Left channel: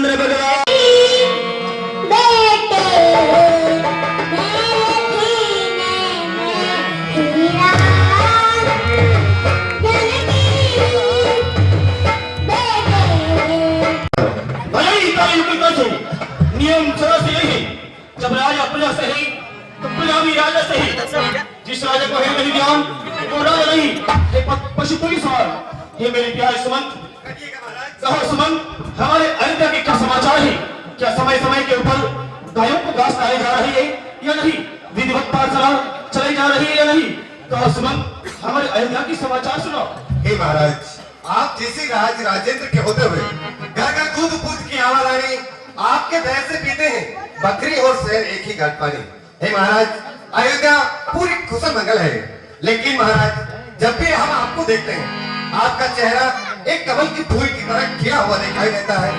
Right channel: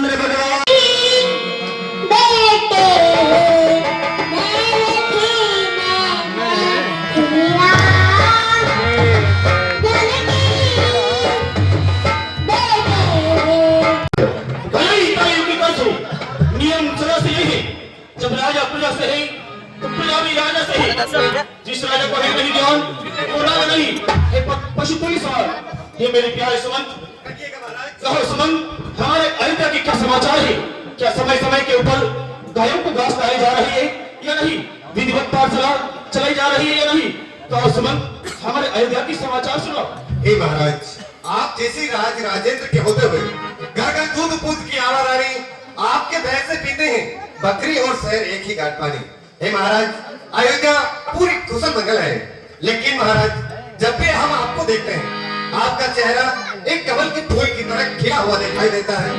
रामचंद्र भगवान नियम जरा से यही जब राजा प्रजा से ही तो प्रजा भी राजा से ही। जिस राजा को है नहीं ध्यान वो राजा नहीं ये पशु पुलिस ये मेरे प्यारे सुमंत कहो सुमंत हमारे अयोध्या के क्या समाचार है? क्या समय समय के ऊपर गायों को घास डाली जा रही है या नहीं? विधिवत पाठशाला चलाई जा रही है या नहीं? कहो सुमंत हमारे अयोध्या की समाचार सुनो। हे महाराज आप जैसे राजेंद्र के होते हुए घर घर दूध पूछ की आवा रानी आपके भैंस से पीते हैं बकरी और शहर एक ही घाट पानी। हे महाराज अयोध्या पूरी कुशल मंगल है, लेकिन महाराज जब भी हम आपको देखते हैं आपका चेहरा एक कमल के फूल की तरह खिला हुआ दिखाई देता है।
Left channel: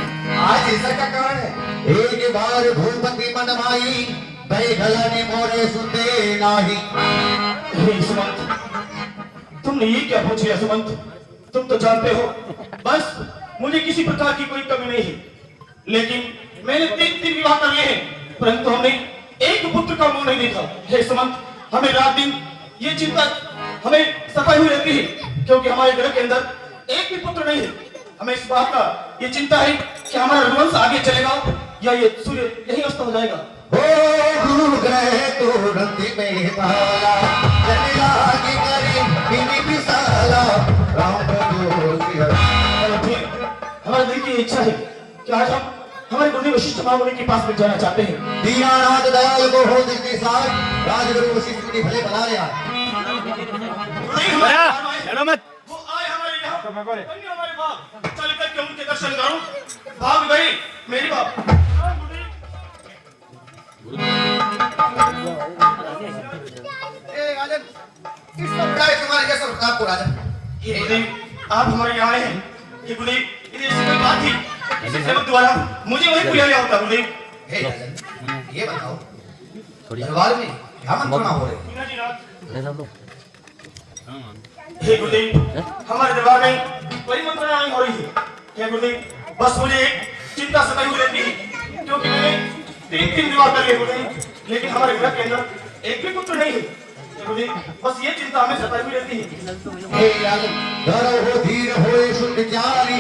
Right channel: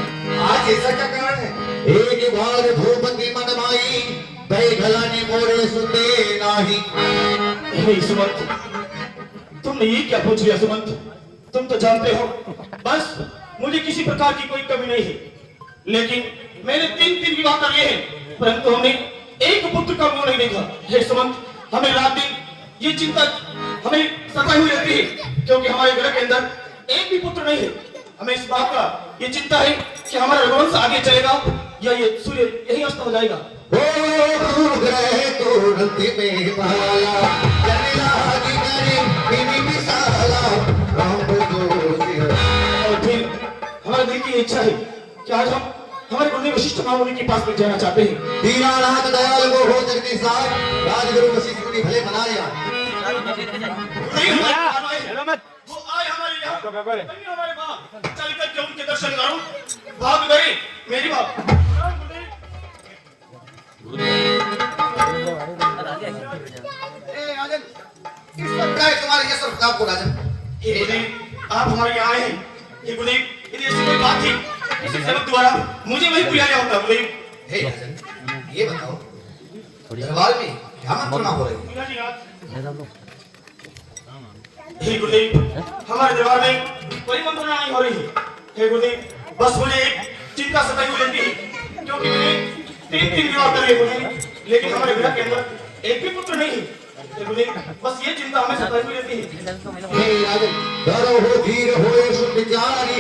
आज ऐसा क्या कारण है? एक बार भूपति मनमाई भई भलाने मोरे सुनते नाही। सुमंत तुमने ये क्या पूछ लिया सुमंत? तुम तो जानते हो बस मुझे किसी प्रकार की कोई कमी नहीं है, लेकिन मैंने तीन विवाह कर लिए हैं परंतु हमने एक पुत्र का मुंह नहीं देखा। हे सुमंत हमें रात दिन ये चिंता हमें सताई हुई रहती है क्योंकि हमारे घर के अंदर एक भी पुत्र नहीं है। हमें इस बात का ये चिंता है कि हमारा रघुवंश आगे चलेगा या ये सूर्य यही अस्त हो जाएगा। ओ ग्रह तो रति में भाला जने लागी करे बिनी बिसाला राम जोगी फिर हमारे दिल की इच्छा है कि आज हम हमारे गुरु वशिष्ठ महामुनि के पास में जाना चाहते हैं। दीनानाथ दयाल वो हो जगदीश साथ राजगुरु वशिष्ठ ने भले बना लिया। चलो मत वो आए हमारे यहाँ हमारे बाप चल कर के उनके दर्शन करूं। भाग गई मेरी बाप। राजन तुम्हारे क्या सब आपको राजा ये गुरुदेव आप हमारे यहाँ आए हैं। ये गुरुदेव यदि ऐसी कोई बात थी इस सेवक द्वारा मुझे वही बुलाया होता गुरुदेव। हे राजन ये बताओ दरबार में क्या मंत्रणा हो रही है? हे गुरुदेव हमारे दरबार में कोई मंत्रणा नहीं हो रही है। हे गुरुदेव बस मुझे एक चिंता सताई हुई रहती है क्योंकि मैंने तीन विवाह कर लिए गुरुदेव, लेकिन हमारे घर के अंदर एक भी पुत्र नहीं है। हे गुरुदेव बस ये चिंता हमें सताई हुई रहती है। हे राजन धरो हो धीर होए सुन विचारी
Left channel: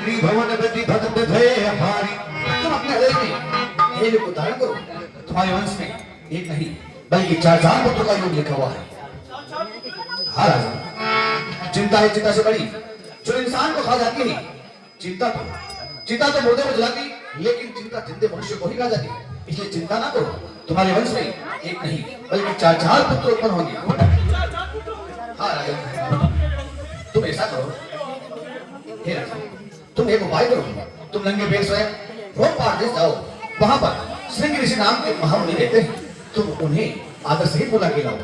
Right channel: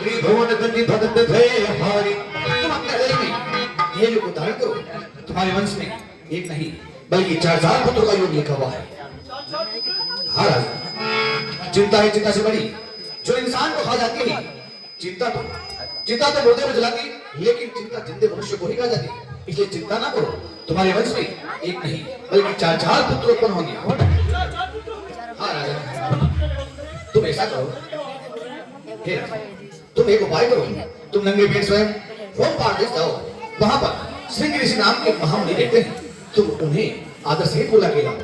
त्रिभुवन गति भगत थे हारी। तुम अपने हृदय में ये जो धारण करो तुम्हारे वंश में एक नहीं बल्कि 4 पुत्रों का योग लिखा हुआ है। हाँ राजा चिंता है चिंता से बड़ी जो इंसान को खा जाती है। चिंता तो मुर्दे को जलाती लेकिन चिंता जिंदे मनुष्य को ही खा जाती है। इसलिए चिंता ना करो तुम्हारे वंश में एक नहीं बल्कि 4 पुत्र उत्पन्न होंगे। हाँ राजा तुम ऐसा करो हे राजा तुम एक उपाय करो तुम नंगे पैर स्वयं होम पार्देश जाओ। वहां पर श्रृंग ऋषि नाम के महामुनि रहते हैं। तुम उन्हें आदर से बुला के लाओ।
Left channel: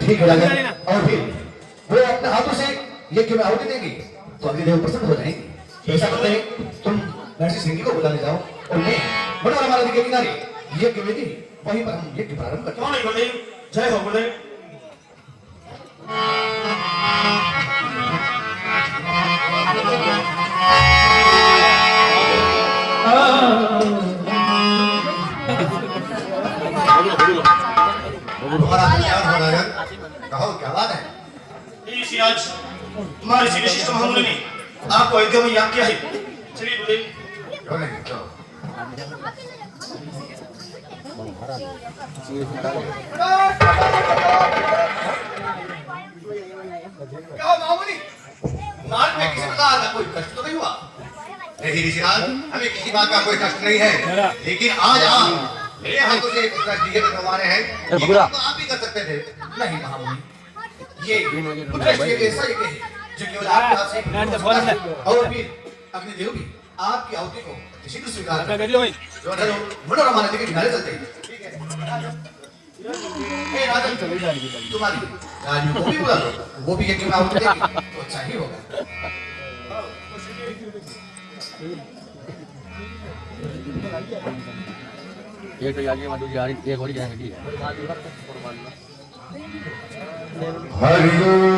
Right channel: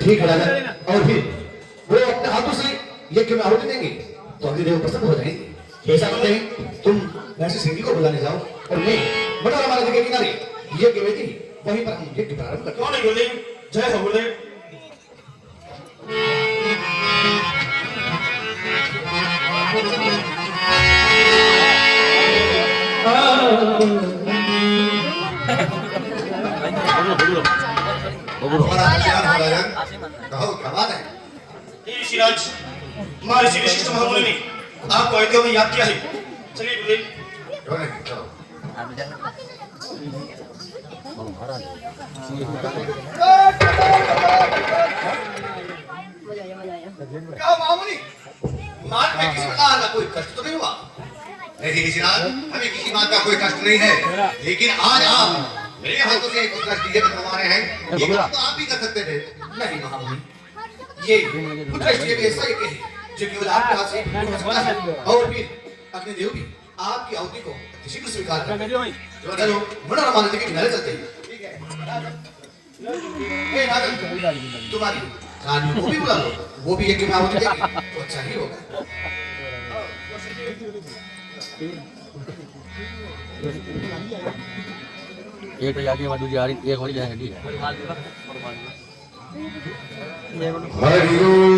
ठीक है राजा और फिर वे अपने हाथों से यज्ञ में आहुति देंगे तो अग्निदेव प्रसन्न हो जाएंगे। ऐसा करते हैं तुम महर्षि सिंह को बुलाने जाओ और मैं बड़ा हमारे के किनारे यज्ञ में वहीं पर हम यज्ञ प्रारंभ करते हैं। गुरुदेव जय हो गुरुदेव। कहो क्या बात है? ऋषिराज हमारे श्री विशिष्ट महामुनि ने आपको अयोध्या में याद किया है। चलिए गुरुदेव। क्यों नहीं क्यों? क्या महामुनि मार्ग में किसी प्रकार का कोई कष्ट तो नहीं हुआ? नहीं ऋषिराज हमें किसी बात का कोई कष्ट नहीं है, लेकिन आज आप मेरे हाथों से कुछ कष्ट ये कमा रहे हैं ये काम तो आप ही कर सकते थे। नहीं महामुनि ये कुछ कष्ट के लिए ऐसा है जो केवल आपके हाथ से हो सकता है और फिर अपने देव भी आपकी आहुति को शीघ्र स्वीकार करें। चलो मनोरमा नदी के किनारे चलते हैं। ठीक है हे राजन तुम्हारी राजू को भी बुला लो, वो भी एक में आहुति देगी तो अच्छा ही होगा। एक जाके मतलब जा रही एक हो जाएगा। ठीक है हरि ओम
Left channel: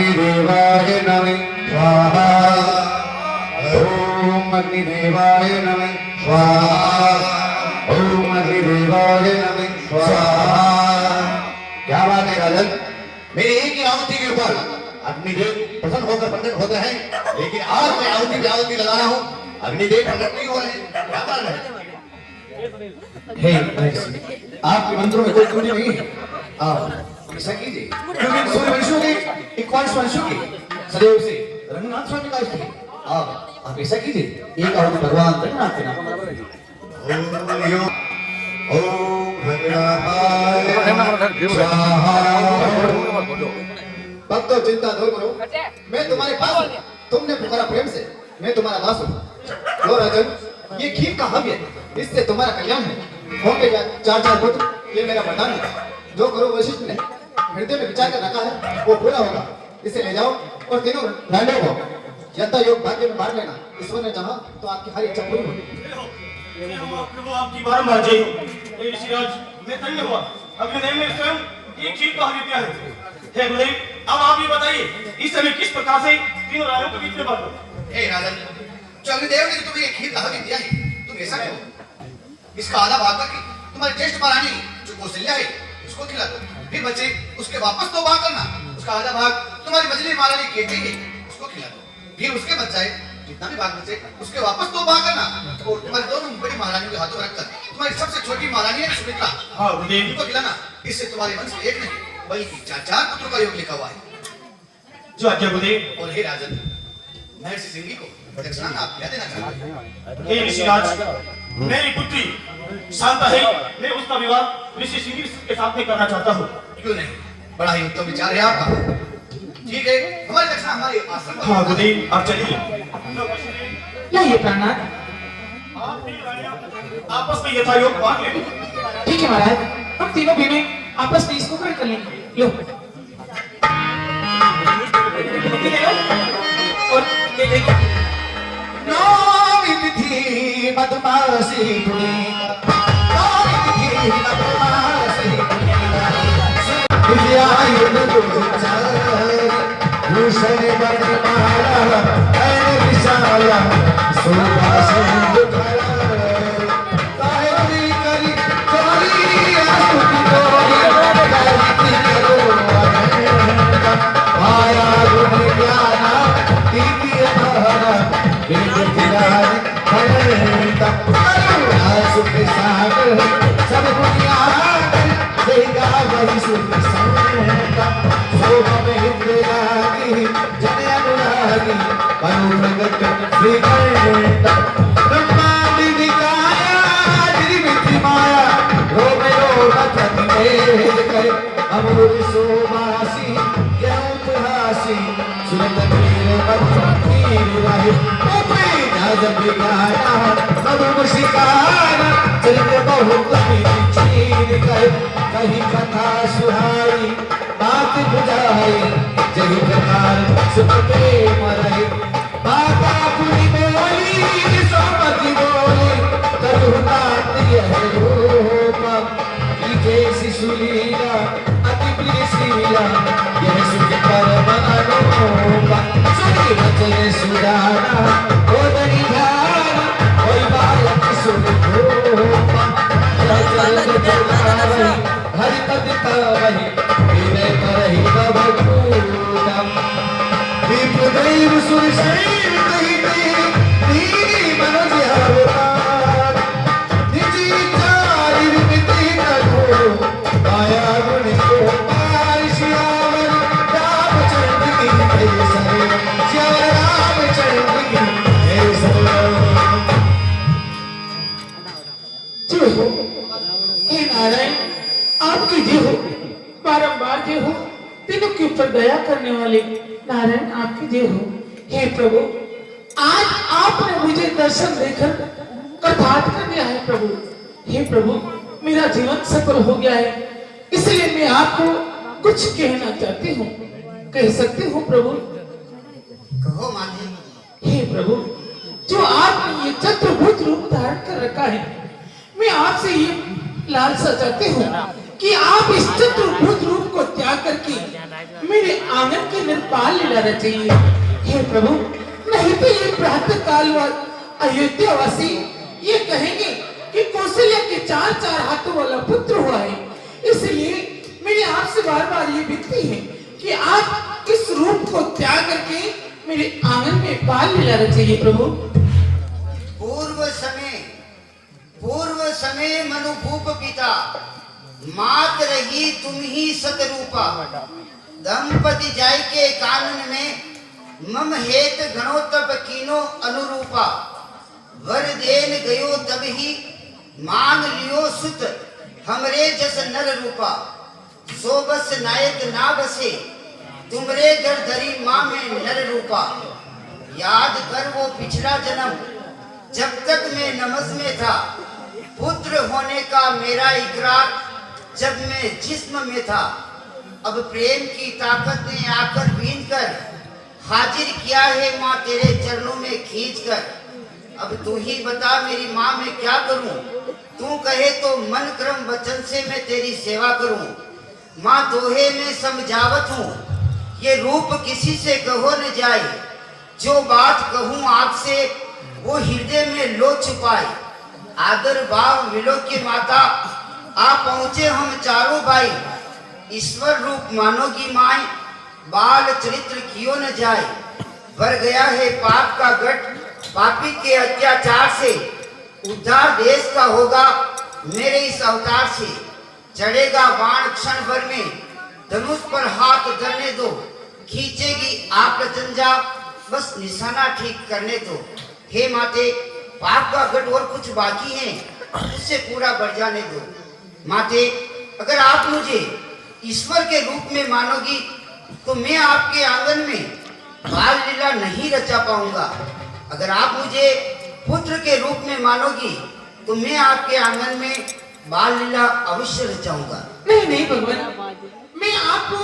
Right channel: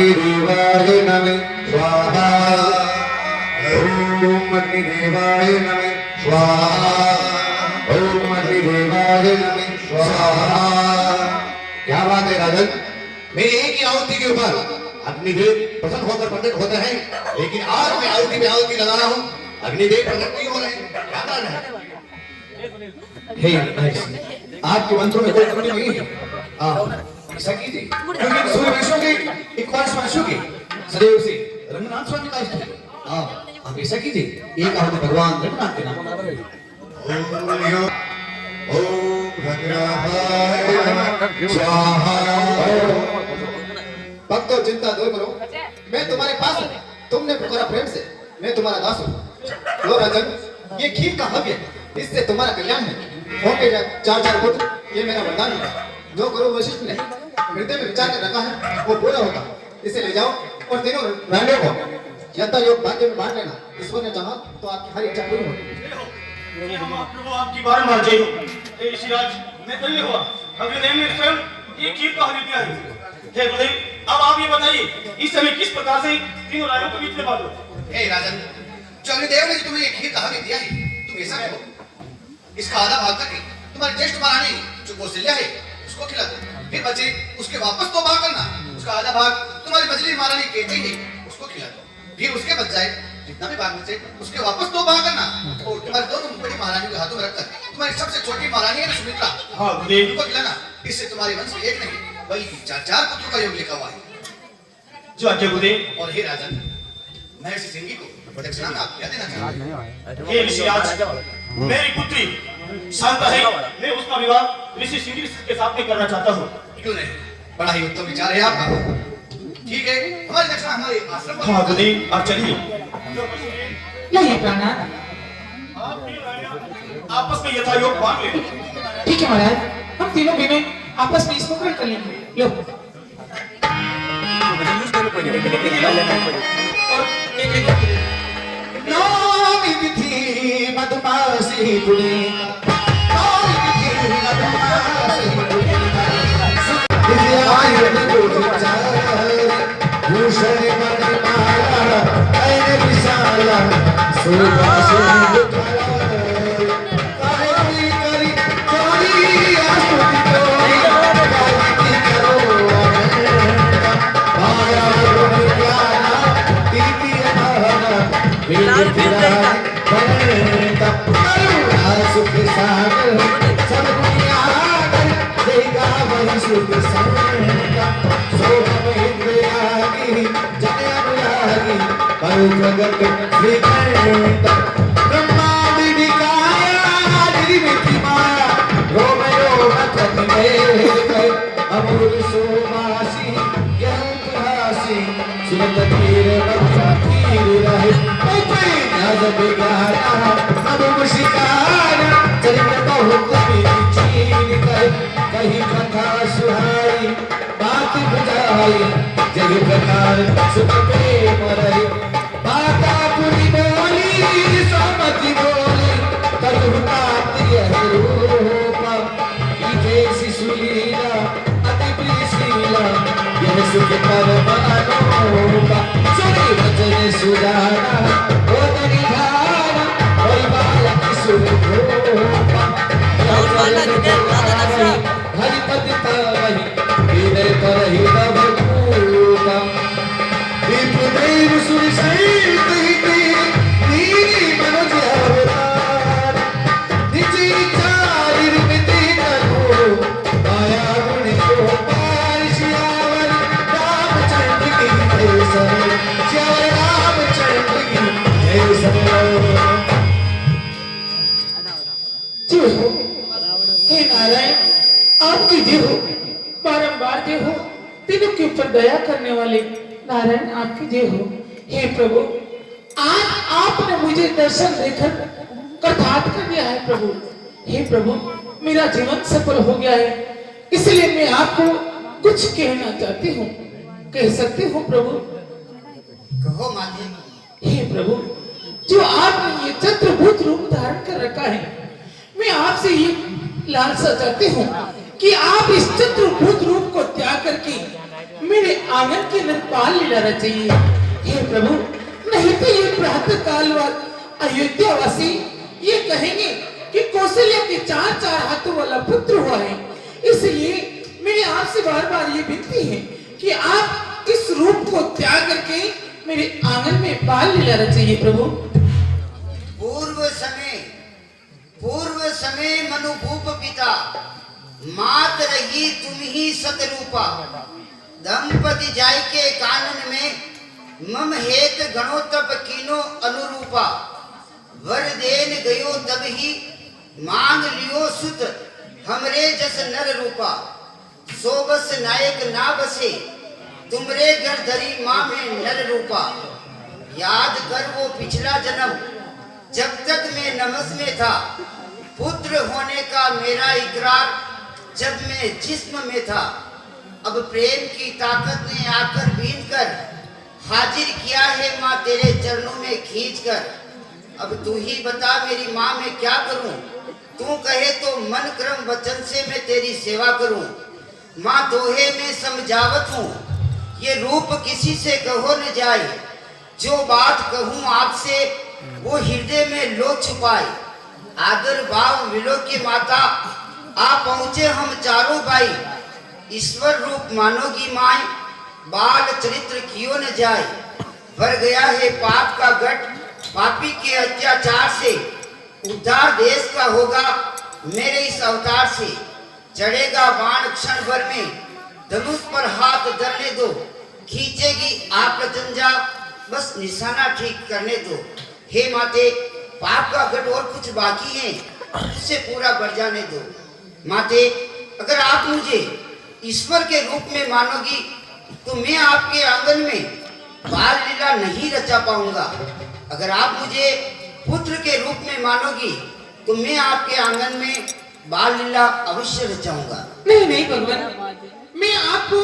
अग्निदेवाय नमः स्वाहा ओम अग्निदेवाय नमः स्वाहा ओम अग्निदेवाय नमः स्वाहा। क्या बात है राजन, मेरी एक ही आहुति के ऊपर अग्निदेव प्रसन्न होकर प्रकट होते हैं, लेकिन आज मैं आहुति पे आहुति लगा रहा हूँ, अग्निदेव प्रकट नहीं हो रहे हैं, क्या कारण है? हे आपके मंत्रों में कोई त्रुटि नहीं है, आप ऐसा कीजिए क्योंकि सूर्यवंशियों की इक्कीस वंशों की सदैव से रंगनाथ स्वामी का इष्ट है। आप ऐसा कीजिए, एक आहुति भगवान रंगनाथ के नाम ओम भद्राय स्वाहा। भक्तों चिंता दूर करो, मैं तुम्हारे पास हूं, तुमने पुकारा प्रेम से, मैं तुम्हारा दास हूं। लो राजन, ये खीर का हव्य, इससे तुम्हारा कल्याण है, होंगे 4 पुत्र, ये मेरा वरदान है। जो करो वशिष्ठ ने हृदय में विचार कर रखा है वो पूरा होगा, इसे ले जाओ और तीनों रांडे को यथा योग भाग्य में बांट लेना, ईश्वर ने चाहा तो आपकी हर इच्छा पूरी होगी। प्रभु आपकी बारंबार जय हो। हे ऋषिराज, मैं धन्य हुआ, अग्निदेव ने स्वयं ये खीर का हव्य दिया है। हे गुरुदेव, अब आप ये बताइए इस समय किस प्रकार से तीनों रायों के बीच में बांटो। हे राजन, जो अग्निदेव ने तुम्हें एक खीर का हव्य दिया है, तुम ऐसा करो, इसका आधा भाग करके तुम्हारी ज्येष्ठ महारानी जो कौशल्या है उसको खिला दो, फिर बचे उसके वापस 2 भाग करना, उसका आधा भाग तुम्हारी मछली महारानी केते है उसको खिला दो, फिर उसके बच जाए जितना भी भाग बचे उसके वापस 2 भाग करना, और तुम्हारी दोनों बड़ी महारानियों के हाथों में रखकर तुम्हारी सबसे छोटी महारानी है सुमित्रा, हाँ गुरुदेव, उनको खिलाना, इससे तुम्हारे वंश में एक नहीं बल्कि 4 पुत्रों का योग लिखा हुआ है। जो आज्ञा गुरुदेव। और हे राजन, मैं इस सिंगी को दक्षिणा में आप क्या देना चाहते हैं? हे ऋषिराज, मेरी पुत्री शांता है, मैं उसका विवाह ऋषि सिंह के साथ में करना चाहता हूँ। क्यों नहीं, बड़ा ही उत्तम विचार है आपका। ठीक है, हमारी दक्षिणा हमारे आश्रम पर। हाँ गुरुदेव, आप चलिए। लाइए प्राणनाथ। आप तीनों रानियां आपस में यथा योग बांट लेंगे। ठीक है महाराज, हम तीनों बहनें आपस में इसको ग्रहण कर लेंगे। लो। नामित थी मधुमासी कुड़ी, नामित थी मधुमासी कुड़ी, विजयायुध गुजराई, भूषण बन माला, ऐन विशाला, सुदासन दुखड़ा, तायरी करी चोरी आसुकी डोरी, कारिकी करो आनंदा, माया गुण ज्ञाना, दीदी अनारा, बिलबिलारी भरता, करुणा सुख सागर, सब बुनियाद, देगा वही सुख संता, शोभा में इंद्रागी, जन अनुरागी, परु प्रगट श्रीकंठा, ब्रह्मांड विकाया, निर्मिति माया, रोम रोम थक मेल कर, अमृत सुवासी, ज्ञानहासी, सुरत पीर पीर रहे, ऊपरी नाजब गाया, मधुर शिकारा, चरित्र बहुत चीर कर, कहीं कथा सुहाई, बात बुझाई, जय प्रकार सुख प्रेम रहे, बाता पुनि बोली, समति बोली, तदुतात यह रूप, की जैसी सुलीला, अति प्रिय शीला, यह सुख परम अनूपा, सुनि वचन सुजाना, गोदरी धारा, कोई बालक सुन रूपा, हरिपद पावहि, हृदय करहि भवभूता, विप्रदैव सुरसैल कहिति, दीनी मनुज अवतार, निज इच्छारि विधि करो, माया गुण गोपाल सियावर, रामचंद्र की जय सरे, जय रामचंद्र की जय सरे। जय हो। हे नारायण, आपकी जय हो, बारंबार जय हो, तीनों के ऊपर दया करने वाले नारायण आपकी जय हो। हे प्रभु, आज आपने मुझे दर्शन देकर कृतार्थ कर दिया है प्रभु। हे प्रभु, मेरा जीवन सफल हो गया है, इसलिए मैं आपको कुछ कहना चाहती हूँ। कह सकते हो प्रभु? कहो मालिक। हे प्रभु, जो आपने ये चतुर्भुज रूप धारण कर रखा है, मैं आपसे ये लालसा चाहती हूँ कि आप इस चतुर्भुज रूप को त्याग करके मेरे आंगन के अंदर बाल लीला चाहिए। हे प्रभु, नहीं तो ये प्रातः काल बाद अयोध्यावासी ये कहेंगे कि कौशल्या के 4 हाथों वाला पुत्र हुआ है। इसलिए मेरी आपसे बार बार ये विनती है कि आप इस रूप को त्याग करके मेरे आंगन में बाल लीला रचिए प्रभु। पूर्व समय मनुभूप पिता, मात रही तुम ही सतरूपा। दंपति जाय के कानन में मम हेत गणोतप कीनो अनुरूपा। वर देन गयो तब ही मांग लियो सुत, हमरे जस नर रूपा। सो बस नायक ना बसे, तुमरे घर धरी माँ में नर रूपा। याद कर वो पिछला जन्म, जब तक मैं नमस में था। पुत्र होने का मेरा इकरार, जब मैं जिस्म में था। अब प्रेम की ताकत ने आकर बीन कर हाजिर किया है माँ तेरे चरणों में खींच कर। अब तू ही बता मेरी माँ मैं क्या करूं, तू कहे तो मन क्रम वचन से मैं तेरी सेवा करूं। माँ दोहे में समझावत हूँ, ये रूप किसी से कहो न जाए। जो बात कहूँ आपसे वो हृदय में लो छुपाए। आदर भाव मिलो की माता, आप पहुँचे हम चारों भाई। ईश्वर रूप मानोगी माई, बाल चरित्र कियो न जाए। भर गया है पाप का गट, पापी के अत्याचार से। उद्धार देश का होगा मेरे इस अवतार से। चढ़ेगा बाण क्षण भर में, धनुष पर हाथ धरने दो। खींचेगी आप जंजा, बस निशाना ठीक करने दो। हे माते, पाप का गट और कुछ बाकी है, उससे पूरा बढ़ जाने दो। माते, अगर आप मुझे ईश्वर के रूप में मानोगी तो मैं आपके आंगन में बाल लीला नहीं रचा पाऊंगा। अगर आप मुझे पुत्र के रूप में मानोगी तो मैं आपके आंगन में बाल लीला अवश्य रचाऊंगा। नहीं नहीं भगवान, मैं आपको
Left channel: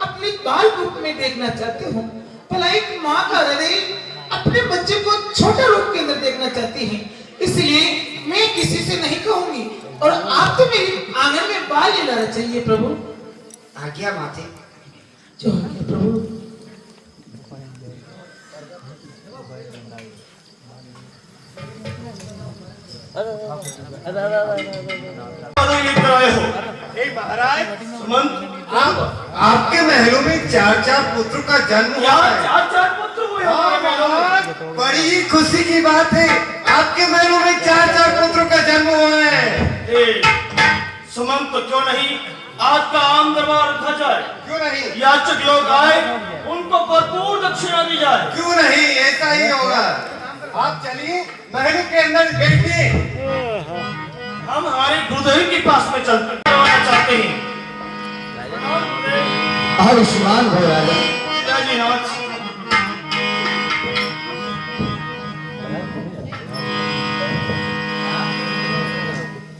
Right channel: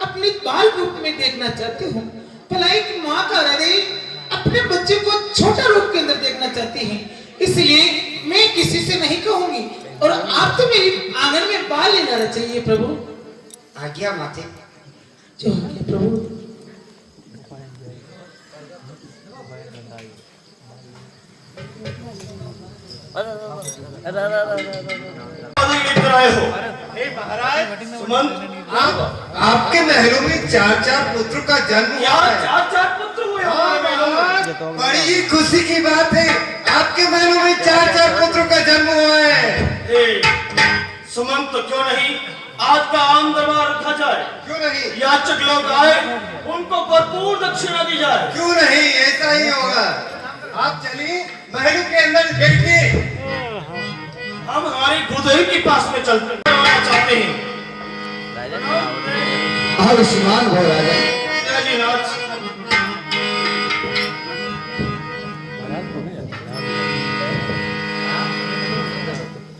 अपने बाल रूप में देखना चाहती हूँ। भला एक माँ का हृदय अपने बच्चे को छोटा रूप के अंदर देखना चाहती है। इसलिए मैं किसी से नहीं कहूंगी, और आप तो मेरी आंगन में बाल लीला चाहिए प्रभु। आज्ञा माते। जो आज्ञा प्रभु। लेकर आए हो सुमंत, आपके महलों में 4 पुत्र का जन्म हुआ यार है। 4 पुत्र हुए हमारे महलों में। बड़ी ही खुशी की बात है, आपके महलों में 4 पुत्रों का जन्म हुआ है। सुमंत, तो क्यों नहीं आज का आम दरबार रखा जाए? क्यों नहीं? याचक लोग आए, उनको भरपूर दक्षिणा दी जाए। क्यों नहीं, ऐसा ही होगा। आप चलिए महल के अंदर बैठिए। हम हमारे गुरुदेव के पास में चलते चाहते हैं। आयुष्मान भव राजा। जी नाथ,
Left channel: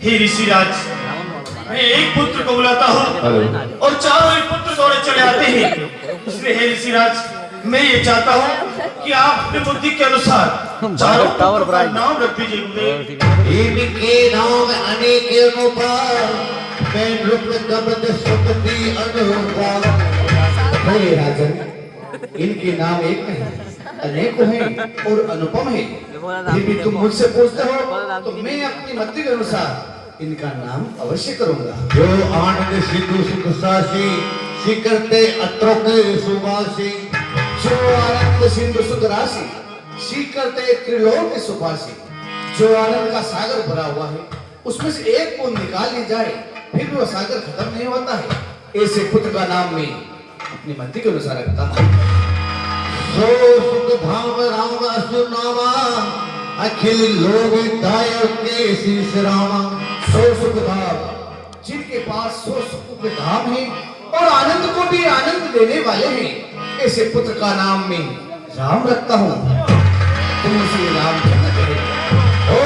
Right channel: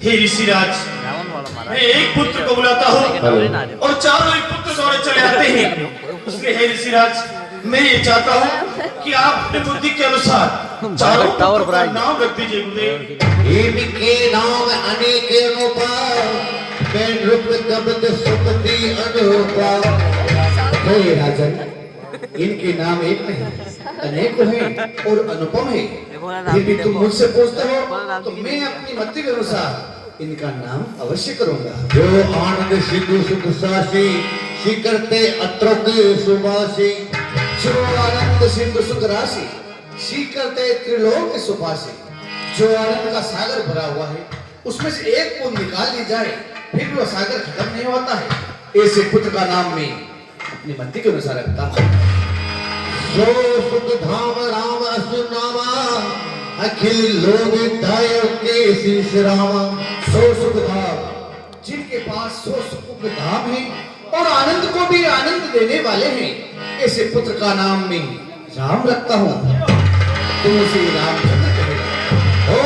हे ऋषिराज, मैं एक पुत्र को बुलाता हूँ और चारों ही पुत्र दौड़े चले आते हैं। इसलिए हे ऋषिराज, मैं ये चाहता हूँ कि आप अपनी बुद्धि के अनुसार चारों टावर पुत्रों का नाम रख दीजिए गुरुदेव। इनके नाम अनेक अनुपार, पेन रूप दबद सुपति अनुपार। हे राजन, इनके नाम एक नहीं अनेक हैं और अनुपम है। फिर भी तुम मुझसे पूछते हो तो मैं अपनी मति के अनुसार इनका नाम अवश्य करूंगा। जो आनंद सिद्धू सुख सासी, शिकरते अत्रोक सुभाषी। जो आनंद सिंधु सुख राशि, शिकरते त्रिलोक सुभाषी। जो आनंद का सागर भरा हुआ है, उसमें से एक को निकाल ली जाए फिर भी वह सागर खत्म नहीं होता है। ऐसे पुत्र का नाम मैं अपनी मति के अनुसार रखता हूँ। सो सुख धाम राम असुर नामा, अखिल लोग दायक के शीश रामा। सो सुख धाम, जिनके पास 100 सुख के धाम है और आनंद को भी आनंद देने वाले हैं, ऐसे पुत्र का नाम मैं राम रखता हूँ। तुम उसे रामचंद्र कहे। ओ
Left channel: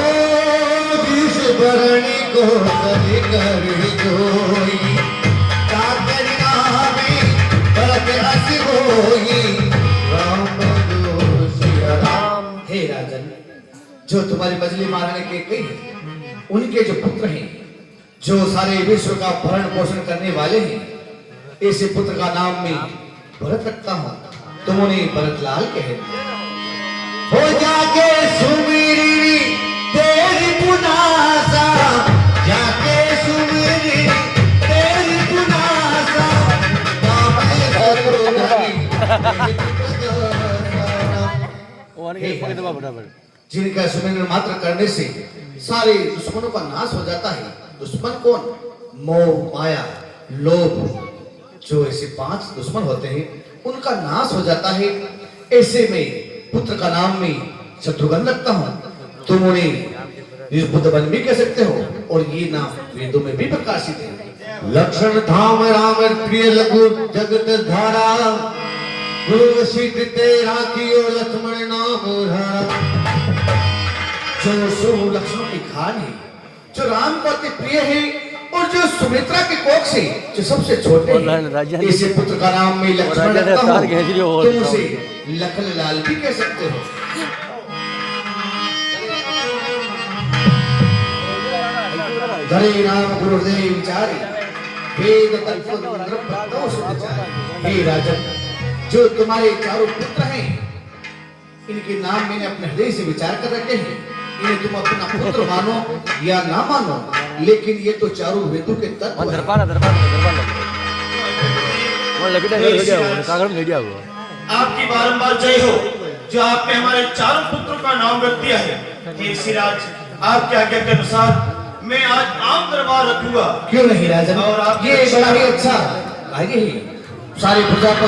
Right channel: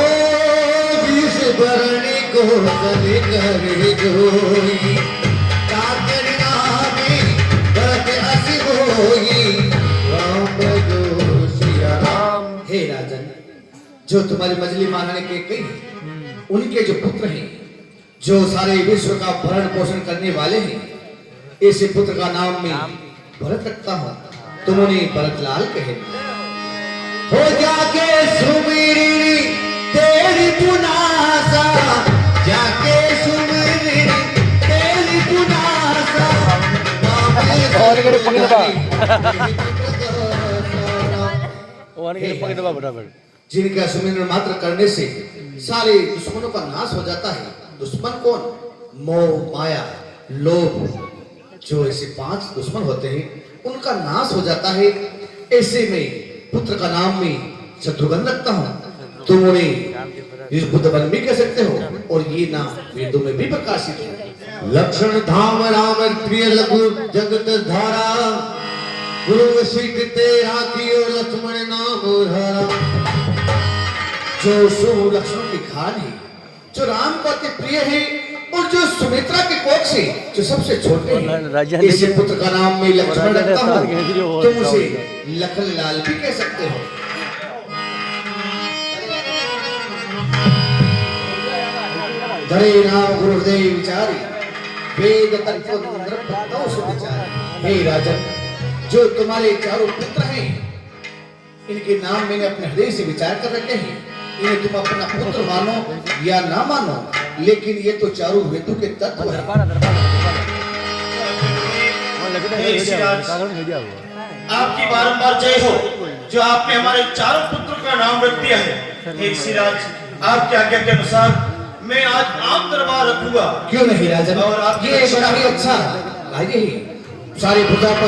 जिस धरणी को चले कर जोई, काकरिया में बरत असी होई, राम जो सिया राम। हे राजन, जो तुम्हारी मजली महारानी के कई उनके जो पुत्र हैं, जो सारे विश्व का भरण पोषण करने वाले हैं, ऐसे पुत्र का नाम मैं भरत रखता हूँ, तुम उन्हें भरतलाल कहे। हो जाके सुमिरी तेरी पुनासा, जाके सुमिरी तेरी पुनासा, जिनका सुमिरन मात्र करने से सारे दुश्मनों का नाश हो जाता है। दुश्मन कौन? मोह, माया, लोभ, जो ऐसे 5 दुश्मन होते हैं उनका नाश हो जाता है। ऐसे में पुत्र का नाम में शत्रुघ्न रखता हूँ, तुम उन्हें इस बुद्धवन भी कह सकते हो, और ये नाम वेदों में भी प्रकाशित है। लक्षण धाम राम प्रिय लघु जगत धारा, गुरु सिद्ध तेरा कियो लक्ष्मण नाम धारा। जो शुभ लक्षणों की खान है, जो राम को अति प्रिय है, और जो सुमित्रा के कोख से जो सबसे छोटे हैं, इसी पुत्र का नाम में लक्ष्मण रखता हूं, तुम उसे लखन लाल भी कह सकते हो। धरे नाम गुरुदेव विचारे, वेद तत्व द्रव्य सुध विचारे। हे राजन, जो तुम्हारे चारों पुत्र हैं, इनके नाम मैंने अपने हृदय से विचार कर रखे हैं। इन्हें तुम अपना पुत्र मानो या ना मानो, लेकिन ये तो चारों वेदों के तत्व हैं। आपकी बारंबार जय हो, जो आपने हमारे चारों पुत्रों का नाम रख दिया है। हे ऋषिराज, आपके आज्ञा के अनुसार मैं आज आम दरबार रखूंगा। क्यों नहीं राजन, और आप ये बड़ा ही अच्छा आगे ही सारी प्रजा को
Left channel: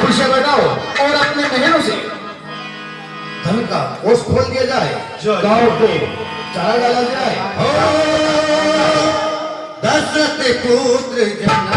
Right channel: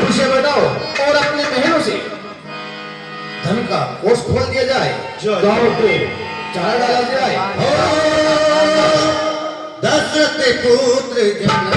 खुशियां बताओ, और अपने महलों से धन का कोष खोल दिया जाए, गांव को चारा डाला जाए। दशरथ पुत्र जनक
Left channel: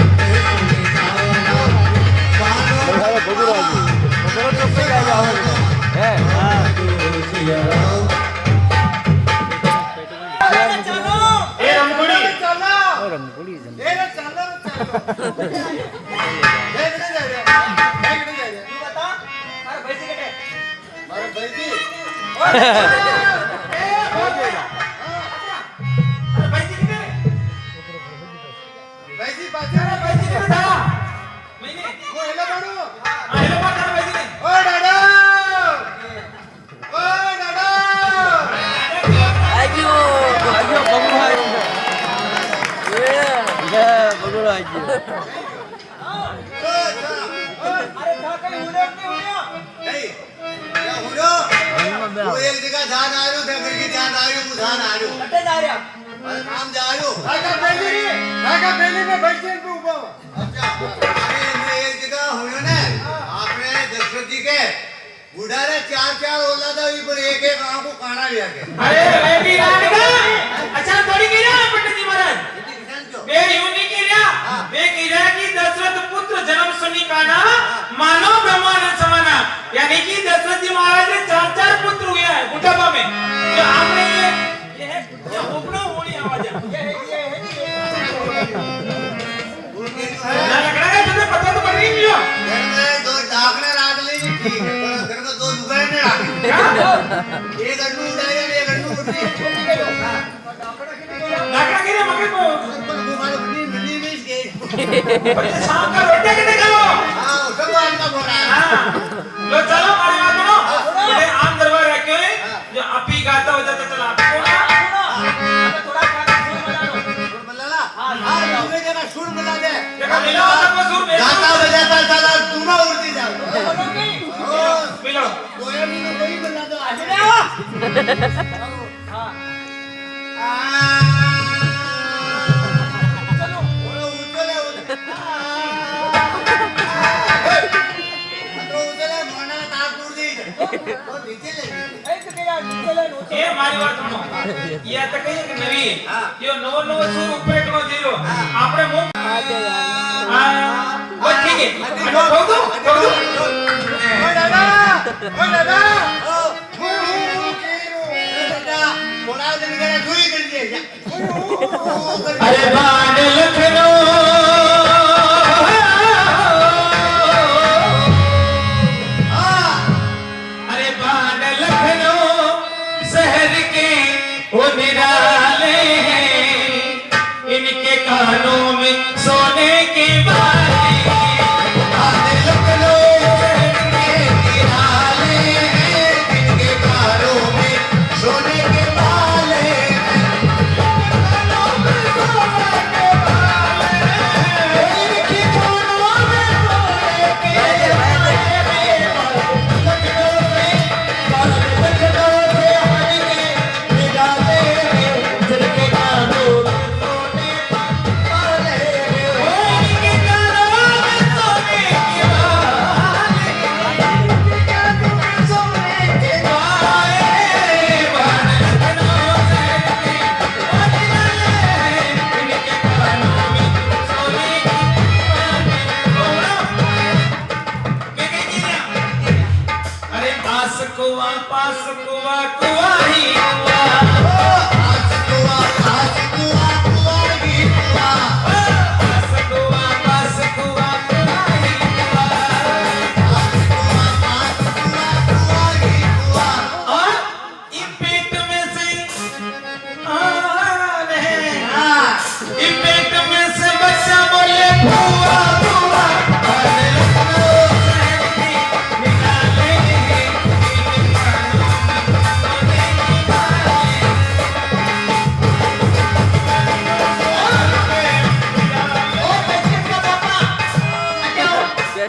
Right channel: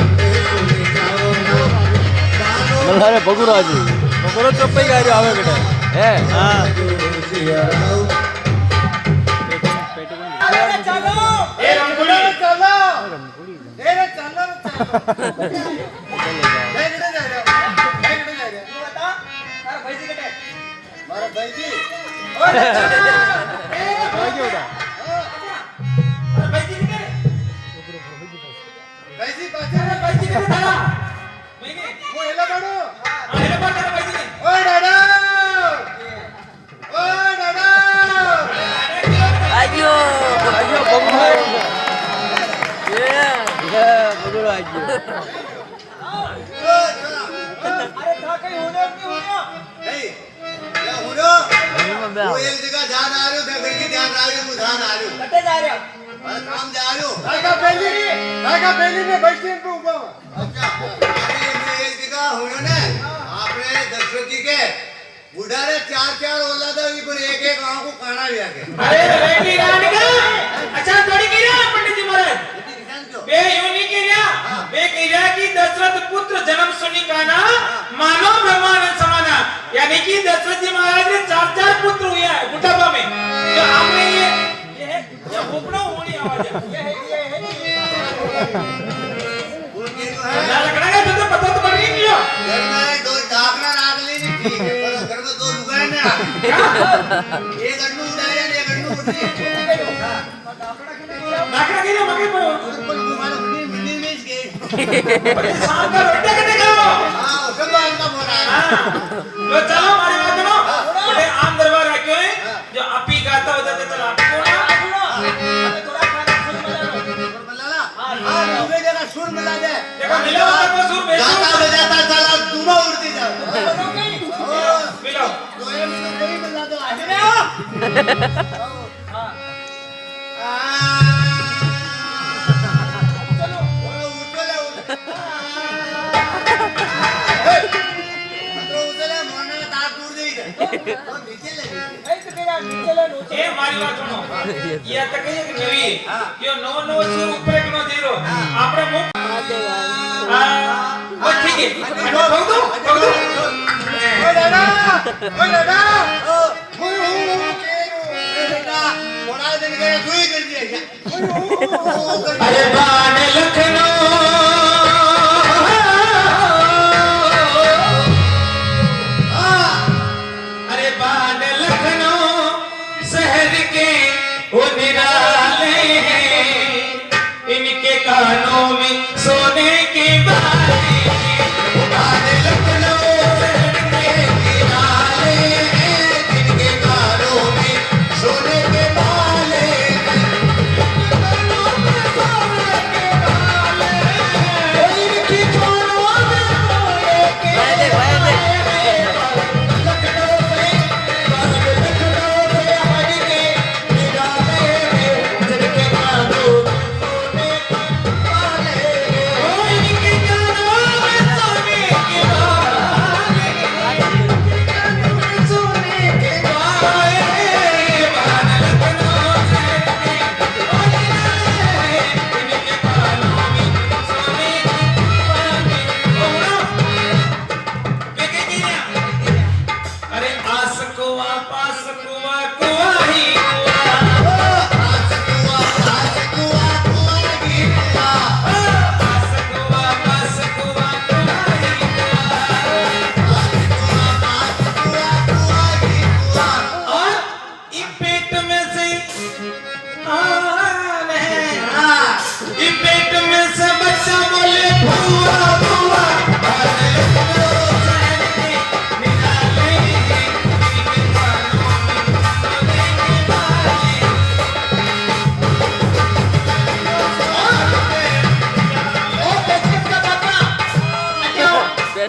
बुढ़ारे 4 औलाद एक गांव को खाना लिया के। अरे रेडी राणीगा, अच्छा थोड़ी किया पंडित जी महाराज, बे यूं नहीं किया, बे किया कि दशरथ पुत्र जन्म सुनी का ना मानो ब्रह्मांड समाना, यानी कि दशरथ जी महाराज ने 4 पुत्र हुए हैं बुढ़ापा में। तो आपने ये हुकड़ो होनी आवाज ना लगना है, तुझे पता तो पड़ नहीं गया। घर में 2 ढाकना राख लीजिए, ठीक है, पर घर में 2 लुगाई नहीं राखी। एक अन्नू उड़ाया, एक अन्नू उड़ी। ढाकना के लिए मगर पर हमारा बन्नी बेच गए। शाम का रोटी करने करो। हाँ, सब बात का बोला है। हाँ, लो चलो हमारी बात सुनो। बड़े आम दरबार रखे हैं, जो आप ही गाता हो जाता चला आपको थोड़ा खाना सुर मिला ला। हाँ, तुम्हें जगह सुर मिला दे। मिला आपको सुर मिला। गाता बजाता साला दूना उड़ती जाओ। मिलो। तो ये मुझे कोई मिला दो, आगे ना। हाँ। चलो, वो उतले उतले मोना तार दूर दी है। वो नीचे ले। ये हमारी बात सुनो। ये आता कहीं कि नवी, यो नो सुर ऊपर करो जीरो। आपने मुंह वो ठीक है। बोल दो। ओ दादा। थोड़ा दिन के दुई कर दिया। अरे बाण लखनऊ, अरे बाण लखनऊ शहर के वो निराले हैं, इनके कानों में सोने के बाले।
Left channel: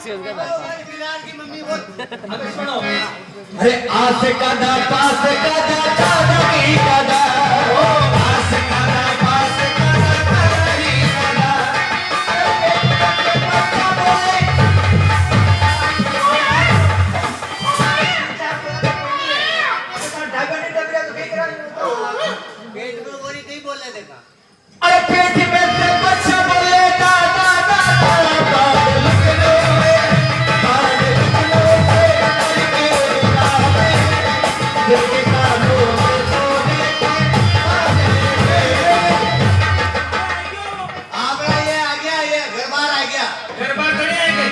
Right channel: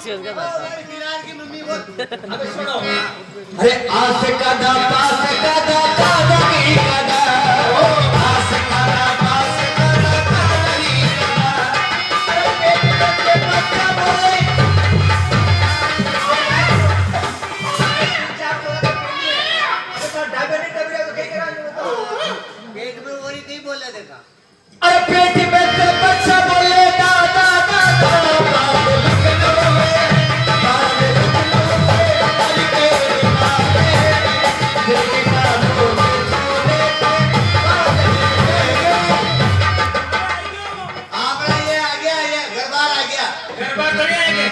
बिलाल की मम्मी बोल अबे सुनो अरे आस कदा पास कदा चांदनी कदा आस कदा पास कदा चांदनी कदा अरे के बच्चा बोले पेट में वही कहीं बोला देखा अरे पेट में से बच्चा बोले दा दा दा दा गरबा थोड़ी आएंगे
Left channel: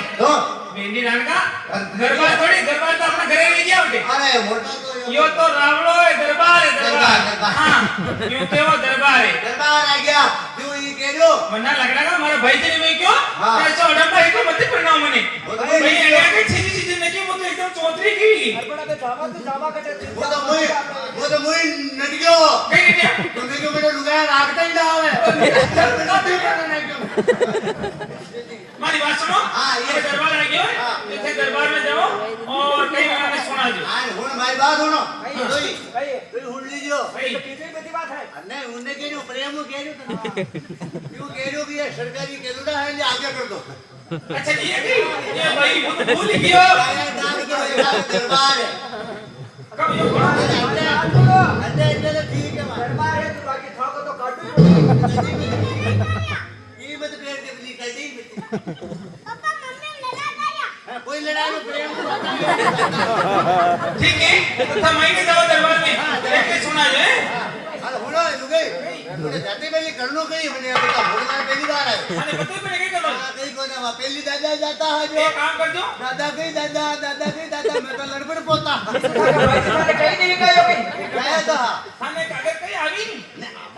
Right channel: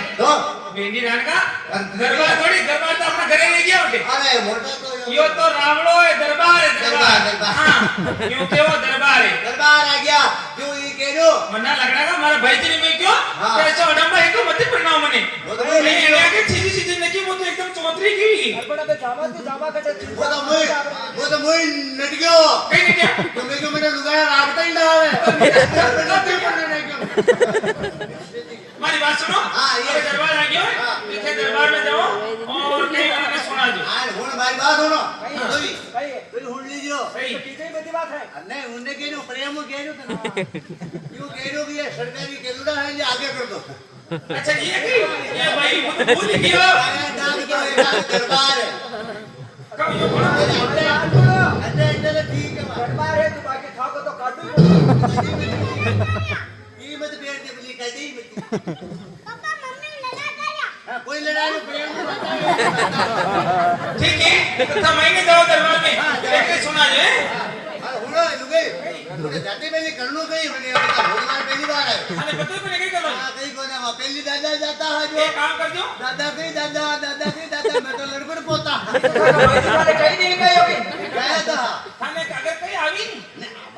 मेहंदी डाल का गरबा थोड़ी गरबा तो अपने घरे नहीं गया होते यो तो रावणो है दरबार हाँ यूं थे वो दरबार है मन्ना लग रहा है हमारा भाई तेरी में क्यों कैसा उड़म भाई को मत परिणाम मने नहीं इंडिया के चीजी चीजी नहीं वो तो एकदम चौधरी की वो तो मुई नट गयो कहीं क्या तुमने क्यों मैंने लुगाया राखता ही ना है हमारी बात सुनो हाँ, ये दरबार आ गया है इसे दरबार में जाओ और कहीं मैंने सुना दो आज हुन भाई बात सुनो तो हुन लीजियो भाई नहीं उनने के जो प्रेम के जो क्यों के जो भी है सरकारी केलुड़ा है ले आगे कर दो अच्छा ये भाई वो तो भूल ही गया डाल के एक दरबार है कब यो बड़ा अंदर ठीक है दरबार है तो बाकी था को तो काटो ये मत पेड़ के बली कर दी पापा मम्मी लड़ा गया कोई लड़ाई में प्रेम को बता ठीक है तो महीने जाओ दरबार में देख सुना ले अरे हुनो लुगे मुझे जाते पहले करनो कहीं बने बता भगवान पहली बार है अरे पता मैंने क्या करना हां कहीं कोने वहां पहली दादा जाता है जो एक काम कर दो दादा कहीं दादा मैं तो लड़बड़ पोता कहीं नहीं गए होगे गया था थाने अगर कहीं आवी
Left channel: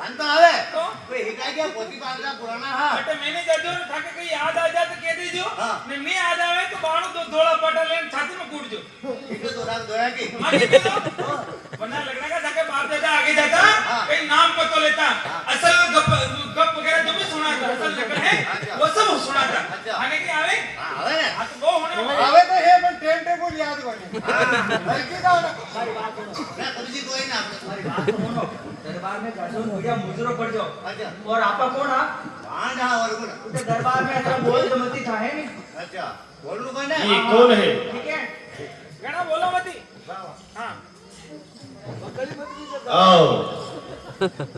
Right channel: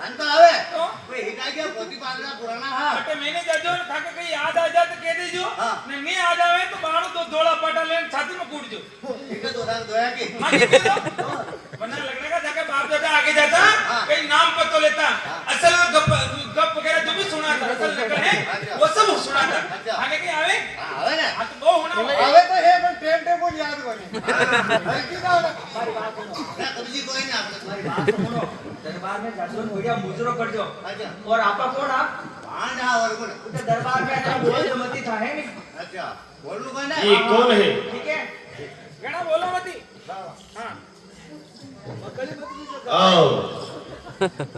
मन तो आवे तो कोई हिकाय क्या पोती पालना पुराना हां अटे मैंने जाजो ने थाके कहीं याद आ जा तो कह दीजो हाँ। नहीं याद आवे तो बाणो तो दोड़ा पाटा लेन छाती में कूट जो ठीक है तो राम दोया की हाँ ठीक है तो वरना लगने का जाके बाप दादा आगे जाता कहीं नाम पता लेता असल गप वगैरह जो भी सुना था असल नकल है वो सब सुना था थाने कहीं आवे आवे ना हाँ तो वो होना आवे तो है पर ट्रेन टेबल याद कोने बल्कि का सारी बात सुनो ना कभी कोई ना सारी बात सुनो दरबार में जाजो बढ़िया मुजरो कर दो अच्छा और आपा कौन आप भांडा और कोण उधर दरबार में ऐसा बोल तो मती चाहे नहीं अच्छा बोलू कोण ये कौन है ठीक है गणा बोलो मती हाँ आओ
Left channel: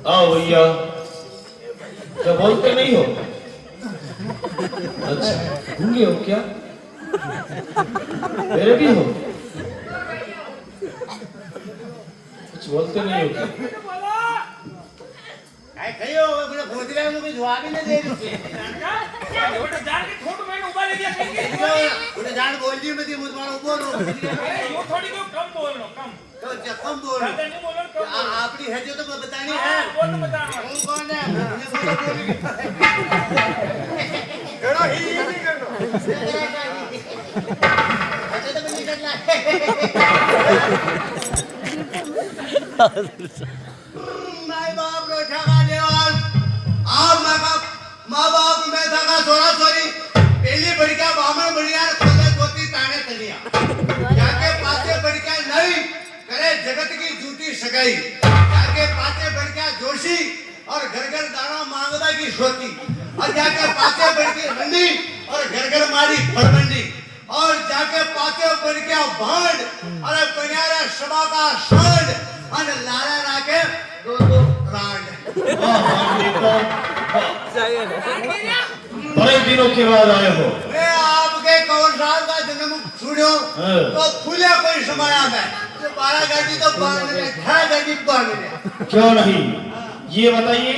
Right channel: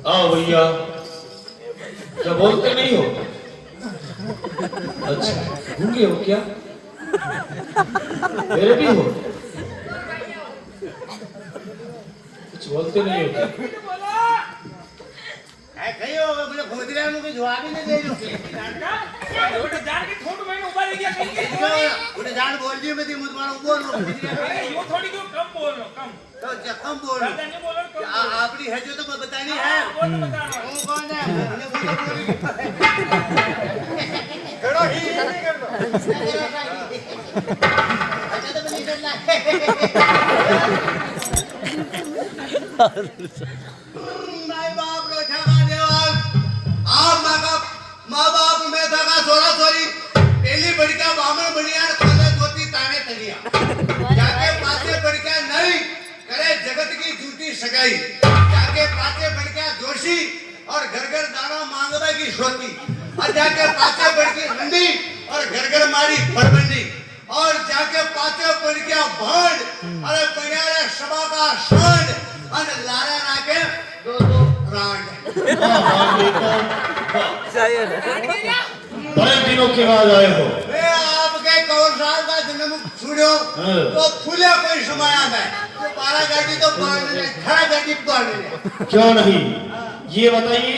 आओ भैया क्या बोलते नहीं हो अच्छा गूंगे हो क्या मेरे भी हो कुछ बोलते नहीं हो क्या काय कही हो मुझे भोजरा में कोई जवाब ही नहीं दे दो बेटा जान के ठोट मैंने उबा ले दिया कहीं मुझे जान बोल दी मैं मुझ मारो बोल लो अरे यो थोड़ी क्यों कम बोल लो कम तो कम बोल ज्यादा नहीं बोलो कम बोलो आपनी है जो तो बतानी है वो तो बता वो कौन है मुझे बोलो बोली एड़ो ही नहीं कर दो अच्छा तो बनी करना माय बाप रो ठगा देवाल आप माँ बाप में ठगा सोरा सोरी पहली बड़का बामण बढ़िया ने खोदा धोती ताने तनिया जाके पाछे बड़का नहीं करे जगत की झूठी सगाई जाके पाछे बड़का जोशी और घर घर दाना मांगवा की सोती और जाके पाछे बड़की हंडी और घर मारी फड़बंडी और जाके पाछे बड़का भांड अरे बनियारा सभा का सांड और लारा नाके दो रांड बड़े दिनों के बाद आए हो मैं आपके कौन साल का जन्म छुड़ो तो फूले कोई समाया मैं तो 12 गाड़ी तो बांध ले 18 गाड़ी बांध ले क्यों नहीं ये बताइए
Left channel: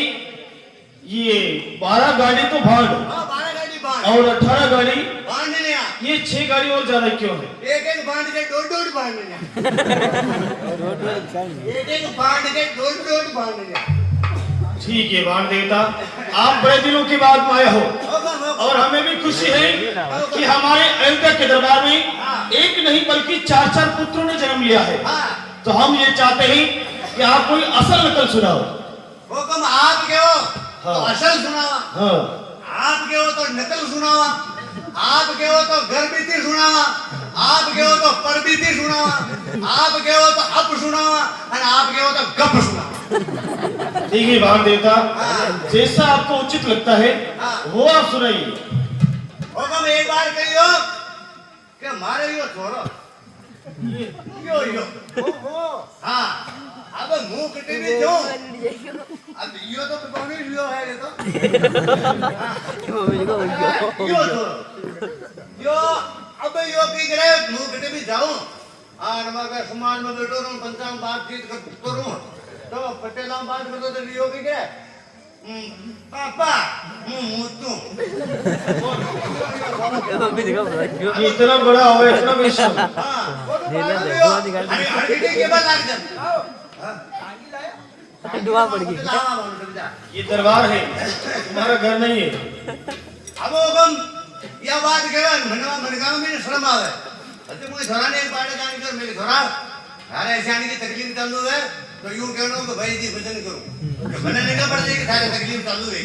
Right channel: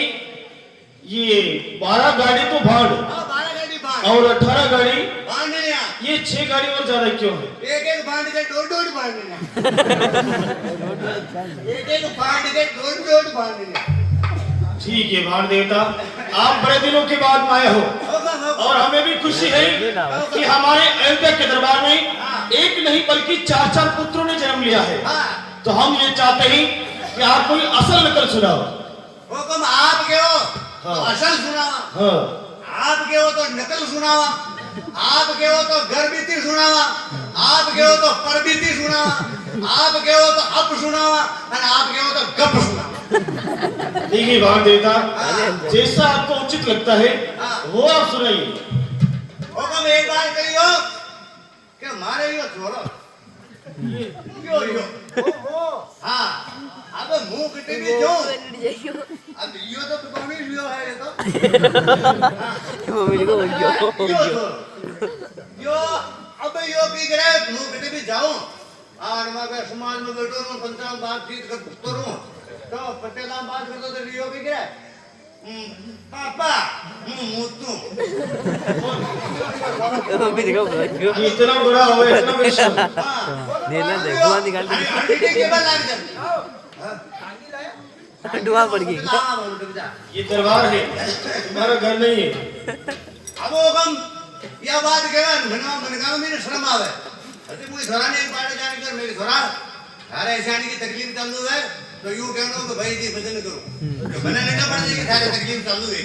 ये 12 गाड़ी तो भाड़ हां 12 गाड़ी बांध और 18 गाड़ी बांध लिया ये 6 गाड़ी और ज्यादा क्यों है एक बांध के डोड बांध लिया एक बांध के डोड बांध लिया ठीक है बाण देवता आप बड़े दिनों के बाद आए हो और हमें भी खुशी है कि हमारे एंकर के दरबार में एक नहीं बल्कि 4 पुत्रों ने जन्म लिया है तो हम ये चाहते हैं कि आप कोई असल नकल सुनाओ हुक्म आप के हो तो हाँ। असल सुनावा हाँ आप के हो तो नकल सुनावा आप कहो तो घर बीती सुनावा, आप कहो तो पर बीती सुनावा, आप कहो तो अप सुनावा और आप कहो तो गप सुनावा। ठीक है भाग देवता, जैसा आपको उचित लगता है वो आप सुनाइए। हुक्म एक बार कहियो कि मारे यो छोड़ो यो हाँ अब मुंह कटे भी जो अब यो तो कौन ही यो है ये तो यो यो अब यो की करे मुंह कटे भी जाऊं और मैं समाज में बैठो रहूं पंचांग बातचीत करूं तो पटेला बात करतो तो यो की करे पापा मुतू इतना बड़ा हो इतना विशाल। अरे अरे के बात लग जा दुआ पड़ गई। ये दरबार है, तुम्हारा घर नहीं है। अब हम यह बात करा मैंने कहा मेरे शर्म आवे अरे कोई घराने एक बाड़े जाने कर मेरे घरा अरे ऐसे आने की तकलीफ चालू है तो यूं कहनो कि भाई जी भजन करो कि मना नहीं ना पड़ जाएगी सारे तकलीफ चालू है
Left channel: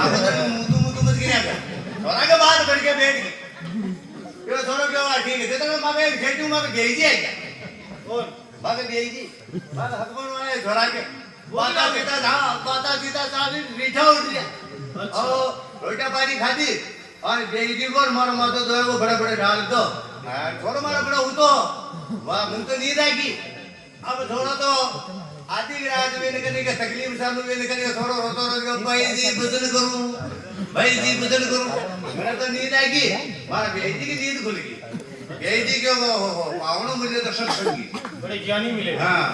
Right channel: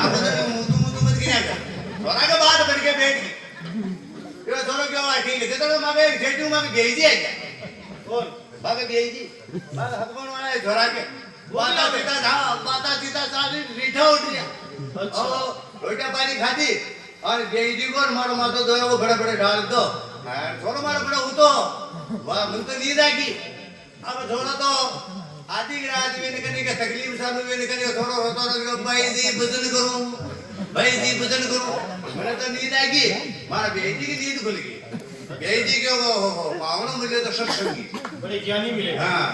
आप तो मुतु मत गिरा कर थोड़ा के बाद बढ़ के बैठ गई ये थोड़ा क्यों आ ठीक है तो मागे जेठू मागे भेज दिया क्या और मागे भेज दी मागे हकमन वाला है घरा के बाता सीता साली मीठा उठ गया और रोटा पानी खाती और भेज दी को मारो मातो जो है वो बड़े बड़े डाल दो थोड़ा मारा बड़ा हूं तो वाह मन तो नींद आएगी अब थोड़ा तो आधी रात में निकलने का तकलीफ चालू में निकलने थोड़ा होता रहा भाई जी भजन करूं भाई जी भजन करूं मेरा तो नींद आएगी मारा बेटी की नींद खुल गई बेटी क्यों पावनों मिले तो सत्संगी बड़े ज्ञानी मिले। हाँ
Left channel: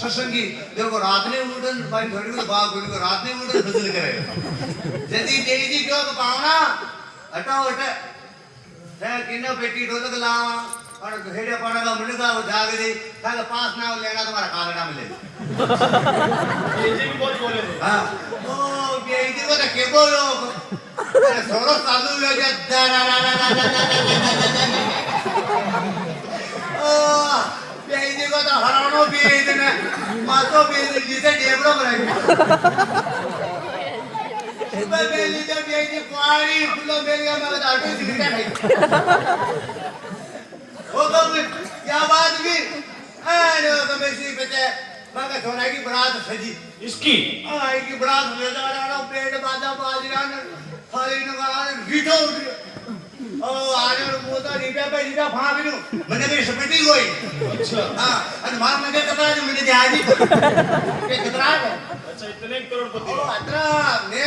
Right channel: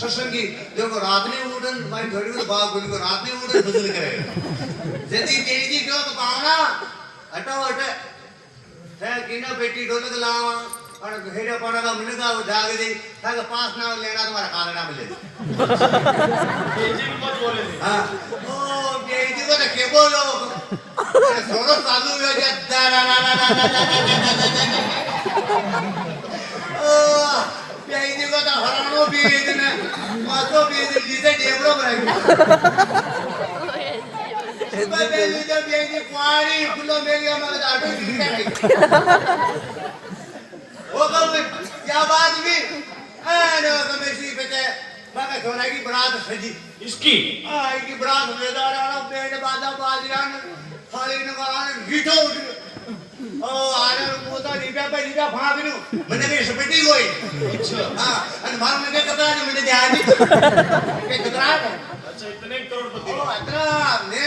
सत्संगी देखो रात में उठन भाई थोड़ी को बात बोली को रात में उठन भजन करेगा यदि बेटी क्यों पावना हटाओ हटे है किनो बेटी ढोलक लावा और हेडा पड़ा मन का वो जाग दे ताकि पास ना लेना तुम्हारा खाना ना मिले ये जी बहुत बोले। हां ओ बेटी को तो के बोलो सोरो साधु हो जा ना ना ना ना ओ बेटी को तो हरानो भी इतने मातो भी जिसे डेबरो बनाई सुबह बेली तो बेटी पानी फुलो मेरे में आटो सीखा वो कब क्या बात भी अरे वो मेरी बेटे मगर सोना की बरात सजी इसकी आई की बरात ले जा रहा ना पेड़ बाजा बाज रहा ना थाली नगारा गीठो उठ ओ आरे मोटा नीटा पे नीटा भाग नु मैंने के सपेटी कोई अच्छा हां अन मार में कतरा जो मैंने ध्यान नहीं के कतरा है अच्छा इतने करोड़पति ओ अतरा ने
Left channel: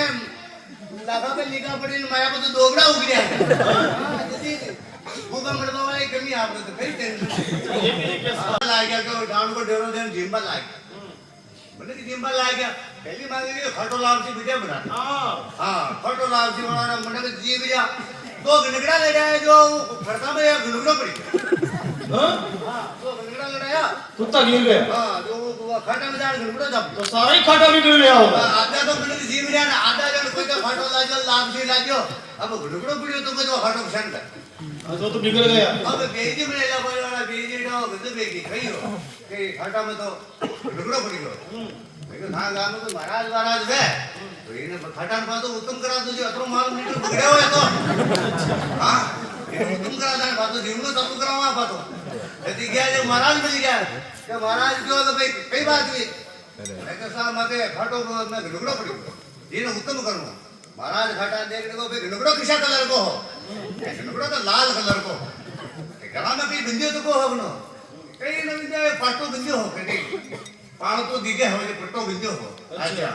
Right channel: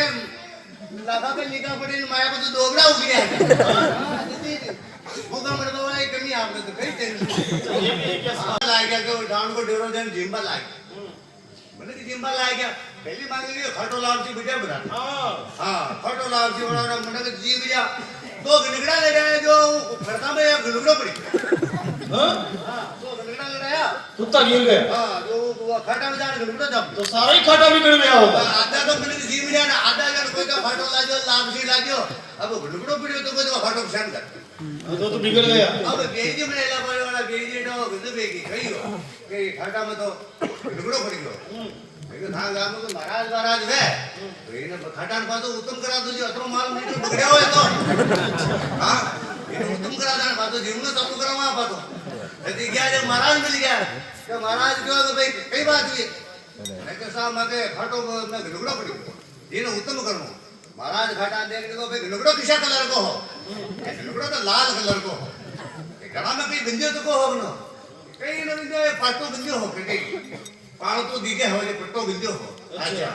लगा पे लिखा पड़ी माया को तो दोगड़ा उग गया हां जल्दी भूखा मरने वाला एक कमी आपने तो कई टेंशन ये भी है क्या? लाए क्या को डांड को डेरो देन जिम्बा लाए मैंने की जिम्बा लाए क्या पहली मांग ली खटो लाव से वीडियो बना हां खटो लाव से बना मैंने के जी गया दो गनगड़ा ले रहा है जो फड़ता में एक गनगड़ा पड़ी हाँ हां दो गनगड़ा लड़ाया कुत्ता गिर गया। हां जो वो खाटा में जान गनगड़ा जब तो सारा ही खाटा बिगड़ गया होगा। आधा तो मैंने जी में जाना आधा जन कोई तो खटो लाजो लाभ से लाजो अब गनगड़ा पड़ी तो कोई तो खटो संग तो बिगड़ गया। अब बेजी में ला पड़े वाला बेजी तो गंदे बेगी कहियो के खाटा में तो टुकड़ो पड़ी गयो मैं धान गाम में महाराज है तो इने खाटा में तो उत्तम करा दो जो अतरो माल मीटर बगड़े हो तो हां इने उत्तम करा जाने बात जीवन सब करावा बातो यदि गया जो महाराज मिल गया कि महाराज क्यों तो भाई कई बात हुई मैं के साहब मगे खाटो में टुकड़ो पड़ी इने उत्तम करूं महाराज खाटा देख देखो भाई टुकड़ो किसा कलर को हो टुकड़ो तो लाल कलर को गला में कई बिंदियो तो को होगनो कई न बिंदियो पाटो बिंदियो हो कई पाणो तो दिखे हो जो पट्टो बिंदियो हो अच्छा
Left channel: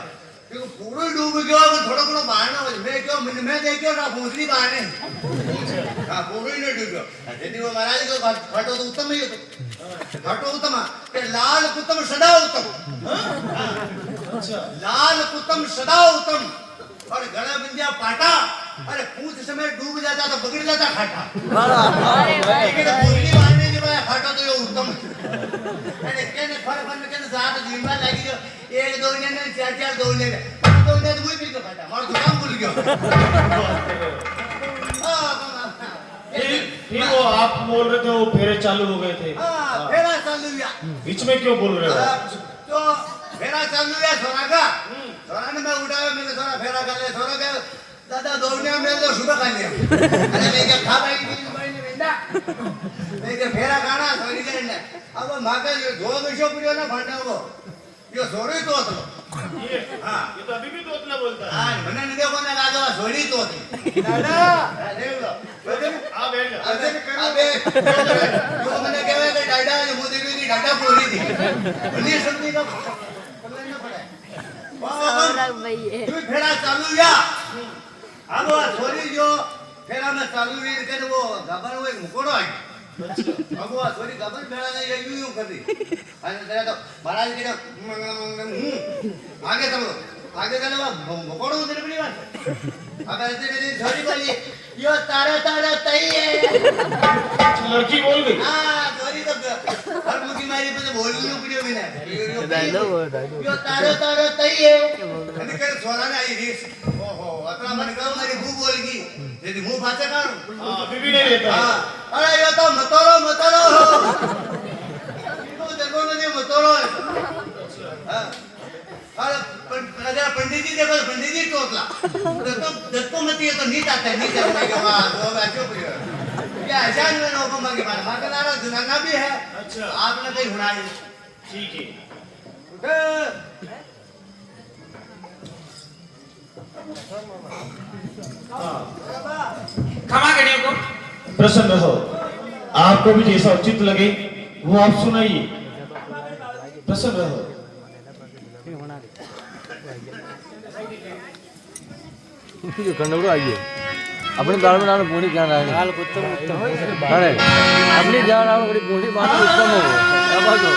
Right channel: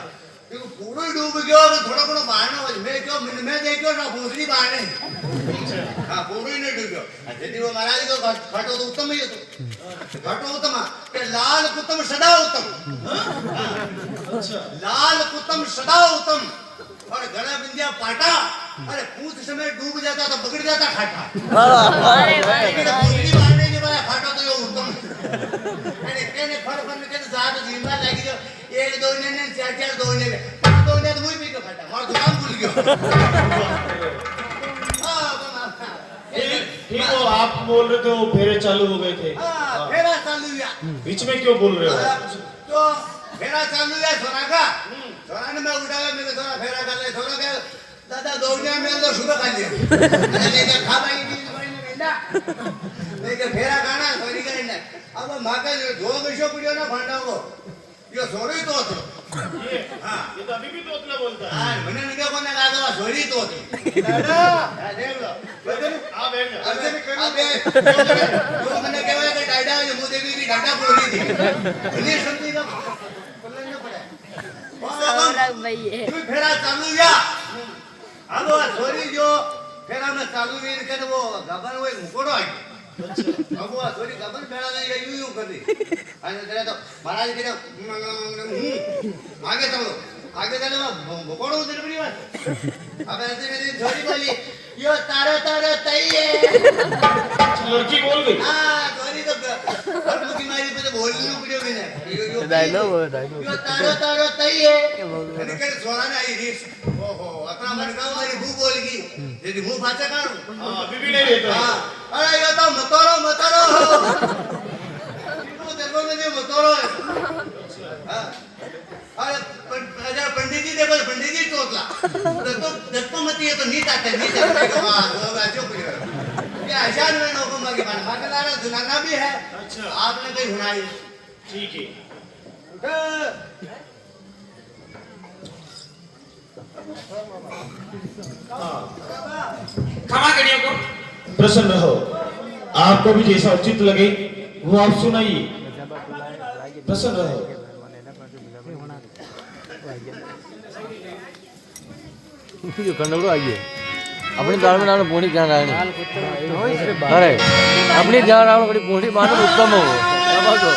तो पूरा डूब गयो तो थोड़ा कोनो बाणो मैं क्यों मैं देखो ना भूसरी बाणे हां पूरा ही नहीं डूबो यदि वो महाराज को खाटो तो उत्तम ही हो तो खाटो उत्तम के लाल कुतम सदा उत्तम अच्छा लाल कुतम सदा उत्तम और गला बिंदिया पाटा अरे पूछ समय डूब जाता तो बगड़ जाता खाटा लेकिन भूसरी बाणे के बाद खाटो तो यो उत्तम अरे केने फर बन के साथ जिम्मा लागी जो एक दो ने चार चार दो ने पांच दो ने मुई भी तो खाता मार दुकान भूल गयो ठीक हो आप बोल रहे थे वो फेरे चालू हो गए थे। हां फेरा चालू हुआ बीच में क्यों बोल रहे हो? तो फेरा चालू हुआ सोना का सोना ने मैं उठाया मैंने सोना फेरा कर ले सोना के दादा दोगने में तो सुबह खा लिया अरे लेके खाता ही बीच में बेटा लेके फेरा खाना सोरी करने अब माका जो दो विषय पड़ियो ना फंडा वो यो सोरी तो હતો ये हां ये तो अभी भी तोतला बोलता है हां મને ન देखो ना लागे सोरी तो दादा देख लो बगन आ बैठ जा अबे जो मैंने कहा कि डाडा ने मुझे भी डाडा बोली थी नहीं सुनती का पढ़ना न पड़े सौरभ भाई है तू फेरा चालू या अब वो छोरी जो फेरा में चालू वीर करे वो गबर वो एक मुकोड़ो आई अब वो छोरी गबर फेरा ने ये यूं कर दी अरे तेरा तो महाराज के आगे चलो आगे चलो वो मुकोड़ो उधर पड़ी बात अब ऐसे ने छोरी बोली यो तारा तारा तई है लड़की बोल गई हां छोरी तो हर मुकी मारी पे बोलनी पड़ी भी ना यो तारा तारा तई है અને કે સોલાને આવી રીસ ઓહો અતરા મને કહો મારી ભૂ બોલ ગઈ જેથી હું પાછા કાઢું हाँ, अभी भी नहीं रहता હા અરે યો તો મતોરો મતોરો ઈકો देखो ने મતોરો હા અરે पंडित जी देखो पंडित जी टोकला दत्तो मती है तो नीट आता है कि वाह दो बैठो पे ये आजान में लोगों मांगे मांगदारा सुनाना भी है अच्छा आपने कहीं सुनाई ठीक है क्षमा करिए को प्रसन्न रहो आपको भी जैसा उचित लगे वो आप सुनाइए प्रसन्न रहो जो कंडक्टर आइए अपनी दाल में डालो पूरी क्या डालनी अरे अपनी जान डालो बड़ी पूरी मानो उत्तम हो क्या बात हो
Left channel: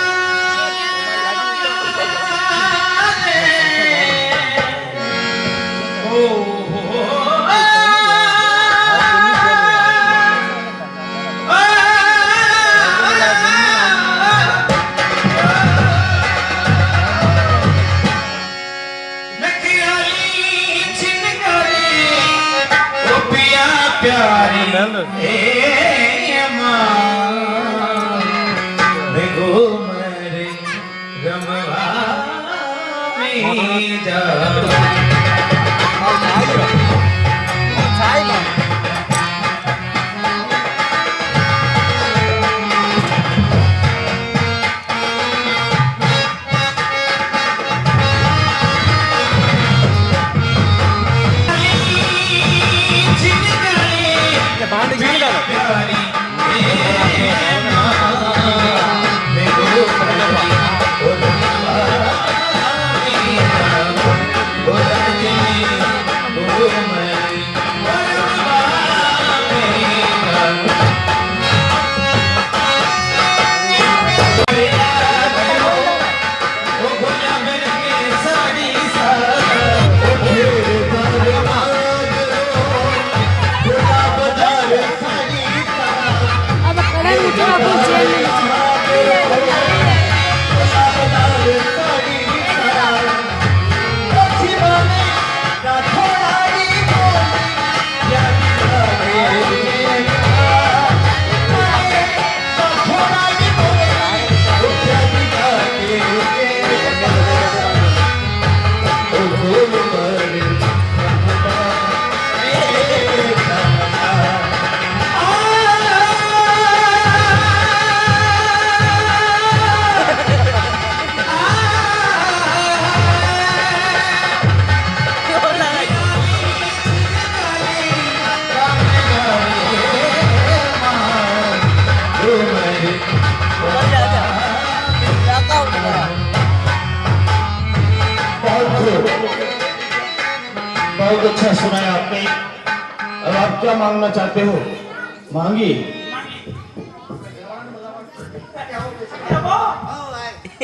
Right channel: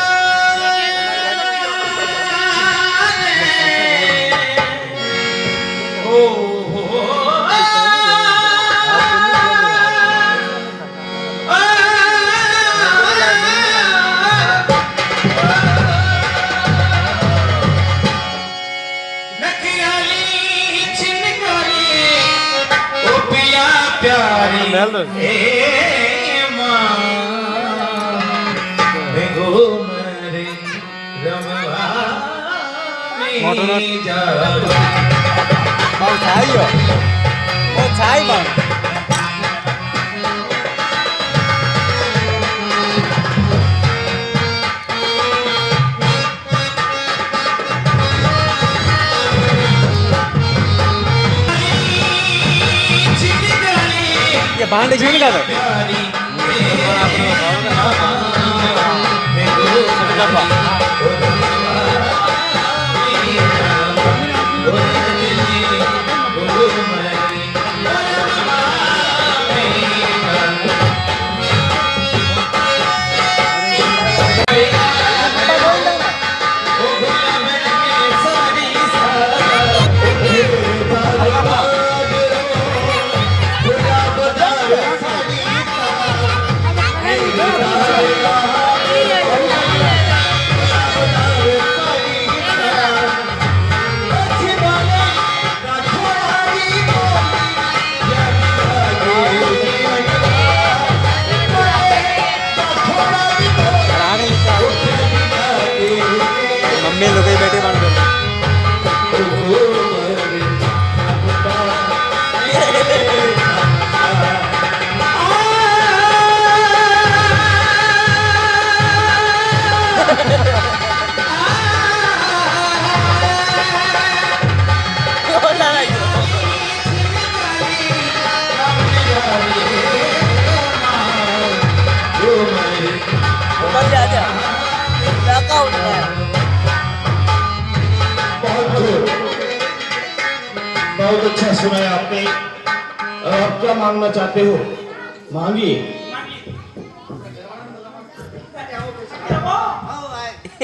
बहुत अच्छा सुनाया आपने अब आप क्या मांगना चाहते हो मांगिए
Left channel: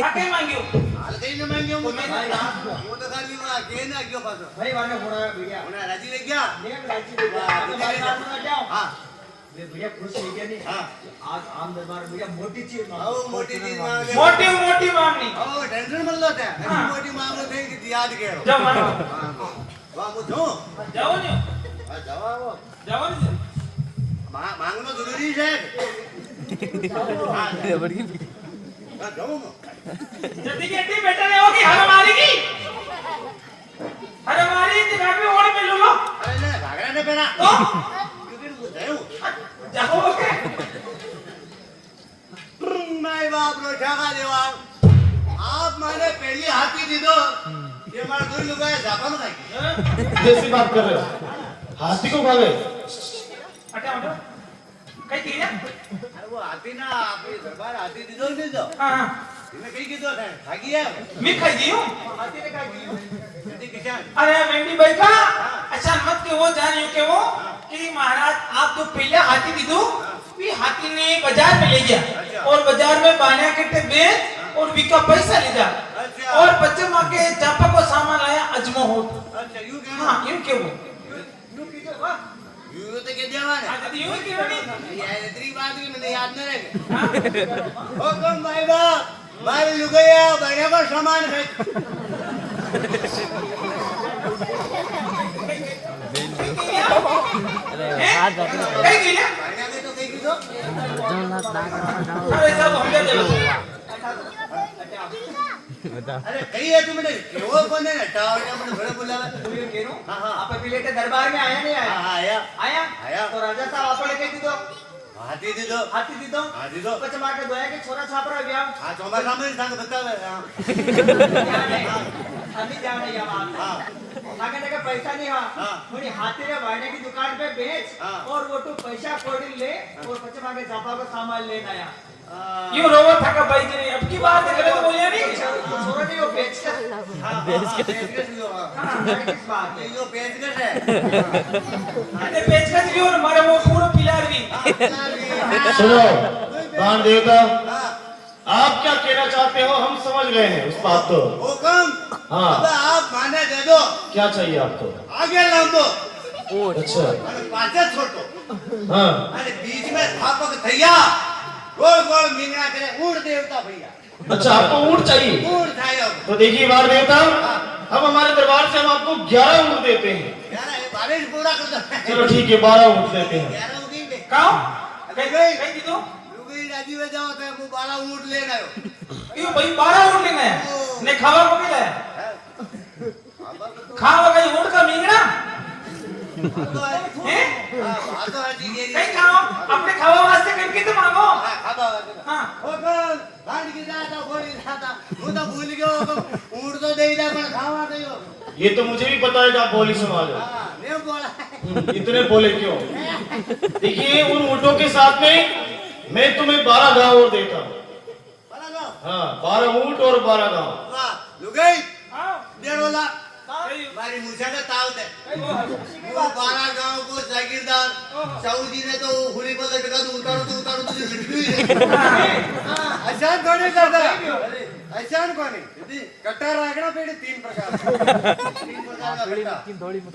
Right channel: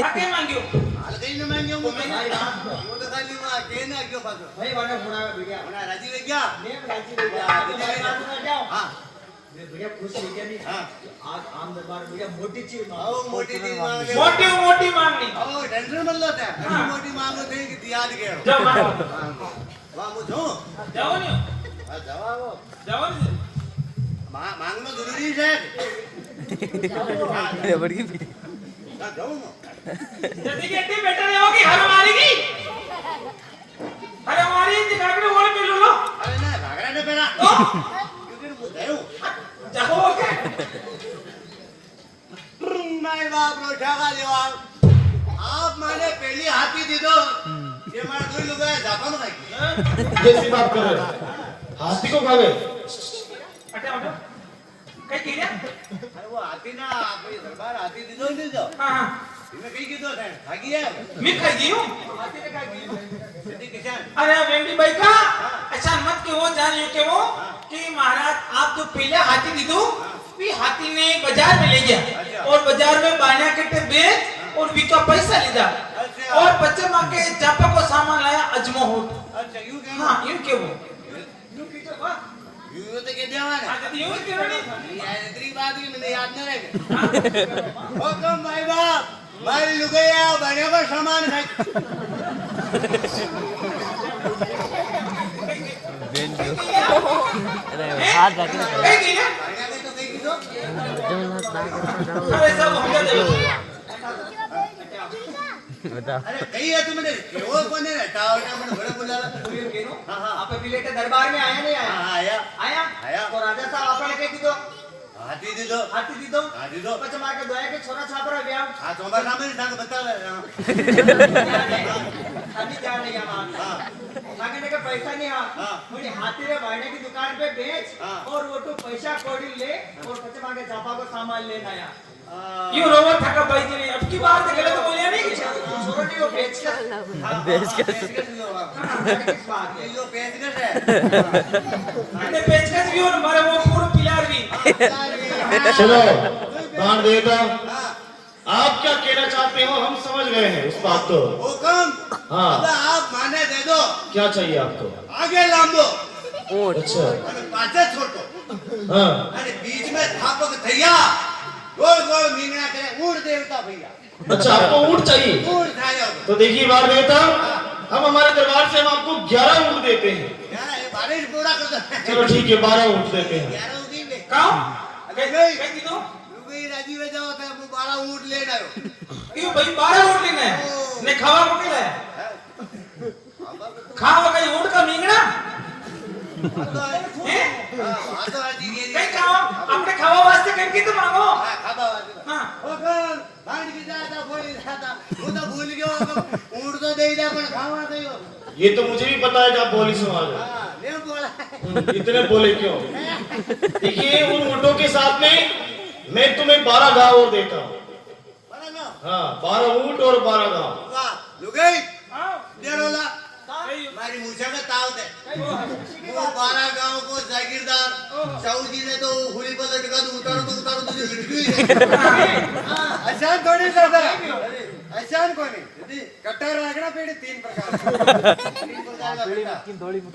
आके मांगियो हाल कहीं न मांगियो वो तो खाली वो के ना क्यों पासो भाई वाने होना बढ़िया होना राजी ले गया नेम राजी ले गया हां ये बढ़िया खुश हो गया नहीं हां आज आम दरबार बढ़िया मोटी चीज मांगो मोटी चीज मांगे मोटी मोटी मांगनी ओ टेंशन मत लो थे ऐसी मोटी मांगो थे कि याद के जाओ वाह मुझो जाओ नहीं जाओ वो जाओ नहीं मांगना जरूरी है हां बड़ी जाओ ना जल्दी गेटी बेटा रे होगी हर मारेगी हर मारी दिखा भी और मिल लो अरे ना ने पहना क्योंकि बुझायो जाओ के माय बाप रो ठाका देवा आप माने पहली हाथी दी दो ये मारा कोई लोग है जापान का कैसी बात कर रहे हो? हाथी को खावे? हटे हटो कई की रे अरे वो हाथी ना आपके दरबार हाथी दी दो नहीं दो हां हां इन्हें कहीं की दो है भागी है मैं खाई गई हूं हाथी ने कहा की यदि किसान अरे वेंडी भाई का अच्छा मत के वो जानियो के वो कि महाराज आप तो पहले हाथी दी दो भी हाथी ने बाजार में ले गया और बाजार में बायना के बेच और विका पैसा ले जा अच्छा। और बच्चे मां के चापा को सामान लाया अजमो हो अच्छा यूं कहना हां यूं के वो यूं तो के देवा ने अच्छा यूं के नहीं यार इतनी बात की मैंने याद न रहे ओ कम भाई बाप मारी लुगैया बने को सामान है कई की ना बने को तो कहीं की दो अरे सब हम दे दो अरे कहीं है तुमने केवल कौन है टावर ने मैंने बड़े बुलावा बोलिए केनो हाँ हाँ आप पहले दरबार में आया नहीं हाँ आया हाँ आया आया आया। तो राजा साहब आपने कह दी दो हाथी दी दो हाथी दी दो हाथी दो बच्चे मार के दोया के छोरा छापरा व्याम हाँ तो हमारे सामने संग बता हाँ अभी क्या नहीं है बात हाँ मांगने का पैसा नहीं हाँ। हाँ मुझे हाथी रे वाइने की दुकान पे बेच हाँ। और वो तो पैसा कोड़ी ले और बच्चे मार के चापा को सामान लेना आया यूं रोवा था का भाई जी ने अब की बात है गलत बोलिया नहीं छोरा नहीं वो बेच कर हाँ पेचकश लो हाँ किस बात है ये जो पेचकश है ये पेचकस भी और हमारे वो पूरा पिलार भी सुनो बाण देवता, हाँ आप क्या कहना चाहते हो हम समझ गए हैं उस बात को। हुकम हाँ। अब आप माने दे दो क्या चाहिए आपको? आगे लांबो अच्छा અને પાછળ છોટો हाँ અને बीच में थापक थैया गोल गोल मींगना करे ऊंट देवता भैया अच्छा आपको ऊंट चाहिए? ऊंट थाया तो देखिए बाण देवता, हम हमारे दरबार से हम आपको 11 ऊंट देते हैं। यार ये बारिश पूरा कर दो चलो ठीक है 12 ऊंट देते हैं। 11 उगी ले काओ अरे गई कई दी दो लुगई राजी में जाओ तो वो 12 ऊंट लेने आयो क्यों भाई 12 ऊँट लेना है ने खावा को मिला है खावा का ऊँट का मींगना तो हैं हां तो राजी ये कई खाओ अपने खावा वास्ते करके तो मांगो हां खाता वाला हाँ हुकम भांड की जाता कोई जाता वो तो भूल गयो ऊंट तो दे दे पर खावा दयो ये तो मुझे भी पता है कि आप बोली समाज हो। हां ले बोला इतने बोले क्यों? देखिए उन ऊँटों के साथ में मैं तुम्हें 12 गाँव और देता हूँ। बड़ा लो हाँ 12 ऊँट और 12 गाँव। वाह लुगई आओ डेढ़ोला मारी मूछा का ताव दे वो 12 गांव को जागीरदार साहू जी ने तो हुली पर लटका दो उतारो तुझे हिटकी है अच्छा थोड़ी करता ऐसा कोनी यदि कट्टा रागड़ा पेड़ी 3 प्रकार 3 प्रकार का बेटा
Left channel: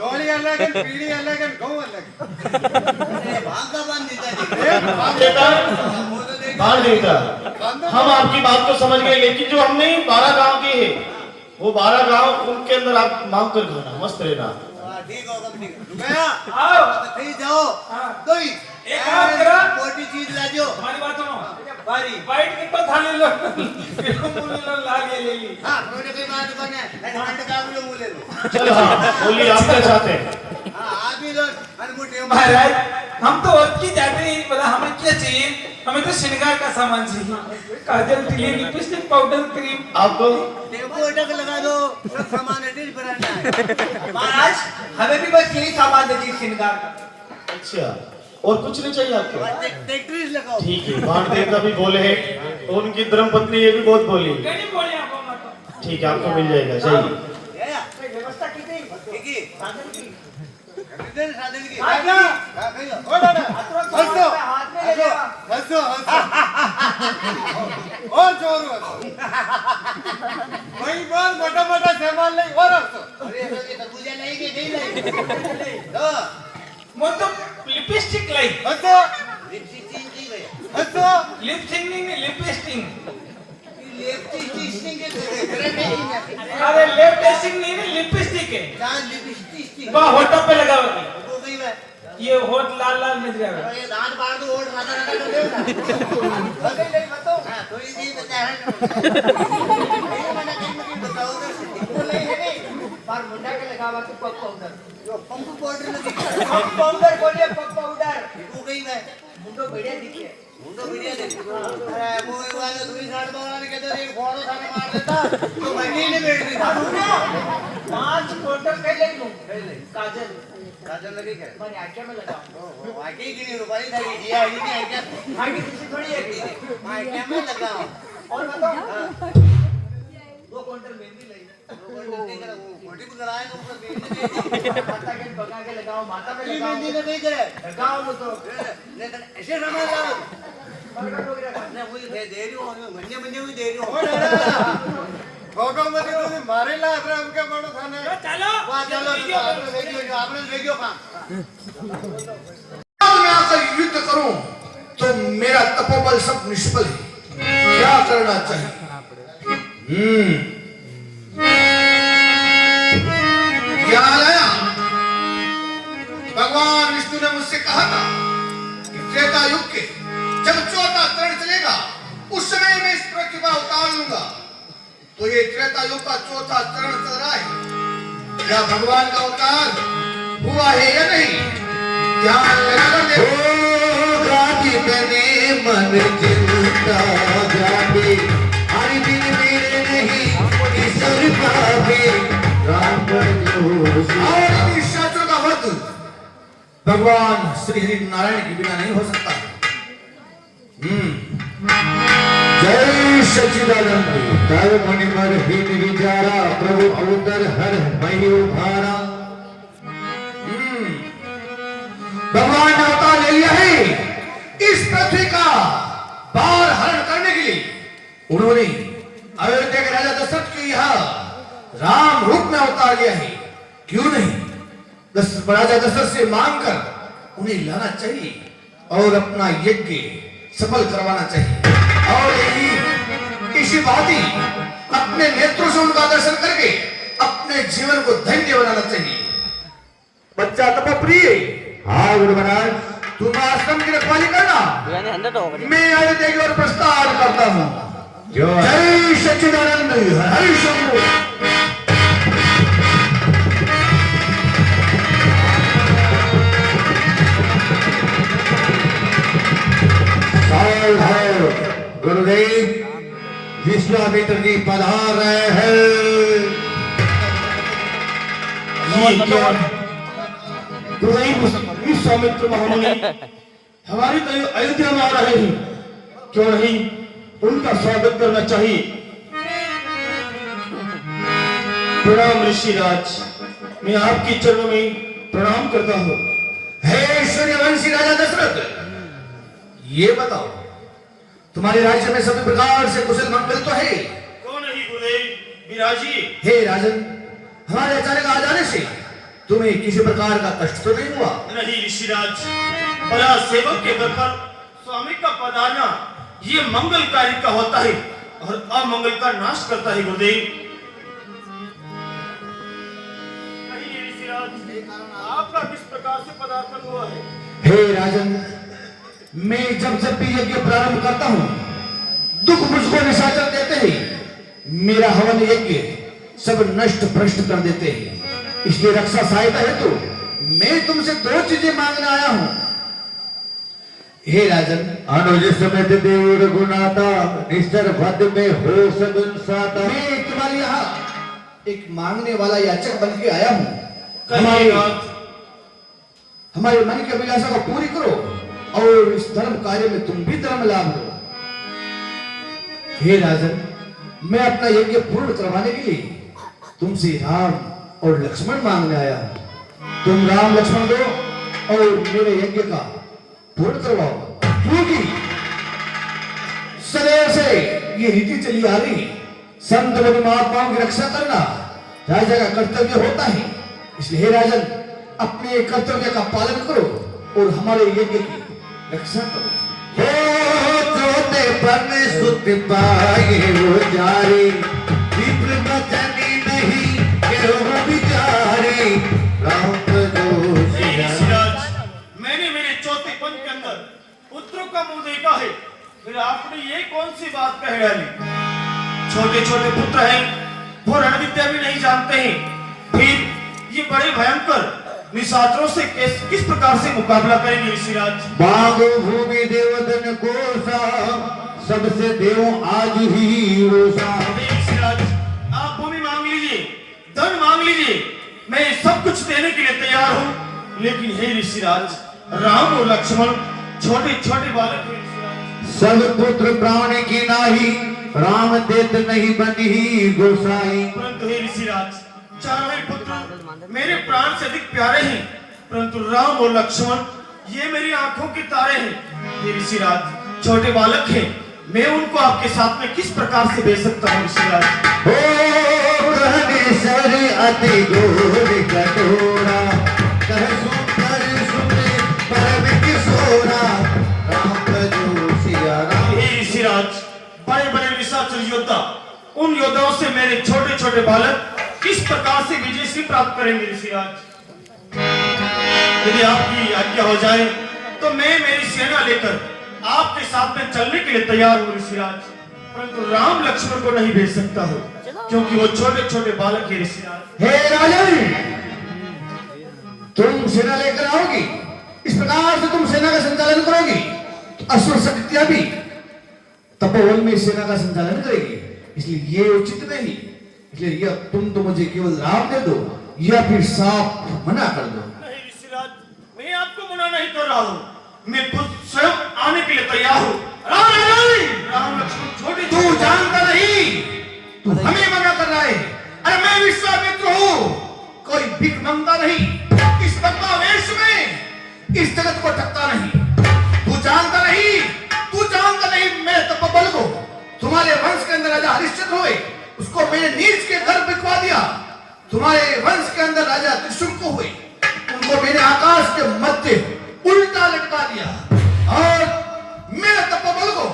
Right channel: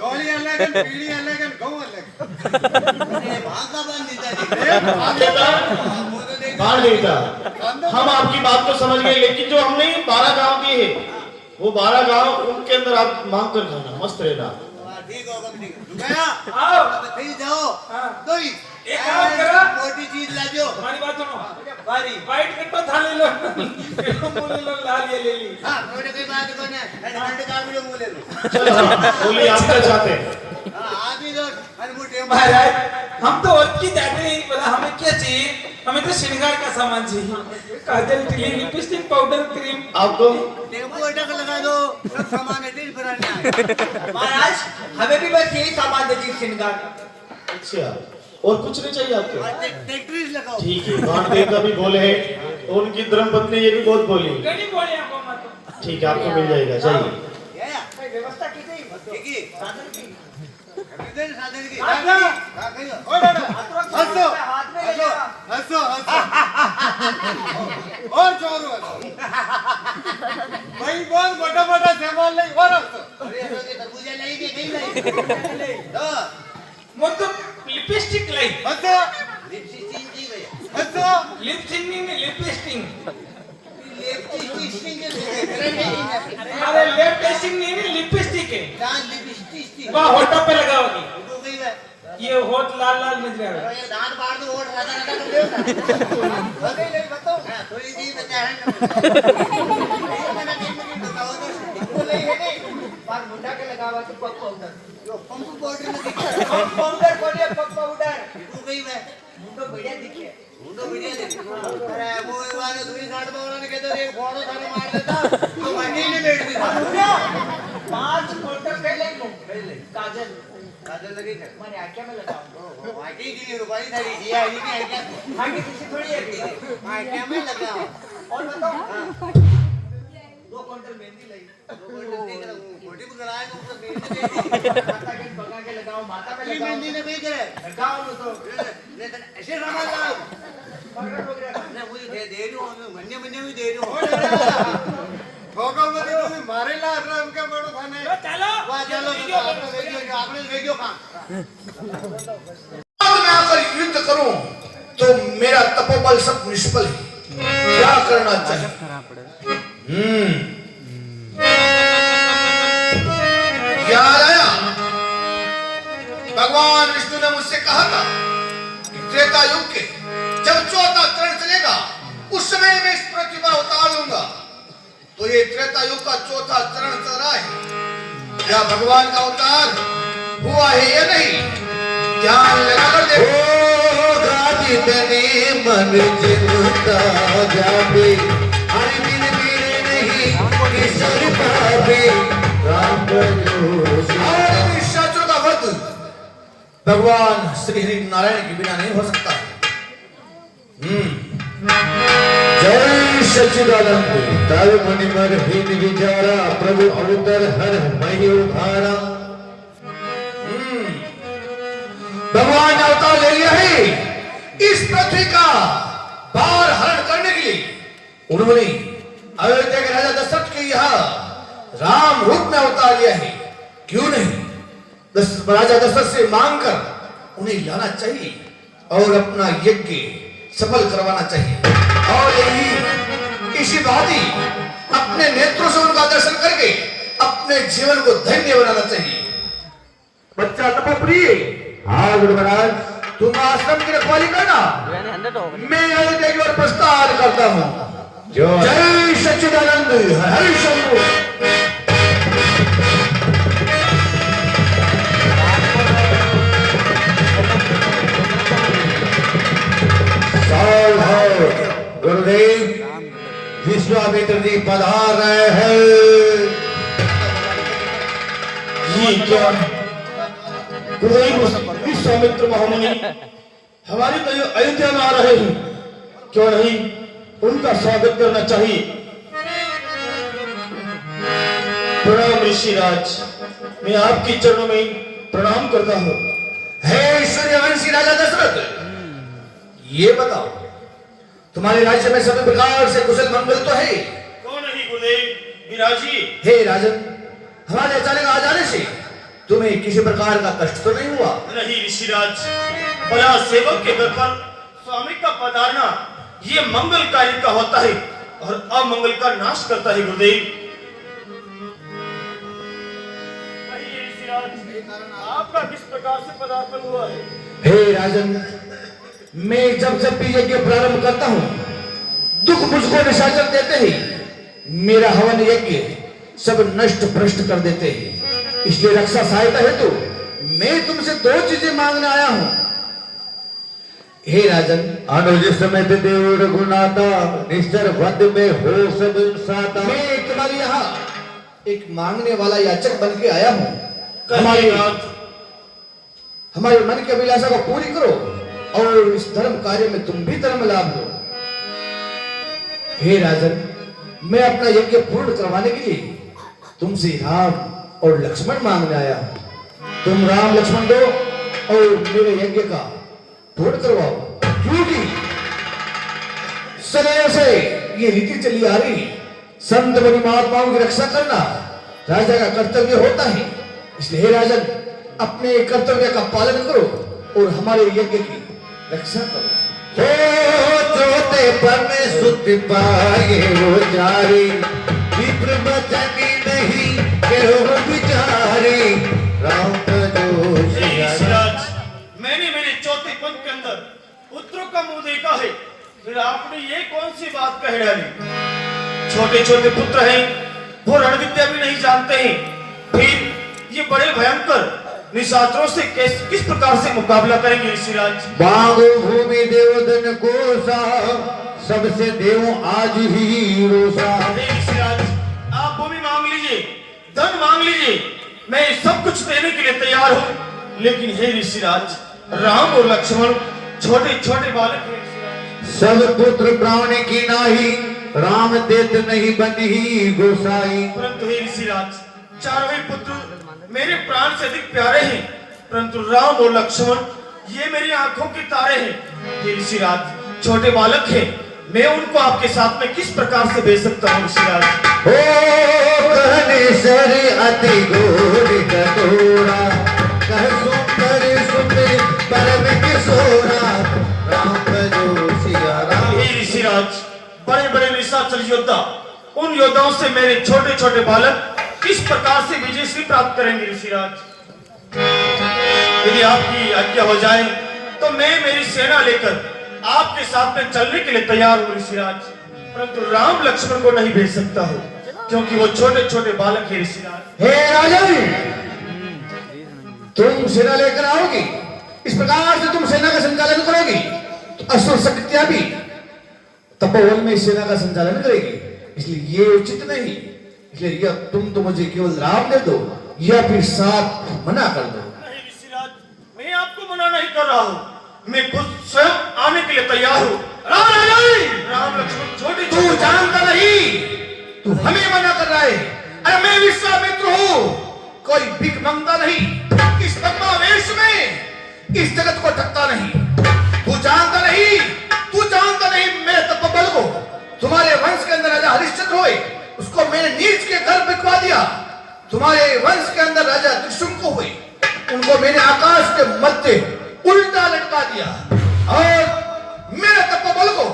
डोली अलग है पीड़ी अलग है गौ अलग अरे वहां का बंद देता जी वो तो देख बाण देवता, हम आपकी बात को समझ गए, लेकिन जो हमने 12 गांव दिए हैं वो 12 गांव उनके अंदर आप मांग कर खाना, मस्त रहना। ठीक होगा ठीक है रुकया आओ अब कहीं जाओ तो ही एक काम करो। मोटी चीज लाजो हमारी बात सुनो बारी वाइट की तो थाली लो ला ले ली हां कोई बात कोने ठंड का भी मुंह ले लो चलो हाँ, बोलिए आप क्या चाहते हैं? हां आप भी लो अरे मुठे महाराज हम तो और की जाते नहीं पता हमें क्या चाहिए हमें तो श्रृंगार का सामान चाहिए काजल टिली लिपस्टिक पाउडर क्रीम आपको टेम्पो अटक लगा दो सब सामान एडिट कराना है महाराज हमें भी बस यही सामान दे दी श्रृंगार का अच्छा और कुछ नहीं चाहिए आपको? टेक्ट्रीज लगाओ ठीक है बाण देवता भी बोले हैं तो उनकी धर्मपत्नी ये भी बहुत बोली। कहीं बोले आपको मत ठीक है आपको मिल जाएगा चाहिए। या कोई व्यवस्था की गई ठीक है कितने साधन की हां कहियो ओ दादा हंसो हाथ में ले लेगा हंसो और जोर भाई बहुत मोटा मोटा सामान ले और हंसो अरे ये तरबूजा लाई के नहीं लाई तो मत लिपस्टिक लाई हंसो लिपस्टिक चीज नहीं भैया हंसो लिपस्टिक नहीं लिपस्टिक लिपस्टिक के करे नहीं ना अरे लिपस्टिक नहीं लिपस्टिक है जान लिपस्टिक वह होठों पे लगाओगी वो कही है ये होठ लाल लाल नजर आ रहा ये दांत फाड़ दो और राता राता कर देओ ना अरे नहीं बताओ हां थोड़ी सी बता है नहीं मैंने कहीं में बताओ तो वो नहीं है नहीं मार मुंडा के लगावा तो पग पाउडर यो पंप पाउडर न दिखे पग पाउडर बोलिए पग पाउडर तू कहीं मैं मुंडो बढ़िया दिखे मुंडो बढ़िया देख अरे वो वाले दूरी साइड में वाला ने कहते एक फोड़ो सारे मार देता तो महीने ने बैठ गई था 5 क्वार्टर के ले लूं पहले काजल काजल लगी क्या मैंने आंखें में लगाऊं आके की रुपए थारी ये आई नहीं आई क्या आंखें किसी थोड़ी है आके में लगाओ और बताओ 2 क्वार्टर मेहंदी लगी दो घंटे नहीं करा वो मोटी को कराए तो ऊपर मेहंदी दे माता के पगा के लगाओ माता में दी लगाओ मेहंदी ने कहीं करे लगाओ लो तो नहीं तो ऐसे सामान लाओ पकड़ वगैरह ना वो दे रही हूं मन्ने मन्ने भी दे रही हूं ठोको मत तो मारे ला राम के बड़ो थाने चलो वाह चलो आपने देखियो काम आज मैं आकर युद्ध करूं तो मेरा तपोबल सब निष्फल है। क्या करना चाहिए? याद आया भगवान विष्णु ने मुझसे कहा था कि त्रेता युग के जब चौथा चरण चलेगा उस समय मैं इस पृथ्वी पर अवतार लूंगा। तो ये त्रेता युग का चौथा चरण चल रहा है, क्या भगवान का अवतार हुआ है या नहीं? ध्यान लगाकर देखो। मन जीवता जाबे हरि दिन मेरे नहीं ईश्वर पावे राम शत्रु का वध भगवान श्री हरि नारायण के बिना नहीं हो सकता। जय सच्चिदानंद तब मणिमर हित विचारा प्रभु अवतर हर मही उभारा। भगवान ने अवतार ले लिया है इस पृथ्वी का भार हरण करने के लिए। उन्होंने अयोध्या के राजा दशरथ के यहाँ राम रूप में अवतार लिया है। क्यों नहीं राजा दशरथ से मांगकर उन्हें लाना चाहिए और अपना यज्ञ सफल करवाना चाहिए और यही इसी भांति अपने नेत्रों से उनका दर्शन करके अपने जीवन को धन्य बनाना चाहिए। बच्चा तपप्रिय हाँ गुरु महाराज तुम आश्रम की रखवाली करना, मैं अयोध्या की ओर प्रस्थान करता हूँ। जय सच्चिदानंद हरि शंभू। गुरुदेव विश्वामित्र जी पधार रहे हैं। ये क्या गुरुदेव विश्वामित्र महामुनि हमारी अयोध्या में आ रहे हैं, क्यों नहीं उनका स्वागत करना चाहिए। प्रणाम ऋषिराज, मैं आपके चरणों में प्रणाम करता हूँ। हे सूर्यवंशी राजा दशरथ, ये बताओ तुम्हारे राज्य में सभी प्रकार से कुशल मंगल तो है? क्यों नहीं गुरुदेव विराजी। हे राजन, हमारे अचानक आ जाने से तुम्हें किसी प्रकार का कष्ट तो नहीं हुआ? नहीं ऋषिराज, बड़ा सेवक के घर पर स्वामी का पधारना ये मंगलकारी का होता है और अमंगल का नाश करता है गुरुदेव। कहिए ऋषिराज, आपका किस प्रकार से पदार्पण हुआ है? हे राजन, मैं जब भी यज्ञ प्रारंभ करता हूँ दुख मुझको निशाचर देते हैं, मेरा हवन यज्ञ सब नष्ट भ्रष्ट कर देते हैं। इसलिए रक्षा सहायता हेतु मैं तुमसे 2 चीजें मांगने आया हूँ। हे राजन, अनुज समेत देव रघुनाथा निश्चर वध में हो सब साता। मैं तुम्हारे यहाँ एक मांगने वाला याचक बन के आया हूँ। हमारे मन की अभिलाषा को पूरी करो और इस धर्म कार्य में तुम भी धर्म लाभ लो। हे राजन, मैं अपना यज्ञ पूर्ण करवाने के लिए तुमसे राम और लक्ष्मण मांगने आया हूं। तुम राम लक्ष्मण दो और मेरे यज्ञ का पूर्ण करवाओ, क्योंकि सदैव से ये रीति चली आ रही, संत बनी महात्माओं की रक्षा करना राजा का कर्तव्य होता है। इसलिए हे राजन, अपने कर्तव्य का पालन करो और हमारे यज्ञ की रक्षा करो। जोते पर सुत पाए वो जारी, विप्र बचनी नहीं केहू बिचारी, राम ऋषिराज, मैंने मेरे चौथे पंथ के अंदर पुत्रों का मुंह देखा है, फिर आपने ये कौन सी बात कह डाली? छोटे छोटे पुत्र हैं, वो रण विद्या भी नहीं जानते हैं, फिर ये बड़े भयंकर निशाचरों से किस प्रकार से मुकाबला करेंगे ऋषिराज? बागो भूमि देवदन कोसा, सबसे देवों आज ही रोसा। ऋषिराज, आप भूमि मांग लीजिए, धन मांग लीजिए, मैं सब कुछ देने के लिए तैयार हूँ। लेकिन हे ऋषिराज, राम और लक्ष्मण छोटे छोटे बालक हैं ऋषिराज। सब पुत्र प्राण की नाही, राम देत नहीं बनी गोसाई। परंतु हे ऋषिराज, चारों ही पुत्र मेरे प्राण से अधिक प्यारे हैं, परंतु राम और लक्ष्मण ये मेरी आंखों के तारे हैं। हे ऋषिराज, छोटे बालक हैं, मैं उनको आपके साथ में किस प्रकार से भेज सकता हूँ ऋषिराज? ओ कहने सर अति गोर कटोरा, कह सुंदर सुने परम किशोरा, राम जो सिया राम। हे ऋषिराज, बड़े बड़े निशाचर योद्धा, उन योद्धाओं से मेरे छोटे छोटे बालक किस प्रकार से विजयश्री प्राप्त करेंगे ऋषिराज? यदि आपकी आज्ञा हो जाए तो मैं मेरी सेना लेकर आपके साथ में चलने के लिए तैयार हूँ ऋषिराज, परंतु राम लक्ष्मण को नहीं भेज सकता हूँ क्योंकि वो छोटे छोटे बालक है ऋषिराज। हे राजन, तुम सेना लेकर आओगी, इस प्रकार से तुम सेना का संचालन करोगी तो असुर शक्तियां भी तपोवन में सेना का संचालन करेगी, इसलिए ये उचित नहीं। इसलिए या तुम तो मुझे केवल राम दे दो या फिर साफ मना कर दो। नहीं ऋषिराज, मैं आपको मना नहीं कर रहा हूँ, मैं खुद स्वयं आने के लिए तैयार हूँ। राम लक्ष्मण छोटे तू जानता नहीं, तू हमें मना कर रहा है। अरे मैं विश्वामित्र हूँ, कोई भीख मांगता नहीं। इस भगवा वेश में इस जगत को थकता नहीं। तू जानता नहीं मेरे तपोबल को। तुम्हारे वंश के अंदर राजा हरिश्चंद्र हुए, उसको मैंने नीच के घर बिठवा दिया। तुम्हारे वंश के अंदर राजा त्रिशंकु हुए, उनको मैंने आकाश के मध्य उल्टा लटका दिया। और मेरे तपोबल को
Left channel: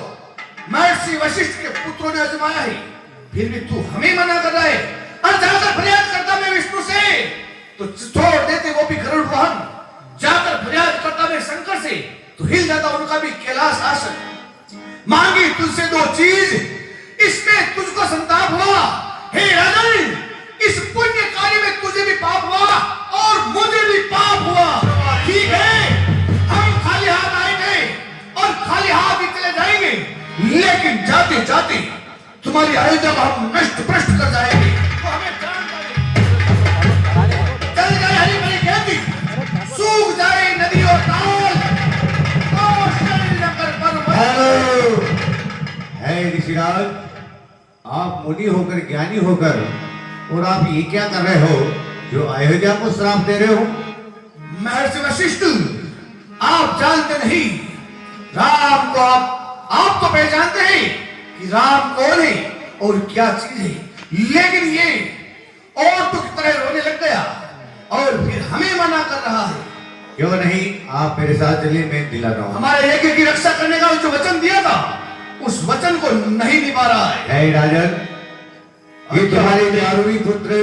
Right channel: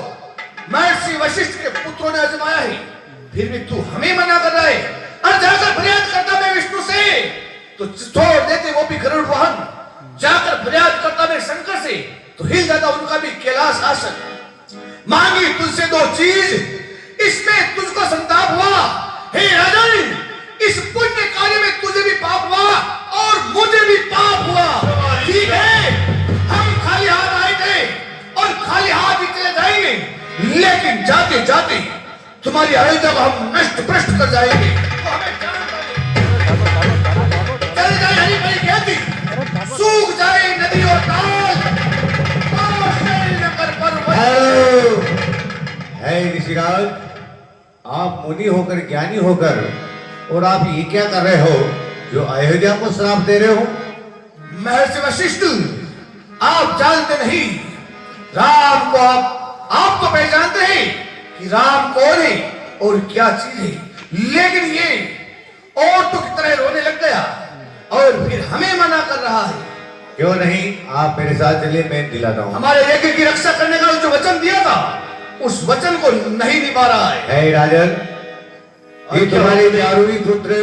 महर्षि वशिष्ठ के पुत्रों ने आजमाया है, फिर भी तू हमें मना कर रहा है। और जाकर फरियाद करता मैं विष्णु से तो छोड़ देते वो भी गरुड़ वाहन, जाकर फरियाद करता मैं शंकर से तो हिल जाता उनका भी कैलाश आसन। मांगी तुझसे दो चीज, इसमें तुझको संताप हुआ। हे राजन, इस पुण्य कार्य में तुझे भी पाप हुआ और मुझे भी पाप हुआ। ठीक है, हम खाली हाथ आए थे और खाली हाथ ही चले जाएंगे, लेकिन जाते जाते तुम्हारी अयोध्या को हम नष्ट भ्रष्ट कर जाएंगे। तो हमें जानता है, चल जाए हरी भरी खेती, सूख जाए नदी और ताल, और शैलनगर पर्वत। है ऋषिराज, आप मुनि होकर ज्ञानी होकर और आप ये क्या कर रहे हो जो अयोध्या को श्राप दे रहे हो? महर्षि वशिष्ठ, आप जानते नहीं राम को, आप तो पहचानते हैं कि राम कौन है और क्या चीज है, लेकिन ये औरतों की तरह रोने लग गया और फिर हमें मना कर रहा है। क्यों नहीं, आप मेरे साथ चलिए, मैं दिलाता हूँ। हमारे यज्ञ की रक्षा करने का जो वचन दिया था, उस वचन को नहीं निभा रहा है। हे राजन, ये तुम्हारे चारों पुत्र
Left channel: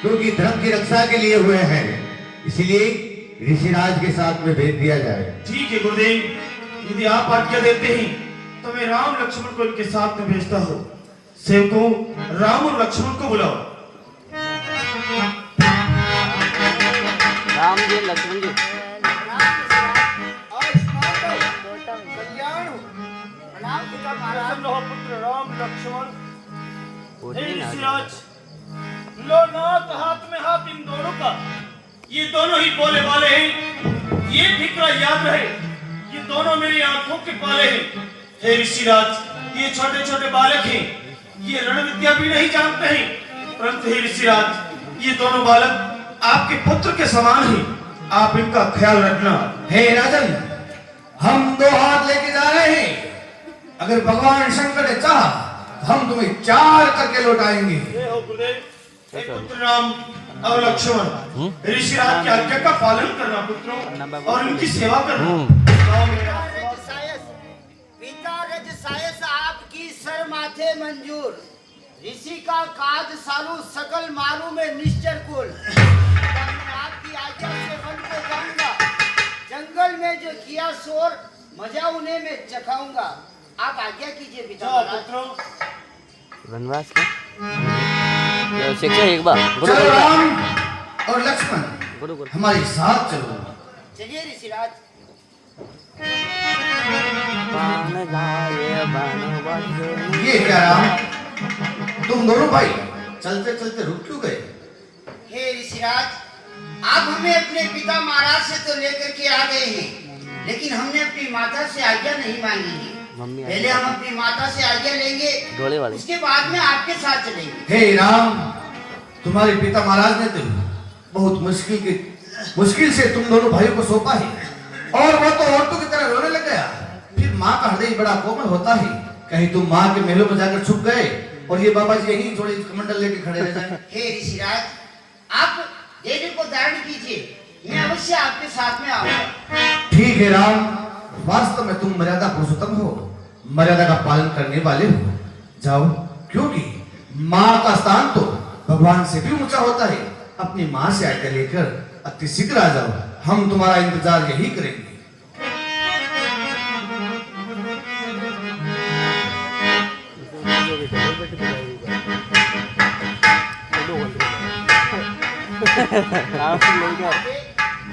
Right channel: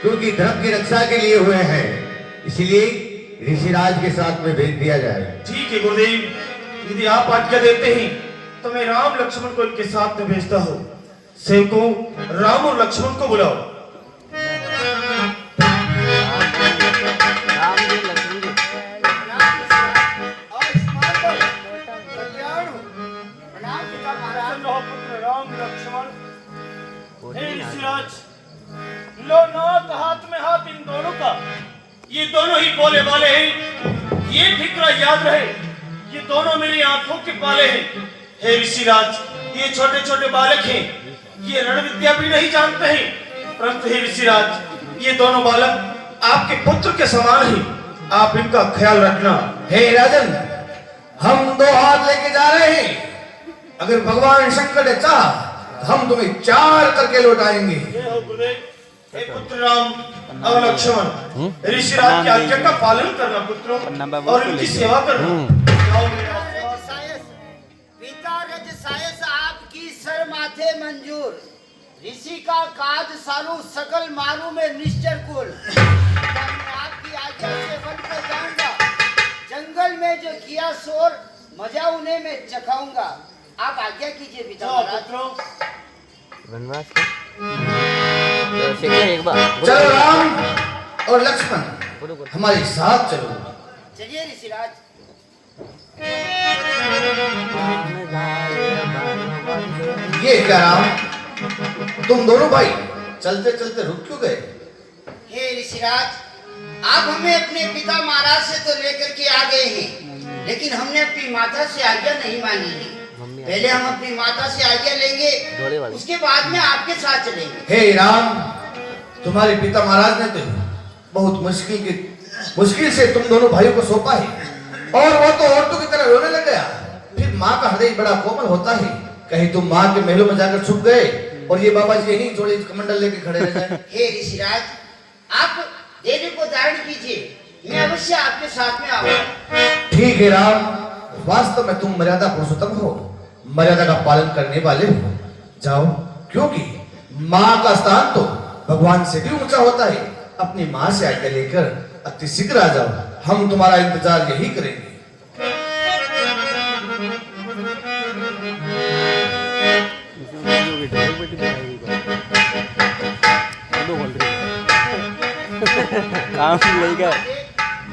क्योंकि धर्म की रक्षा के लिए हुए हैं, इसलिए ऋषिराज के साथ में भेज दिया जाए। ठीक है गुरुदेव, यदि आप आज्ञा देते हैं तो मैं राम लक्ष्मण को इनके साथ में भेजता हूँ। सेवकों, राम और लक्ष्मण को बुलाओ। राम जी, लक्ष्मण जी। पुत्र राम लक्ष्मण, हे ऋषिराज, लो नाथ हाथ में हाथ इन दोनों का। ये दोनों ही बोले वाले हैं, ये फिक्र याद रहे, ये दोनों मेरी आंखों के पाले हैं। हे ऋषिराज, ये छोटे छोटे बालक हैं, ये रण विद्या भी नहीं जानते हैं, परंतु हे ऋषिराज, ये दोनों बालक आपके पुत्र के समान हैं, आप इनका ख्याल रखना। हे राजन, हम दो हाथ लेके जा रहे हैं, अगर भगवान शंकर ने चाहा हम तुम्हें 4 करके लौटाएंगे। हे हो गुरुदेव, हे पुत्र राम और लक्ष्मण, ऋषिराज की आज्ञा का पालन करना पुत्रों, और उनकी सेवा करना। पिता रज सायस आपकी सर माथे मंजूर, ऋषि का काज सालू सकल मारू में निश्चर कुल। मैं आपकी आज्ञा से वन को जाऊंगा, जंगल में जो किया शोर मजा उन्हें मैं चखाऊंगा। आप आज्ञा कीजिए पिता महाराज। वनवास के शिक्षा एक बार चलो राम और लक्ष्मण हमारे साथ चलो। चलिए ऋषिराज। ये क्या राम, तुम दोनों भाई चलते चलते रुक क्यों गए? हे ऋषिराज, आप हमें अपने पिता महाराज से तो लेकर के आ गए हैं, लेकिन हमने अपनी माता से आज्ञा नहीं मांगी है। पहले हम अपनी माता से आज्ञा लेंगे, उसके बाद में आपके साथ चलेंगे। हे राम, तुम्हारे पिता महाराज ने तो बहुत मुश्किल से तुम दोनों भाइयों को सौंपा है, और वो तो औरतों की तरह रोने लग गया। फिर माँ का हृदय बड़ा कोमल होता है, कहीं तुम माँ के महलों में जाकर छुप गए और ये बाबा जी यही जोड़े कमंडल लेके खड़े रह जाए। हे ऋषिराज, आप देवी को धारण कीजिए, मैं अवश्य आपके साथ में आऊंगा। ठीक है राम, वास्तव में तुम मर्यादा पुरुषोत्तम हो, मर्यादा का पालन करने वाले हो। जाओ, क्योंकि माँ का स्थान तो भगवान से भी ऊंचा होता है। अपनी माँ से आज्ञा लेकर अति शीघ्र आ जाओ, हम तुम्हारा इंतजार यही करेंगे।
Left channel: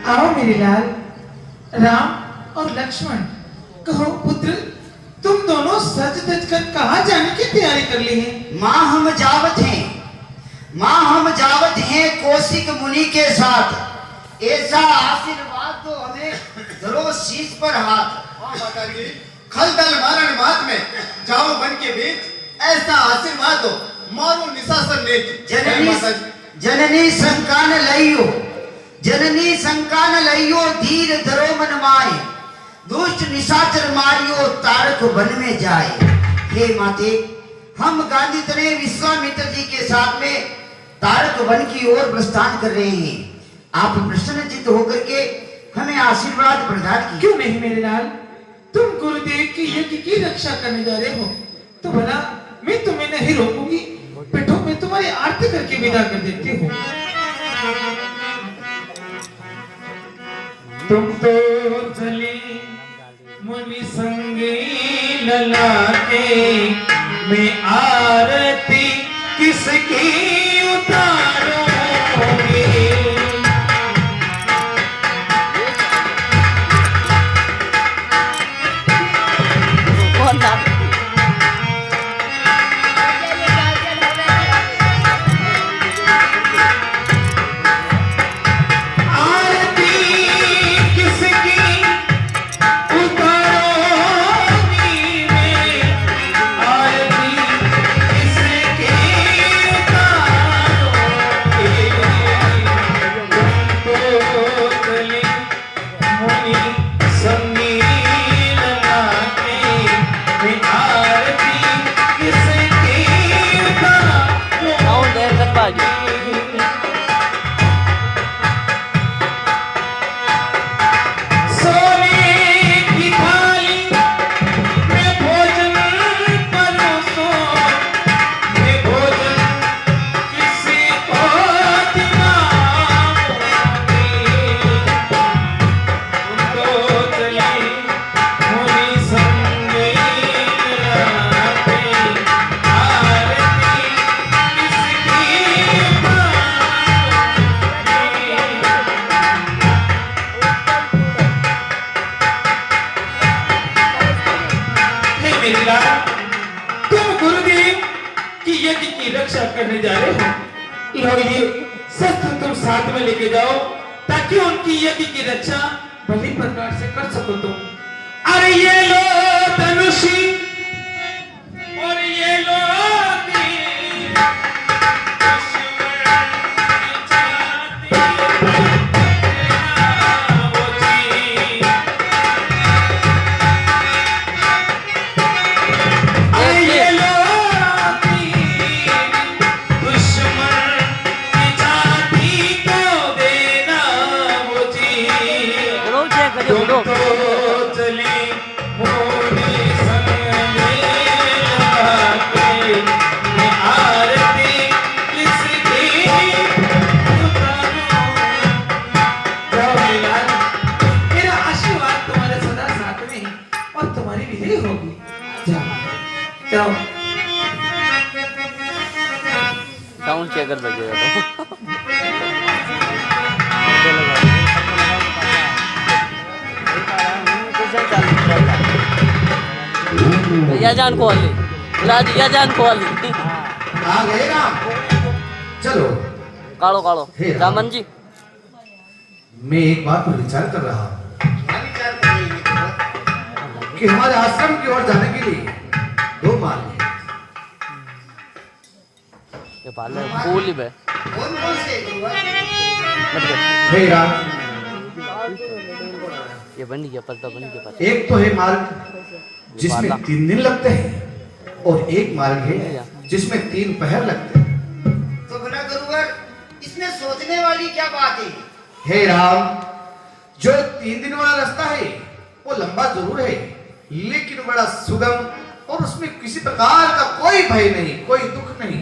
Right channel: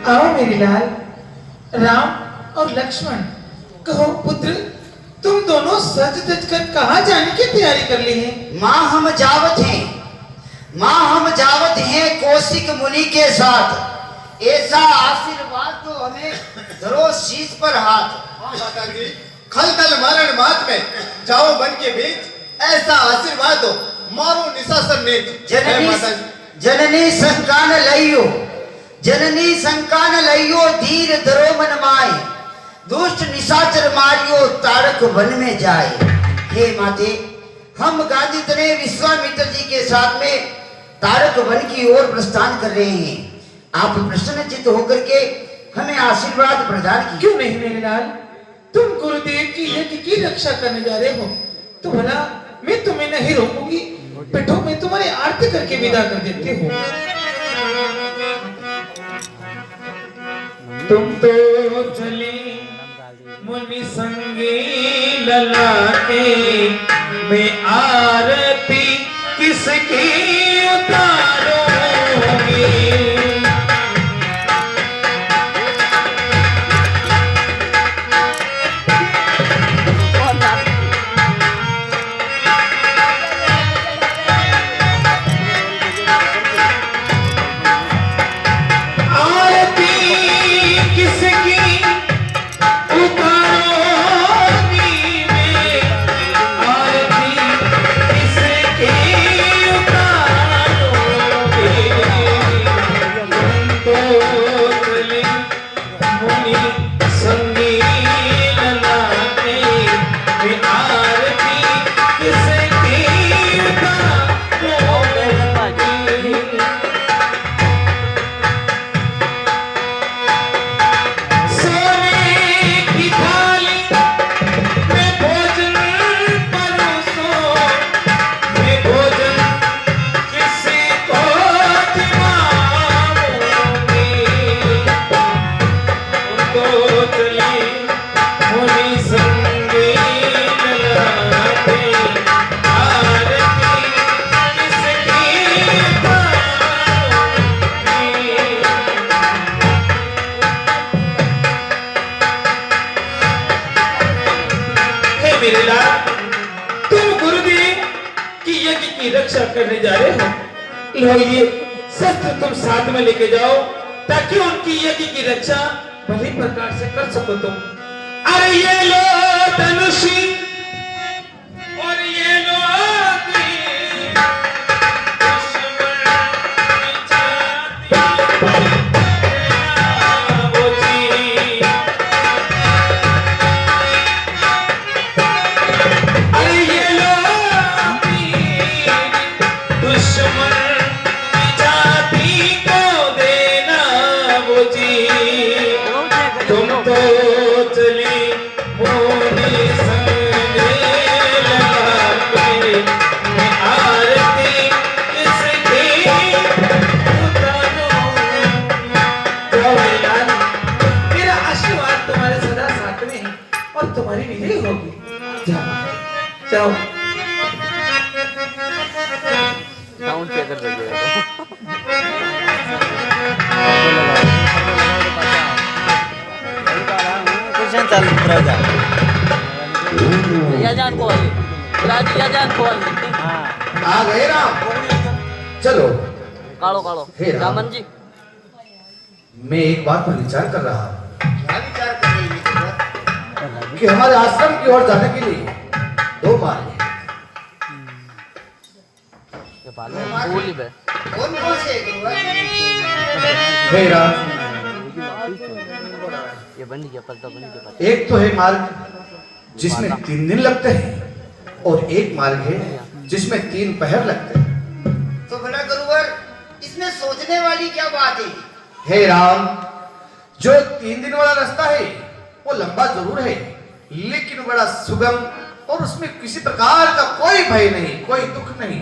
आओ मेरे लाल, राम और लक्ष्मण, कहो पुत्र, तुम दोनों सज धज कर कहाँ जाने की तैयारी कर ली है? माँ हम जावत हैं, माँ हम जावत हैं कौशिक मुनि के साथ। ऐसा आशीर्वाद तो हमें धरो शीश पर हाथ। हाँ माता जी, खल दल मारण मात में जाओ बन के बीच, ऐसा आशीर्वाद दो मारो निशाचर नेत। जननी संकान लइयो, जननी संकान लइयो, धीर धरो मन माए, दुष्ट निशाचर मारियो, तारक वन में जाए। हे माते, हम गांधी तने विश्वामित्र जी के साथ में तारक वन की ओर प्रस्थान कर रहे हैं। आप प्रसन्नचित्त होकर के हमें आशीर्वाद प्रदान कीजिए। क्यों नहीं मेरे लाल, तुम गुरुदेव की यज्ञ की रक्षा करने जा रहे हो तो भला मैं तुम्हें नहीं रोकूंगी। बैठो, मैं तुम्हारी आरती करके विदा कर देती हूँ। तुम तो चले मुनि संगे ललाटे, मैं आरती किसकी उतारूंगी? तुम गुरुदेव की यज्ञ की रक्षा करने जा रहे हो, लो ये शस्त्र तुम साथ में लेके जाओ ताकि उनकी यज्ञ की रक्षा भली प्रकार से कर सको तुम। अरे ये लो धनुषी और ये लो तीर, साउंड चेक या जान कॉल राज या जान कॉल आ गए राम। चलो कालो कालो हे राम। रामन जी मैं एक बात पर विचार कर रहा हूँ क्या विचार कर रही है गुरुवर? कि हमारे आश्रम की ओर जाने के लिए दो मार्ग हैं। ये पाले फूल ही बे कौन कौन से गुरुवर? हे राम, ये बन गया पत्ता बन गया पत्ता एक तो है मार्ग जिसमें 3 दिन लगते हैं और एक मार्ग है जिसमें 3 पहर लगते हैं। तो भला गुरुवर इसमें सोचने वाली क्या बात है? हे राम, जो 3 दिन वाला रास्ता है वो लंबा जरूर है लेकिन बड़ा सुगम और उसमें किसी प्रकार का कोई भय नहीं, कोई दुख नहीं।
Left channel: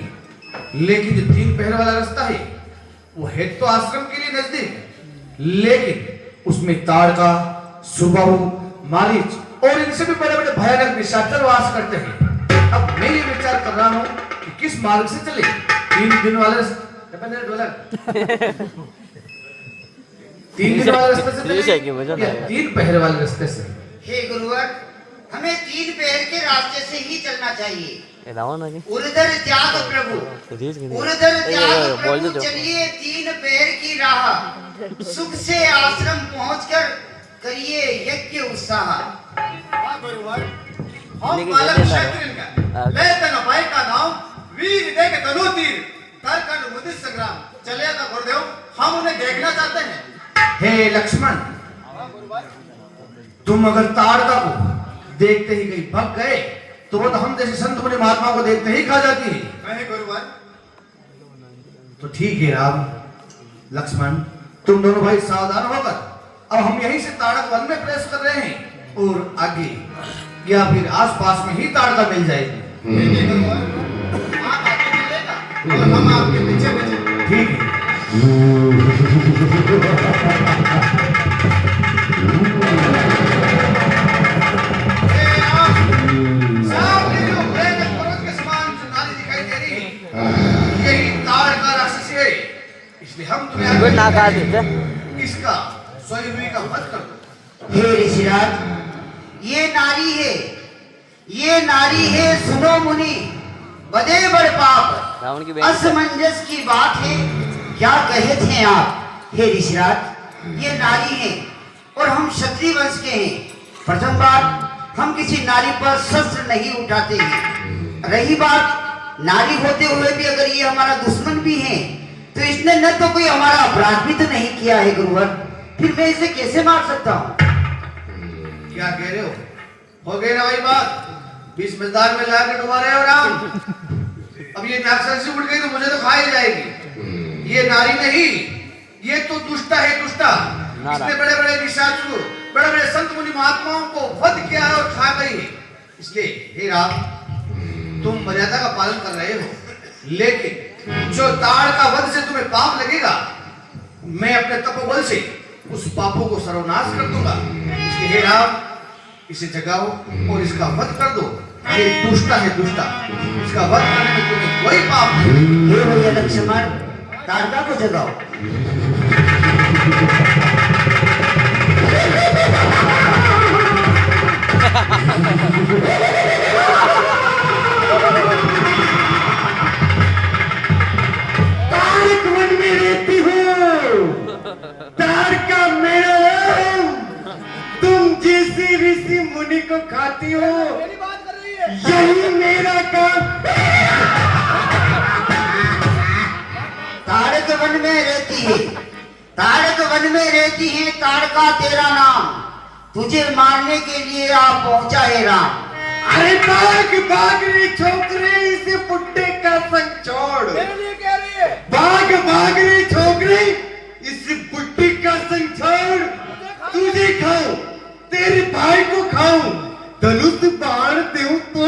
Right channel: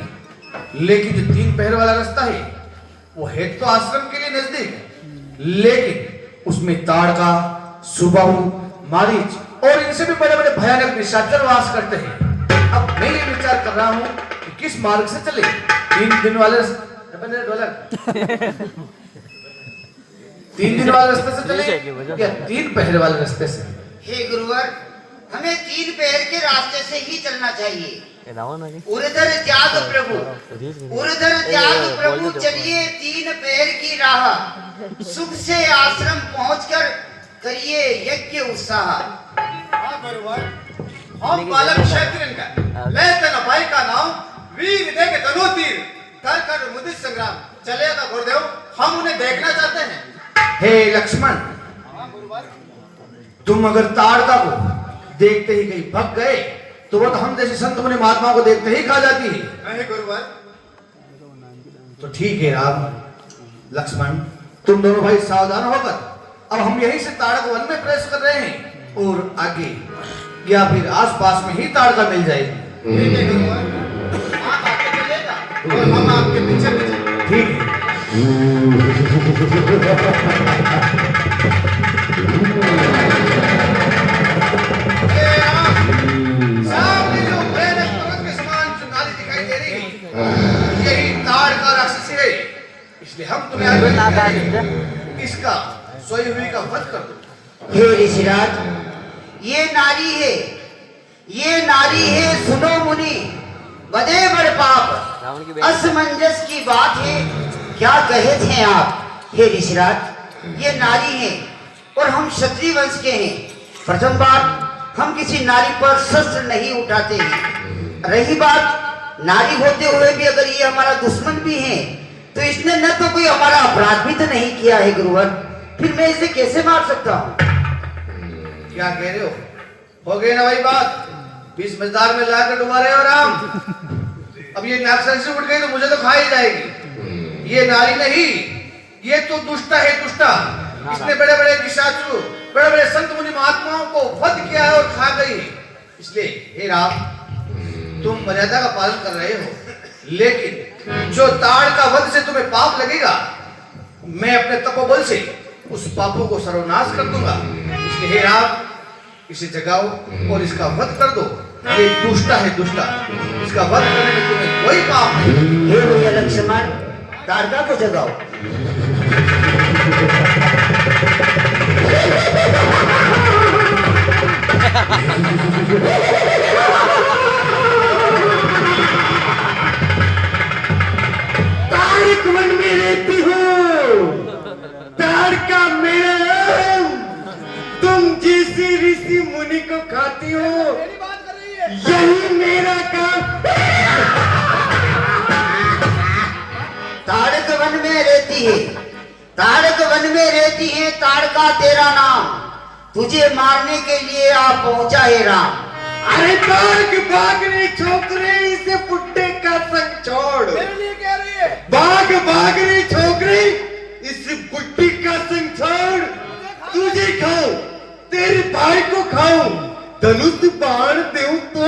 लेकिन जो 3 पहर वाला रास्ता है वो है तो आश्रम के लिए नजदीक लेकिन उसमें ताड़का, सुबाहु, मारीच और इनसे भी बड़े बड़े भयानक निशाचर वास करते हैं। अब मैं ये विचार कर रहा हूँ कि किस मार्ग से चले। 3 दिन वाले 3 दिन वाले रास्ते से चले या 3 पहर वाले रास्ते से? हे गुरुवर हमें 3 पैर के रास्ते से ही चलना चाहिए। उधर त्याग प्रभु, उधर त्याग प्रभु, चलिए 3 पैर की राह, सुख से आश्रम पहुंचकर करिए यज्ञ उत्साह। हाँ गुरुवर हम बालक क्षत्रिय का ले तन भाई का नाम वीर देख तनु तीर कर कर मुदित संग्राम चलेगा गुरुदेव, हम उन्हें देखना चाहते हैं। हे लक्ष्मण, हाँ गुरुवर तुम अगर ताड़का को देखते ही कहीं भग गए तो वो तो हम जैसे संत मुनि महात्मा को देखते ही खा जाती है। नहीं गुरुवर तो ठीक है राम, लक्ष्मण, तुम दोनों भाई सावधान होकर अब हम यहीं से ताड़क वन में प्रवेश कर रहे हैं और आगे या फिर आसपास में ही ताड़का मिल जाएगी। ठीक है गुरुवर, आप आगे चलेगा और हम आपके पीछे पीछे। ठीक है। हे राम, सामने जो भयानक पर्वत के समान जो नाली दिखाई दे रही है यही ताड़का राक्षसी है, इसलिए हम तुम्हें आगे इसका सोई हुई का वध कर दो। हे ऋषिराज ये नारी है सुनो मुनि, बदे बड़ पाप असमंजस की बात है, क्या कहे थे आप? हे ऋषिराज ये नारी है और हम क्षत्रिय वंश के हैं। प्रथम बात, हम किसी नारी पर शस्त्र नहीं उठाते हैं। रही बात नारी होते हुए भी अगर ये हमारा दुश्मन भी है तो इसने न तो कोई हमारा अपराध भी तो नहीं किया है गुरुवर, फिर मैं इसे कैसे मार सकता हूँ? क्या कह रहे हो गई ना भाई बात? 20 मजदार में लाकर डुबा रहे हो राम। अब ये राक्षसी उठ गई तो मुझे तो खा ही जाएगी। ये नारी नहीं, ये तो दुष्टा है, दुष्टा। इसने बड़े बड़े निशाचरों, बड़े बड़े संत मुनि महात्माओं को वध किया है और खा गई है। इसलिए हे राम, तुम मर्यादा का पालन कर रहे हो लेकिन जो ताड़ का वध से तुम्हें पाप लगेगा, मैं अपने तपोबल से उस पापों को सर्वनाश कर दूंगा। इसलिए हे राम, इसे जगाओ और इसका वध कर दो। ये दुष्टा है, दुष्टा। इसका वध करने में तुम्हें कोई पाप नहीं। हे भैया लक्ष्मण, ताड़का को जगाओ। ताड़क वन में रहती हो, ताड़का मेरा नाम। तुम जिस ऋषि मुनि को खाती हो यही मेरा काम। ताड़क वन में रहती है, ताड़क वन में रहती है, ताड़का तेरा नाम, तुझे मारने के लिए आप पहुंचा है राम। अरे भाग भाग रे छोकरे, इसे पुट्टे का संग छोड़। भाग भाग रे छोकरे, इस बुट्टी का संग छोड़। तुझे खाऊं, तेरे भाई को खाऊं, धनुष बाण देऊं तो।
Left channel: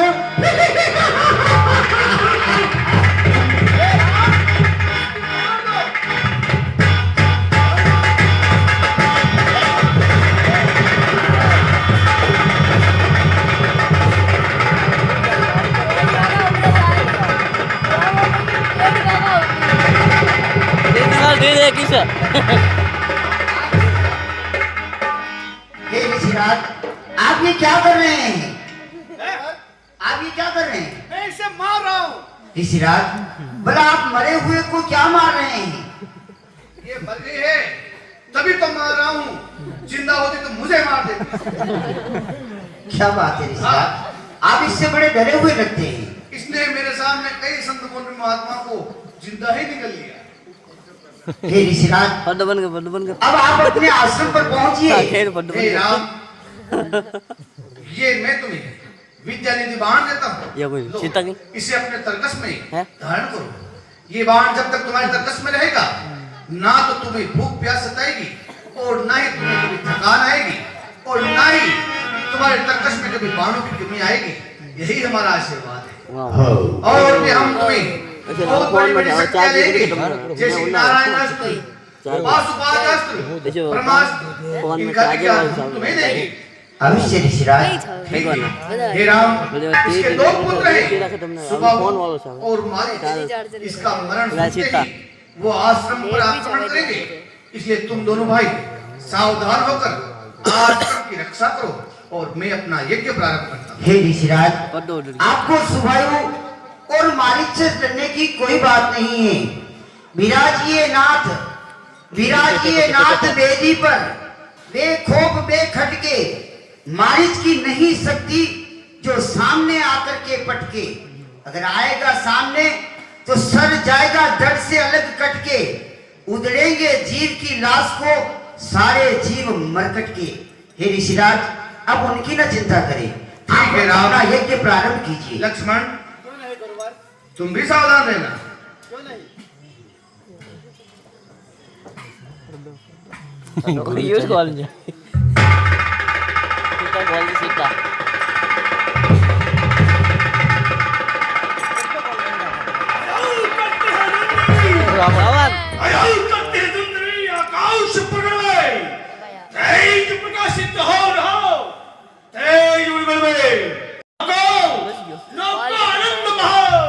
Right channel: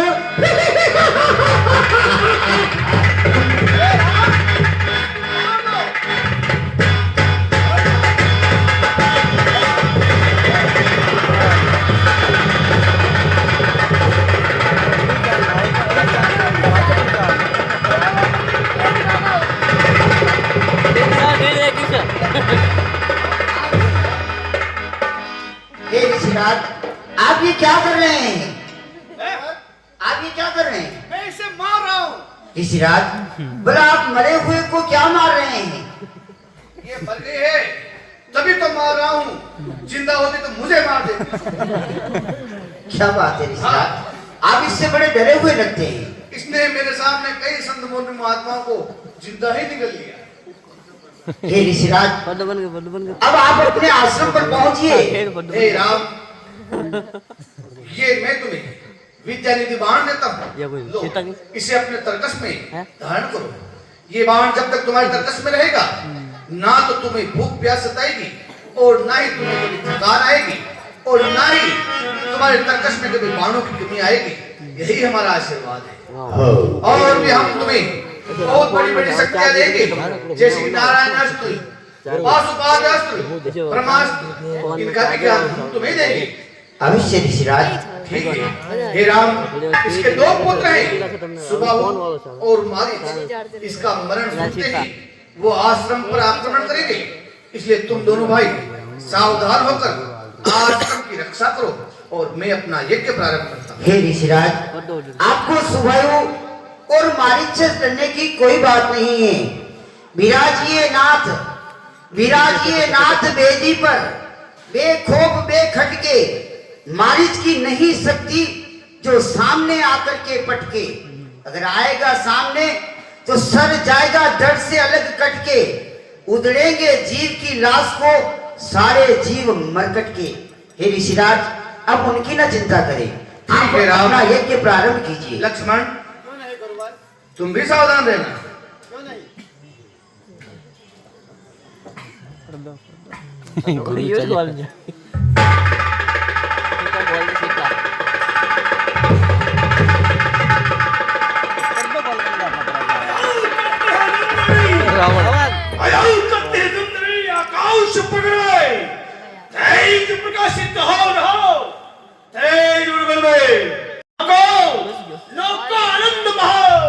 आप ये क्या कर रहे हैं? आप ये क्या कर रहे हैं? मैं इसे मार रहा हूँ। ऋषिराज, भला आप मरे हुए को क्या मार रहे हैं? ये मर गई है तभी तो मार रहा हूँ, जिंदा होती तो मुझे मार देती। क्या बात है ऋषिराज, आप इससे बड़े डरे हुए लगते हैं। इसने मेरे सामने कई संत महात्मा को जिंदा ही निकल लिया। हे ऋषिराज, बन गए अब आप अपने आश्रम पर पहुंचिए। हे राम, ये मैं तुम्हें विद्या निधि बाण देता ये कोई हूँ। लो, सीता की? इसे अपने तरकस में हैं? धारण करो। ये बाण जब तक तुम्हारे तरकस में रहेगा, ना तो तुम्हें भूख प्यास सताएगी और ना ही तुम्हें कभी थकान आएगी और ना ही तुम्हारे तरकस में कभी बाणों की कमी आएगी। यही हमारा आशीर्वाद है। और भी हम तुम्हें बहुत बड़ी बड़ी शक्तियां देंगे, जैसे कि नारायण अस्त्र, पाशुपात अस्त्र, ब्रह्मास्त्र, इनका विज्ञान हम तुम्हें देंगे। अवश्य ऋषिराज। ठीक है। हे राम, इसके दो पुत्र हैं, सुबाहु और मारीच। इसका मरण होते ही वो आश्रम पर आक्रमण करेंगे, इसलिए तुम दोनों भाई सावधान होकर आश्रम की रक्षा करो और मैं अपना यज्ञ प्रारंभ करता हूँ। हे ऋषिराज, आपको सुबाहु और मारीच से डरने की कोई बात नहीं है। विराजिए नाथ वेदी पर, बेखौफ बेखटके, मारीच की नहीं सकती जो सामने आकर के पटके। अगर आएगा सामने तो सर जाएगा धड़ से अलग कटके, उधड़ेंगे जीव की लाश को सारे जीव मरकट के। हे ऋषिराज, अब उनकी ना चिंता करें, आप है राम। अपना यज्ञ प्रारंभ कीजिए। लक्ष्मण, तुम भी सावधान रहना। गुरु चाहिए सीता रावण आकाश पकड़े, तेज प्रकाशित हो रहो, तेज उड़गल में नौका आनंद बहाओ।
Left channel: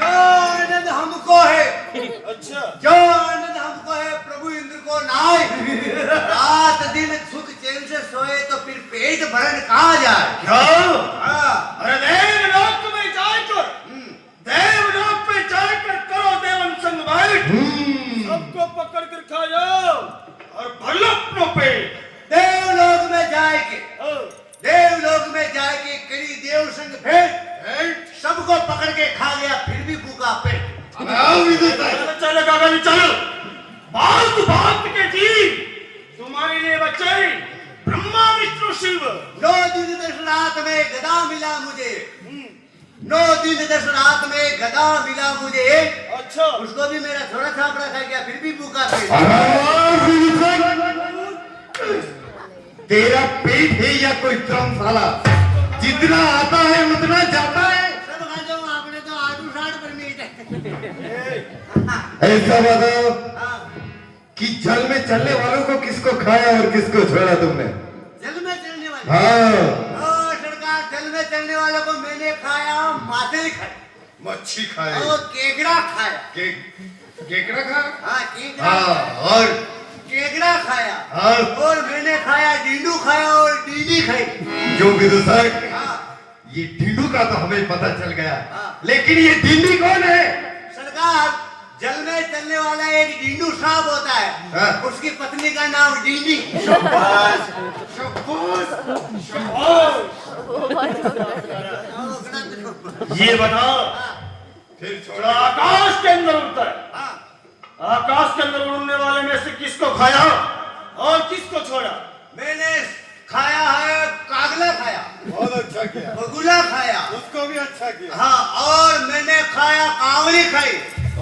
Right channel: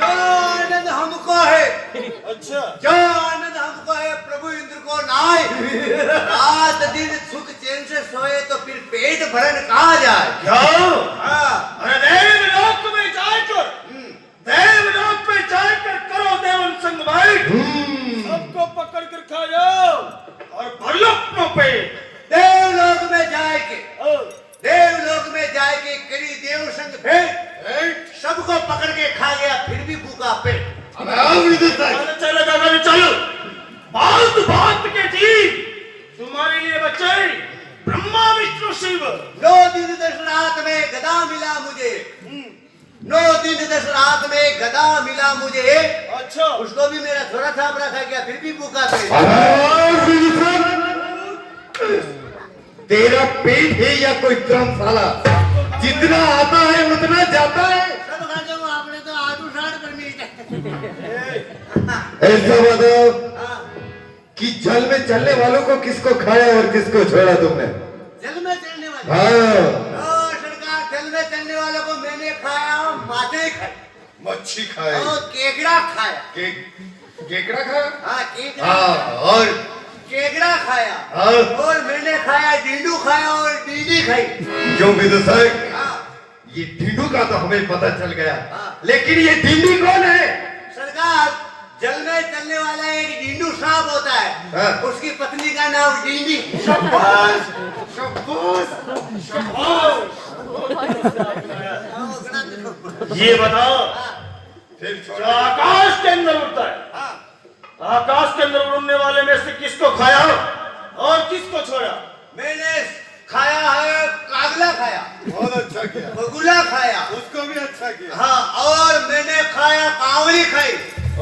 जो आनंद हमको है, अच्छा, जो आनंद हमको है, प्रभु इंद्र को नाय। रात दिन सुख चैन से सोए तो फिर पेट भरन कहाँ जाए? क्यों? हाँ। अरे देवलोक में जाकर, देवलोक में जाकर करो देवन संग भाई, सबको पकड़ कर खा जाओ और भर अपनों पे। देवलोक में जाए के, देवलोक में जाए के करी देव संग भेंट, सबको पकड़ के खा गया फिर भी भूखा पेट। चलो चलो दादा चलो, बात बात के ठीक तुम्हारे लिए बच्चे ब्रह्मा विष्णु शिव। 9 दिन 10 रात में गदा मिला मुझे, 9 दिन 10 रात में गदा मिला मुझे। अच्छा, उसको भी मेरा थोड़ा छापड़ा खा गया फिर भी भूखा पेट। तेरा पेट है या कोई धर्मशाला? जितना आता है उतना जाता है। सब खा जाओ, आपने तो आलू साठ पर मिलता है। ऐसा बताओ कि जल में चलने वालों को किसको खाया और किसको छोड़ा तुमने? जल में चलने वाले? हाँ, सरकार, जल में चलने वालों को मैंने खाया, माथे खाए, मच्छी खाए, और केकड़ा खाया। केकड़ा खाया। हाँ, केकड़ा। हाँ, और केकड़ा खाया, हाँ। और मैंने खाया ढींडू खाया और डीडी खाई। जो विदुषक, हाँ। ये ढींडू का तो हमें पता चल गया, हाँ। लेकिन ये ढींडी कौन है? सरकार, जल में चलने वाला एक ढींडू सांप होता है, हाँ। उसकी पत्नी का नाम डीडी। ये बताओ, फिर जो आकाश के अंदर उड़ता है, हाँ। आकाश के अंदर उड़ने वाले में से किसको खाया और किसको छोड़ा? मैंने खाया है, कागला खाया, बहुत अच्छा किया, बगुला खाया, उसको भी अच्छा किया। हाँ, और मैंने खाया कांवली खाई,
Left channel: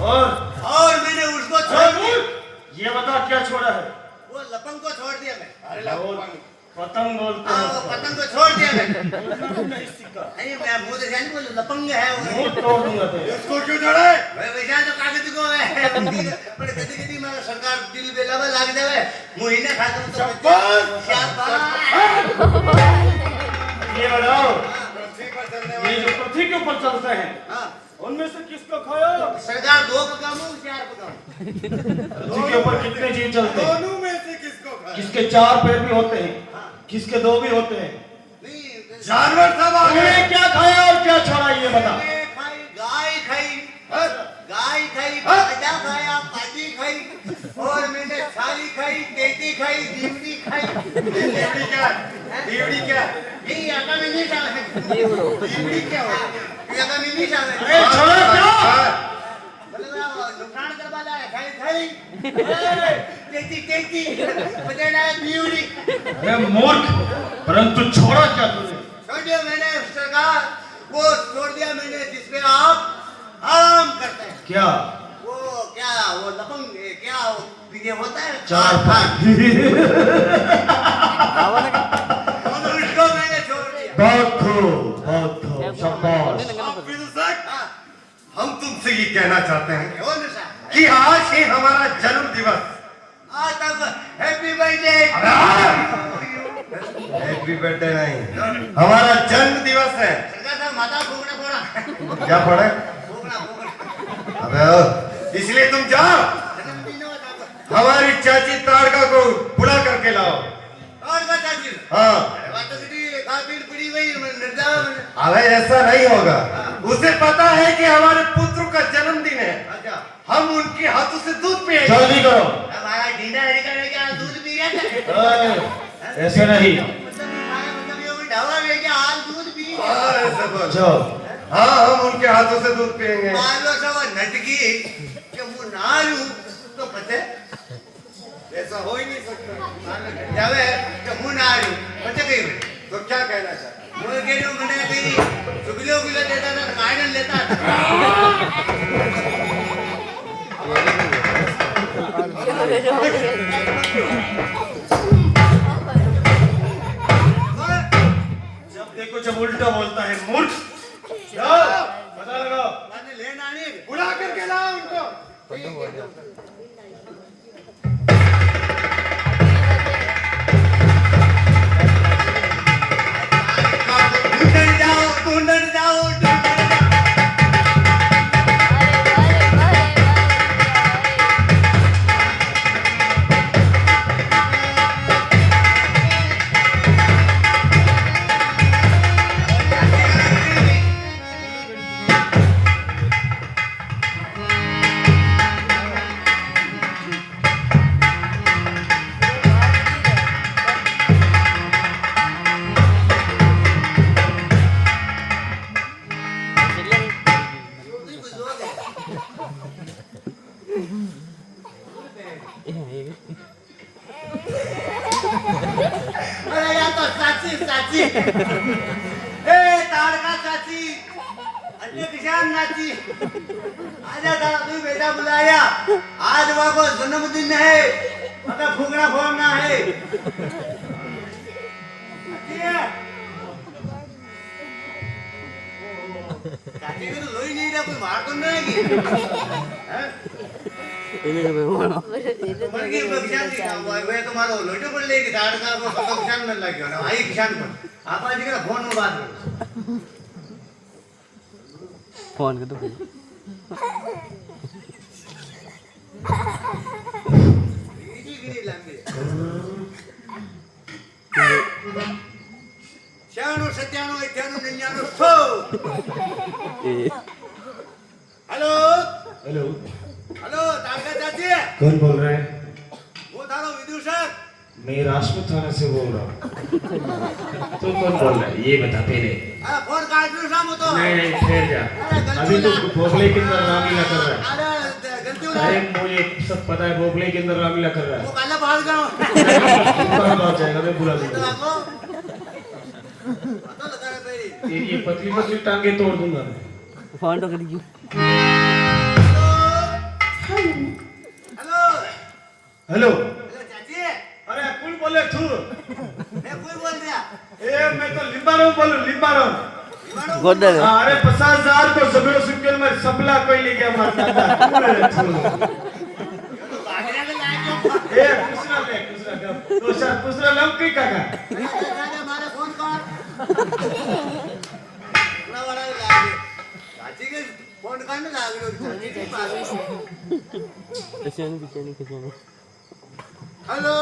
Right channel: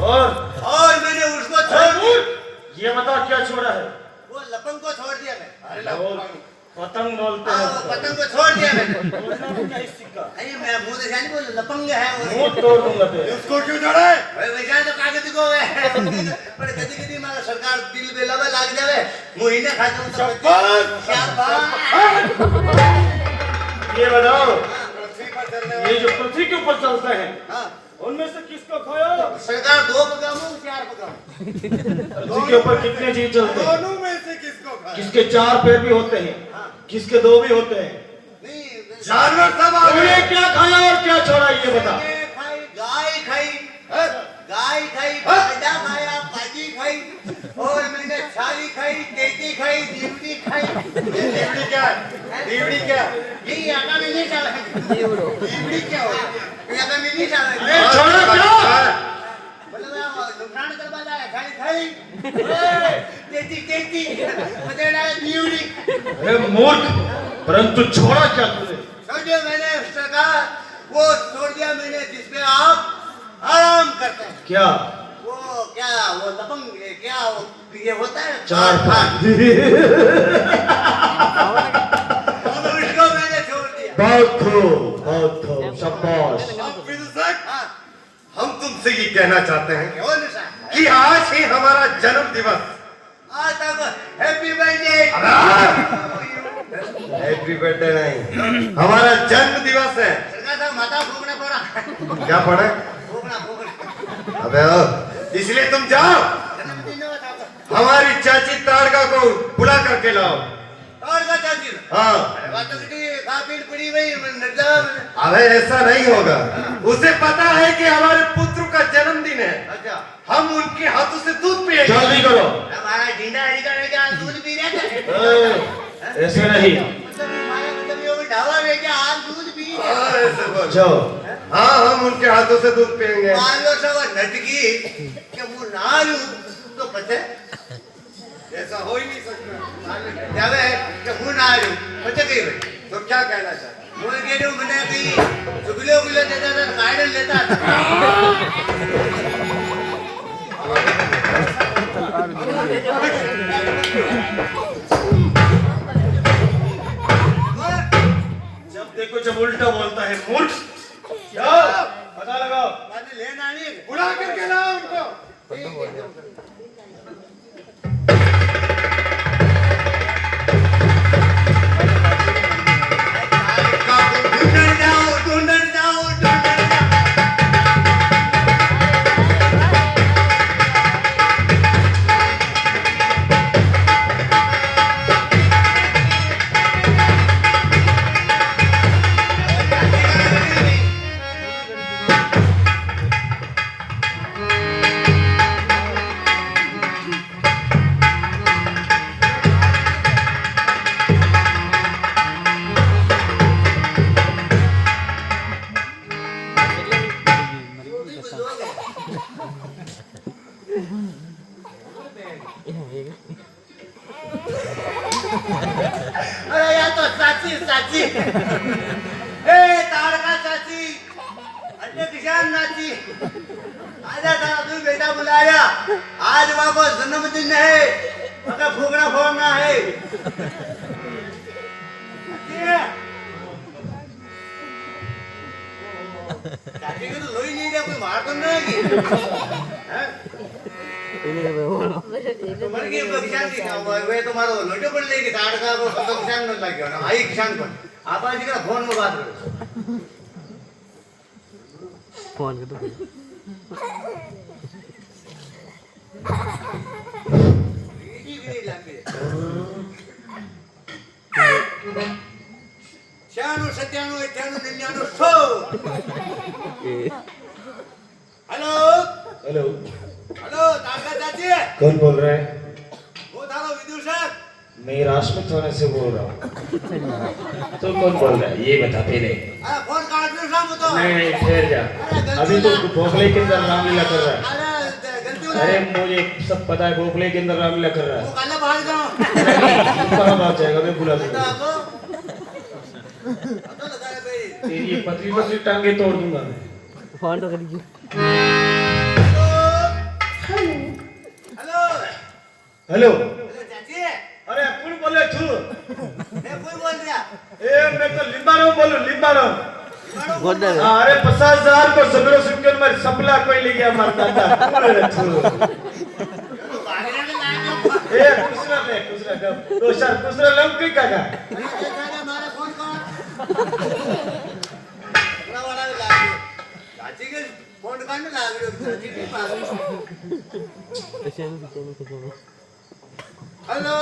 और मैंने उसको छोड़ दिया। ये बता क्या छोड़ा है? वो लपंग को छोड़ दिया मैं। पतंग बोलते हाँ, हैं। वो पतंग को छोड़ दिया मैं। बोलना भी नहीं सीखा, नहीं, मैं मुंह से नहीं बोल, लपंग है वो। मुंह तोड़ दूंगा तेरा। उसको क्यों छोड़ा है? वैसा तो कागज को है। पर कभी मेरा सरकार दिल में लगा लाग जावे, महीने खाता हूँ तो शाबाश। ये बताओ, पृथ्वी पर चलने ये वाले जो पृथ्वी के ऊपर चलते हैं हाँ, उनमें से किसको खाया? सरकार 2 पकाऊं 4 पकाऊं? तुझे के ऊपर कितने चीज चलते हैं? दोनों में से किसको खाया? किसके 4 पैर भी होते हैं, किसके 2 भी होते हैं। नहीं जानवर सब आ तूने गए। क्या खाया और क्या छोड़ा ये बता। मैंने खाई गाय खाई, गाय खाई, बाजा खाया, पाजी खाई, और मैंने छाली खाई, तेती खाई, दीवड़ी खाई। दीवड़ी क्या? दीवड़ी क्या? नहीं आता भी नहीं साला। दीवड़ी क्या होता है? ये आता भी नहीं साला। अरे छोड़ा क्या? मतलब नुकसान करवा रहा है, खाई। तेती तेती, मुझे ना दीवड़ी। अरे मूर्ख, परंतु छोड़ा क्या तूने? छोड़ दिया मैंने सरकार, वो छोड़ दिया मैंने जिसपे आप आराम करते हैं। क्या? वो लपंग क्या ये होता है 4 खान। इसको मैंने छोड़ दिया। बहुत खूब, शाबाश। अब विदुषक, हम तुमसे ये कहना चाहते हैं कि आज ही हमारा जन्म दिवस। आज तक हैप्पी बर्थडे। हैप्पी बर्थडे नहीं, हमारा जन्म दिवस है। सरकार साहब माता फूकना पड़ा। क्या पड़े? फूकना। अबे इसलिए तुम जाओ, हमारी चाची तारका को बुला करके लाओ। तारका चाची? हाँ। पड़ी हुई अबे ऐसा नहीं होगा, उसे पता है कि हमारे पुत्र का जन्मदिन है। अच्छा, हम उनके हाथों से दूध पिएंगे। जल्दी करो। हमारा ढींडा हरिका लेके आज दूध पी रहे थे। ऐसे नहीं। मतलब ये ढाबा में क्या आज दूध पी रहे? जाओ। हाँ, हम उनके हाथों से दूध पिएंगे। मालो सब नटकी कि वो ना लूं तो पते ऐसा हो ही नहीं सकता। जब कि वो ना लूं पते कहीं भाई तो क्या कहना चाहता? वो कह रहे मैंने कहीं चुगलियों देता था, गाइडन लेता था। जब देखो जब उल्टा बोलता है मूर्ख। जाओ पता लगाओ। मैंने लेना नहीं, बुला करके लाओ उनको। ढूंढने जाओ। अरे या तो साची ए तारका साची अरे किसान नाची आजा था तू बेटा बुलाया आज बाबा जन्मदिन है मगर फूकना फोड़ना है चाची को तो लोई नहीं दिया कोई मार तो नहीं की तो मर गई किसान की था वे तुम्हारो लोटे पर लेके ताड़का को तो किसान न लग गया ना आई किसान को आप आज का फोन में बात करो फोन कर दो श्याणु सत्याणु इत्याणु निन्याणु सो हेलो हेलो हेलो ताड़का चाची कौन बोल रहा है? वो थारा विदूषक मैं राजपूत थाने से बोल रहा हूँ। तो कौन बोल रहा है ये बता पहले। अरे फोन काट लो शाम तो नहीं ठहर जा, अभी तो भोगले के अंदर रामलीला कर रहा है। अरे गलती हो अरे मुझे सब पता है, भोगले के अंदर रामलीला कर रहा वो है। काला बाहर जाओ कहाँ बात जाएगा, मैं बुला दूंगा। तो लगा रे भाई तेरी ये पतली पतली टांगे तोड़ दूंगा मैं। फोन तो करिए हेलो हेलो हेलो चाची अरे कौन बोले तू? मैं कोई बोल दिया ए मैं तो लिंबाराम बोलूं, लिंबाराम। गोदा हाँ, अरे 50,000 को जबरो सिक्कल में सबला कोई ले गया मारता था। कौन है तू? भागने में लाए ए दूसरा दे तो शायद दूसरा लोग की काका। क्यों हमारे फोन कर बड़ा बड़ा लाए चाची के फोन काढ लागलो किती पागल hello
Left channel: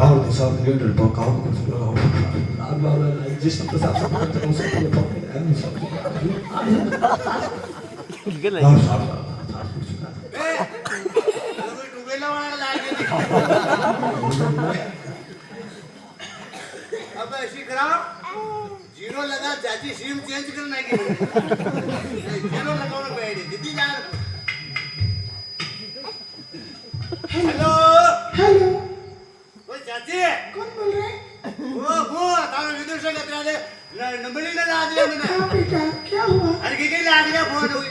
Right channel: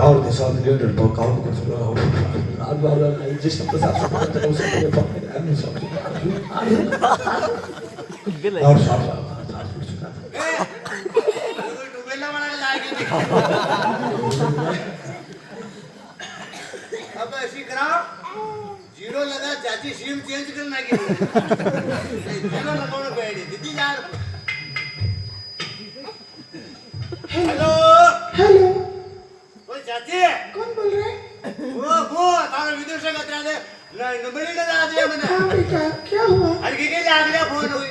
Ahora te sabes que el pecado que se lo hago. Habla la existe que sabes que no se puede tocar. और साफ डुबेला म्हणायला लागेल अब ऐसी करा जीरो लगा चाची सिम चेंज करना की जीरो लगाना बैठी दीदी यार हेलो हेलो ओ चाची कौन बोल रहे हैं? वो तारा विदेश से कतरा दे नंबर नहीं लगा दिया मैंने हाँ बेटा क्या हुआ? अरे के लाग गया फोन हुई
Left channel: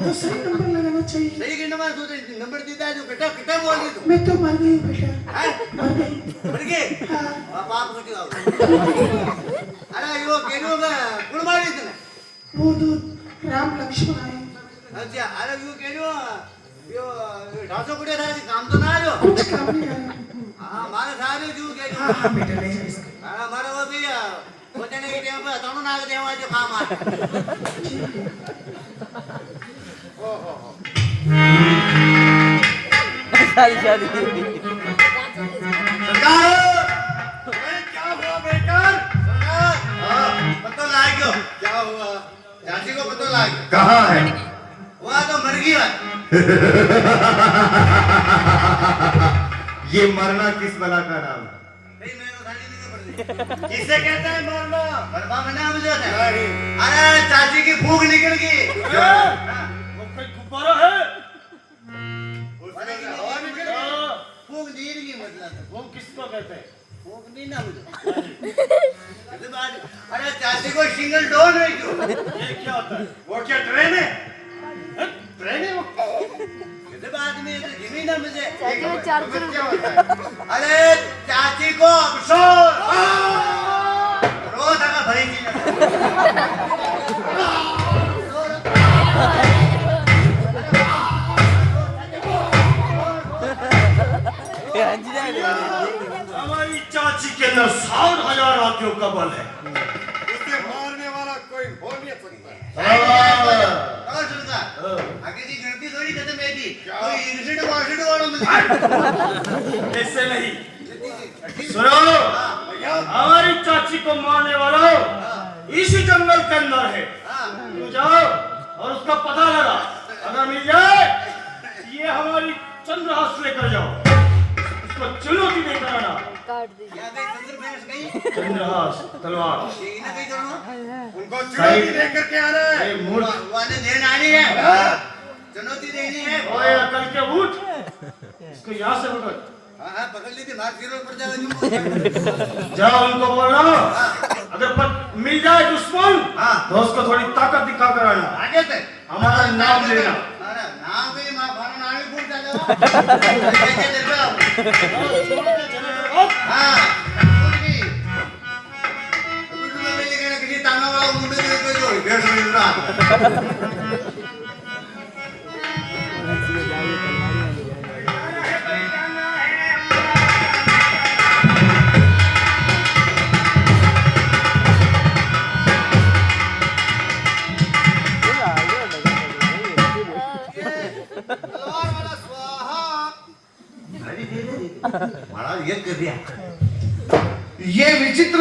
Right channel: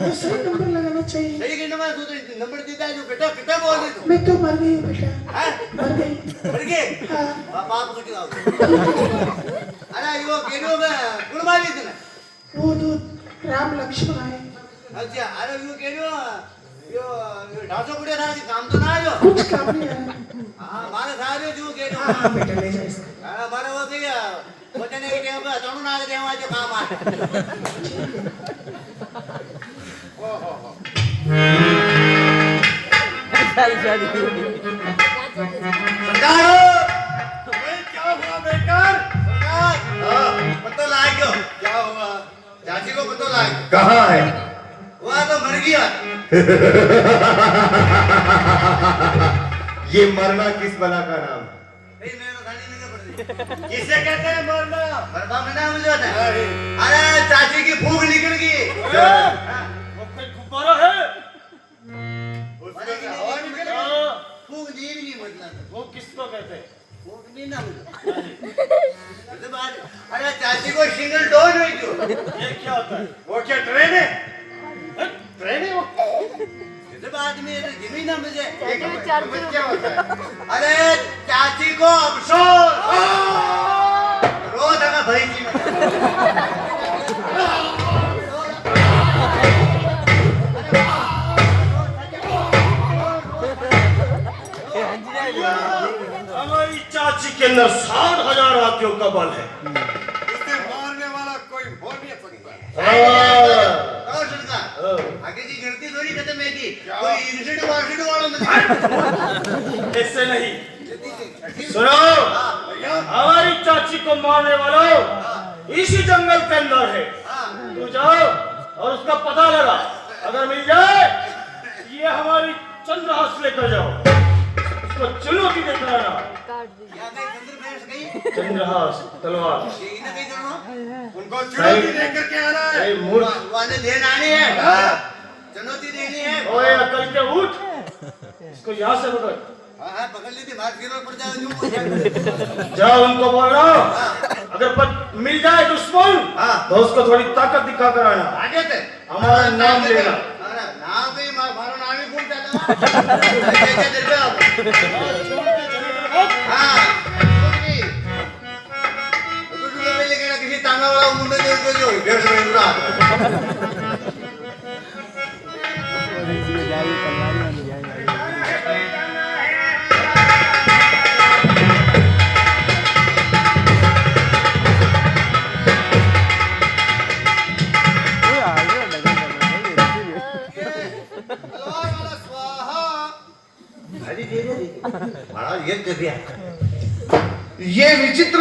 दूसरा नंबर लगाना चाहिए। सही के नंबर तो नंबर देता है जो बेटा कितना बोल रही तू मैं तो मर गई बेटा, हैं मर गई। मर गए बाप कटी आओ अरे यो गेलो में कुण मारी तने वो दो राम लक्ष्मण आए, अच्छा अरे यो गेलो यो ढासो कुड़े था काम तो ना आयो कुछ काम नहीं आया। हां मारे सारे जो गेलो हाँ बेटा ले जा इसको। हां मारे वो के वचने के टेम पे तणु ना के देवा जो काम आ ओ हो हो शादी शादी सरकार भाई क्या हुआ बेकार सरकार पता लाग गयो क्या हुआ चाची को पता लाग कहाँ है वहां तो मर गया ये मरना किस बला का नाम है नहीं मैं तो थाली नहीं पड़ किसे कहते हैं मरना मरना मना मुझे ना अरे चाची की भूख निकल गई वो कोई गुब्बारा है? हवा निकल गई भूख नीर की मतलब वो किसको कहते हैं? भूख नहीं ना मुझे ये बात अरे चाची को सिंगल डोर नहीं क्यों ये क्या होता है? वो क्या ट्रेन है ट्रेन है वो? ये बात में तो जमीन है मुझे में चार्जर क्या होता है अरे चाची को अफसोस रोज है भरी थी हमारी चाची के अंदर 60,000 आंखों का बल है। उसे मारने वाला कोई हो नहीं सकता आगे की गिनती थोड़ी खत्म है की कोई इंसिडेंट वासिड वालों में ऐसे नहीं। सुनो, हमारी चाची को मारने वाला इसी जंगल के अंदर है। तू जाओ और उसका पता लगा, अगर मिल जाए ये हमारी चंद्रहास लेकर जाओ, उसको चुनौती देकर आना। काट दी क्या गई चंद्र भैंस गई चंद्रहास तलवार ये ना कहीं करना उनको चुनौती देकर के आना है वाले देन आनी है चुनौती देनी है ओए अकल के उठ, इसको यहाँ से पकड़। हाँ पकड़ ली थी मार जीरो पर जाओ जाओ उनको बोलो, अगर मिल जाए दुश्मन तो उसको थोड़ी ताकत दिखा कर आना। आगे थे हमारा नाम लेना। अरे नाम पे मारो नाम ही भूल चला हाँ लेकिन किसी ताना वाला मुंडे जो 150 मिनट तलवार वाला स्वाहा महाराज ये कर दिया ये विचित्र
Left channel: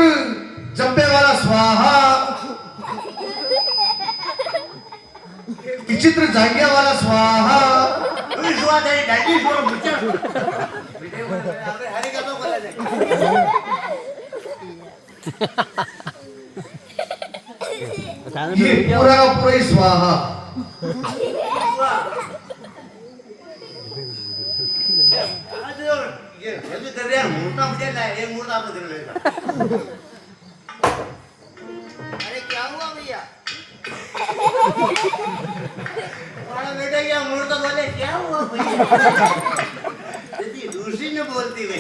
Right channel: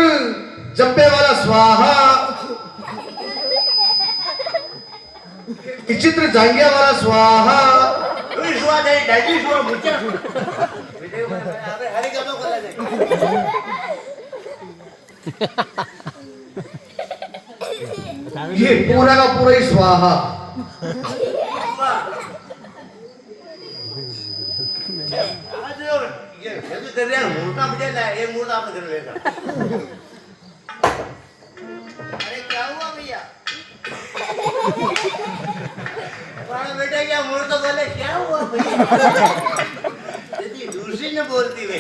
जब्बे वाला स्वाहा विचित्र जांगिया वाला स्वाहा स्वाद है डैडी शुरू मुझे बेटे अबे हरी का तो बोला जाए ये पूरा का पूरा ही स्वाहा आज ये जल्दी कर रहा मूर्ता मुझे लाए एक मूर्ता आपने कर लेगा अरे क्या हुआ भैया हमारा बेटा क्या मूर्ता बोले क्या हुआ भैया दीदी दूसरी ने बोलती वे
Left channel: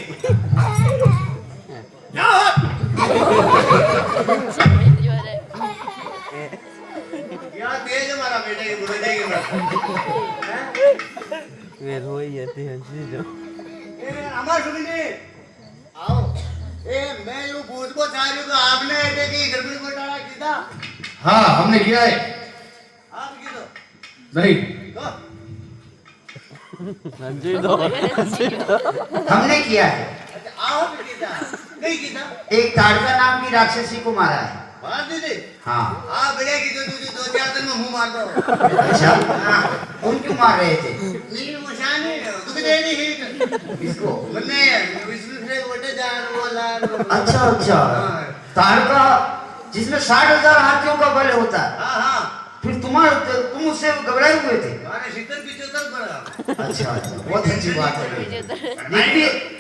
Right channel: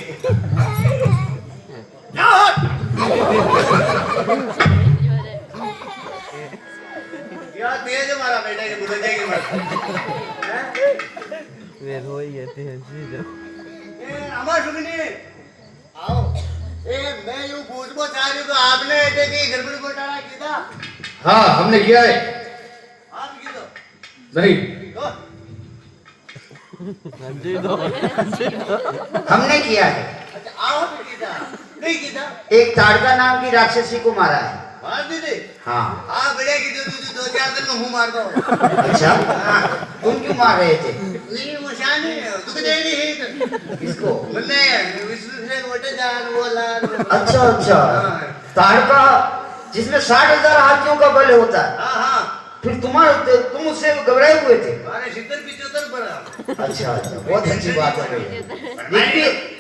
क्या तेज हमारा बेटा ये बुरा जाएगी वे रोई जाते हैं हमारा सुनिए आओ ए मैं जो पूछबो चाह रही हूँ तो आपने बेटे की गड़बड़ी को डाला किया हाँ हमने किया है आप की तो नहीं हमने किया है। अच्छा आप कीता नहीं कीता एक ताड़का नाम की राक्षसी को मारा है। मार दीदी हाँ। आप बड़े की तुझे 2-4 दिन में मुंह मार दो अच्छा तुम क्यों मार रहे थे? ये मुशानी दुख दे नहीं है किसको? बन्ने विष्णु से मोटे जान वो लाल अच्छा अच्छा ताड़का जिसमें 60,000 हाथियों का बल होता है। हाँ हाँ फिर तुम उससे घबराए हुए थे? मारे 70-75 पर अच्छा अच्छा बहुत अच्छी बात है।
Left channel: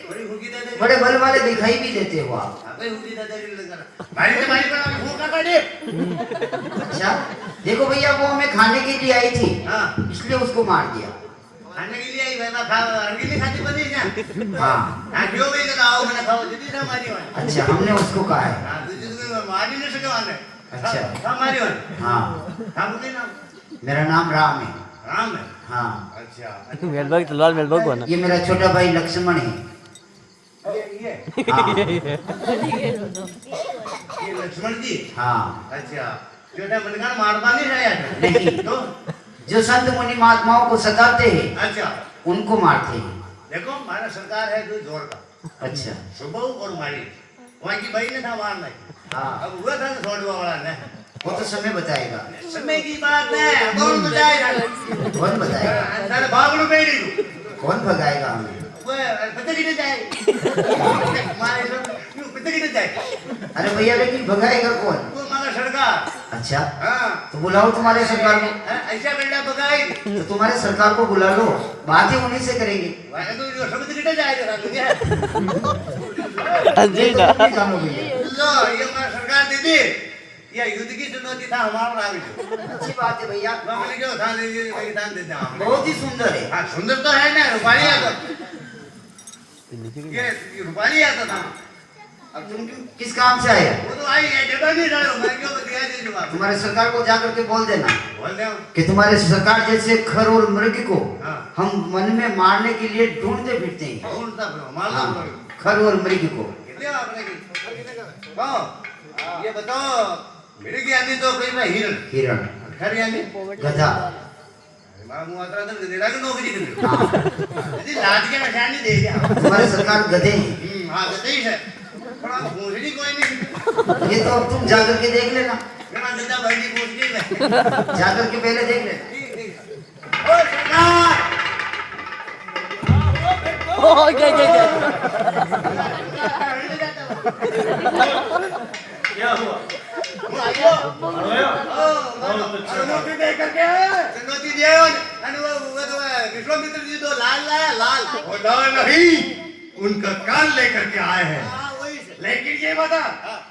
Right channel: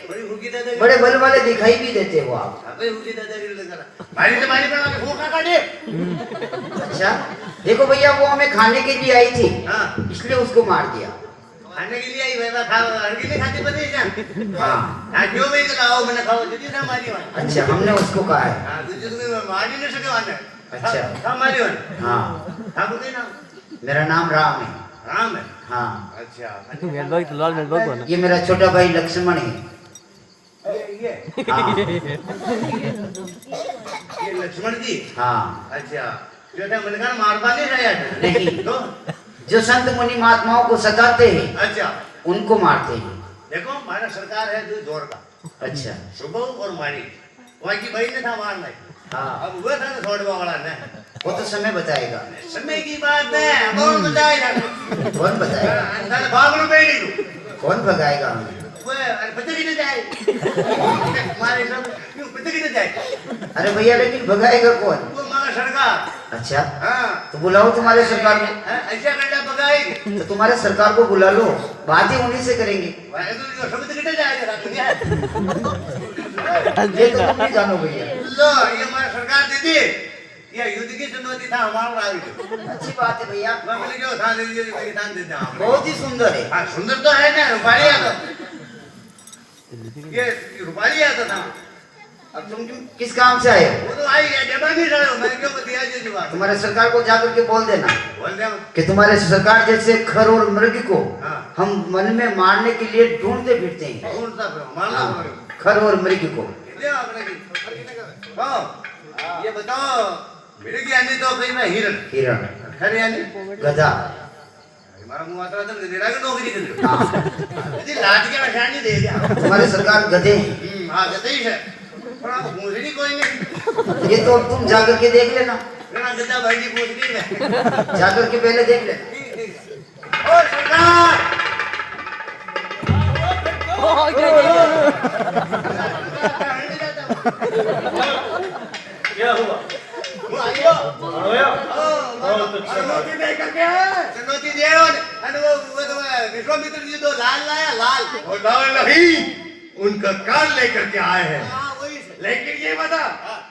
बड़ी हुकी दादा बड़े बल वाले दिखाई भी देते हो आप। अबे हुकी दादा की लगा मारी से मारी पर फूका काटे अच्छा देखो भैया वो हमें खाने के लिए आई थी हाँ इसलिए उसको मार दिया। खाने के लिए आई वैसा खा अंडी नहीं खाती पर नहीं क्या हाँ हाँ क्यों भाई का आओ मैंने खाओ जितनी ना मारी वाला अच्छा हमने उसको कहा है। हाँ तुझे तो मारी नहीं सके वाला अच्छा। हाँ मारी वाला हाँ हाँ बोले ना मेरा नाम राम है। राम है हाँ अच्छा मेलबाग तलवार मेलबाग बना ये मेरा छोटा भाई लक्ष्मण है। ये हाँ ये लक्ष्मण जी हाँ अच्छा जो है मनकान मारवा नहीं रहा नहीं तो जो संत मुनि महात्माओं को सताते हैं अच्छा उनको मारते हैं। देखो हमारा सरकार है जो जोर का अच्छा सुबह और मारी वहाँ की भाई ने था मार नहीं हाँ अब हुआ था ना छोड़वा वाला ने वो तो समय बताएगा। समय की बात है कौन बताएगा कौन बताएगा? साले भागनु बेड़ी कौन भगाएगा हमें? वो पता किधर जाए हमारे सब क्यों पता किधर जाए अरे भैया लेकिन भगाएगा कौन? वो हमारा सरकार अच्छा हाँ तो बुलाओ तुम्हारे सरकार में। ऐसा करना भगाएगी तो तुम्हारे सरकार को बुला लो बात ही उन्हीं से करेंगे। भाई तो जो शब्द किधर जाएगा दुनिया ये तो तुम ही जानो भैया। लो ये हमारा सरकार दीदी ये युद्ध की चुनौती था हमारा आगे अच्छी बात है भैया मैंने क्यों था दीदी दान देते हैं आपने बहुत ही सुंदर है। हाँ सुंदर तो है ना रुपाली आता ये रुपाली आता था अब तुम किस काम से आए? वो तो आई है जबा नहीं रहा हूँ मैं क्यों दिया ये जवाब तुम्हारे सरकार को जाकर के बोल देना बोल दे कि तुम्हारे सरकार जैसे खर और मृग को हाँ। हम वन में मारने के लिए ढूंढते फिरते हैं। कौन सा मान लो हाँ, खर और मृग को। कितने आपने की वाह ये बताओ मेरे की यानी तो कहीं मैं हिरण हिरण खर यानी गधा हमारा मुंह आता था गधेड़ा की नौकरी कर रहे हाँ, हो यदि लाठ के निशानी दे दिया तुम्हारी सरकार गधे हैं। हाँ गधे ही है पर आप पूछनी कोई नहीं ये तो अब तुम जाकर के देख लेना। गधा गधा भाई जी पूछनी है जाकर के पहले देख लेना। ठीक ठीक ओ सरकार क्या हुआ? वो आइयो आया? चुनौती दे करके चुनौती दे और वो तो विश्वामित्र जी तो लाल लाया लाल और लाल नहीं उनका कान लेकर के आए हैं। हाँ वही से लेकिन ये बता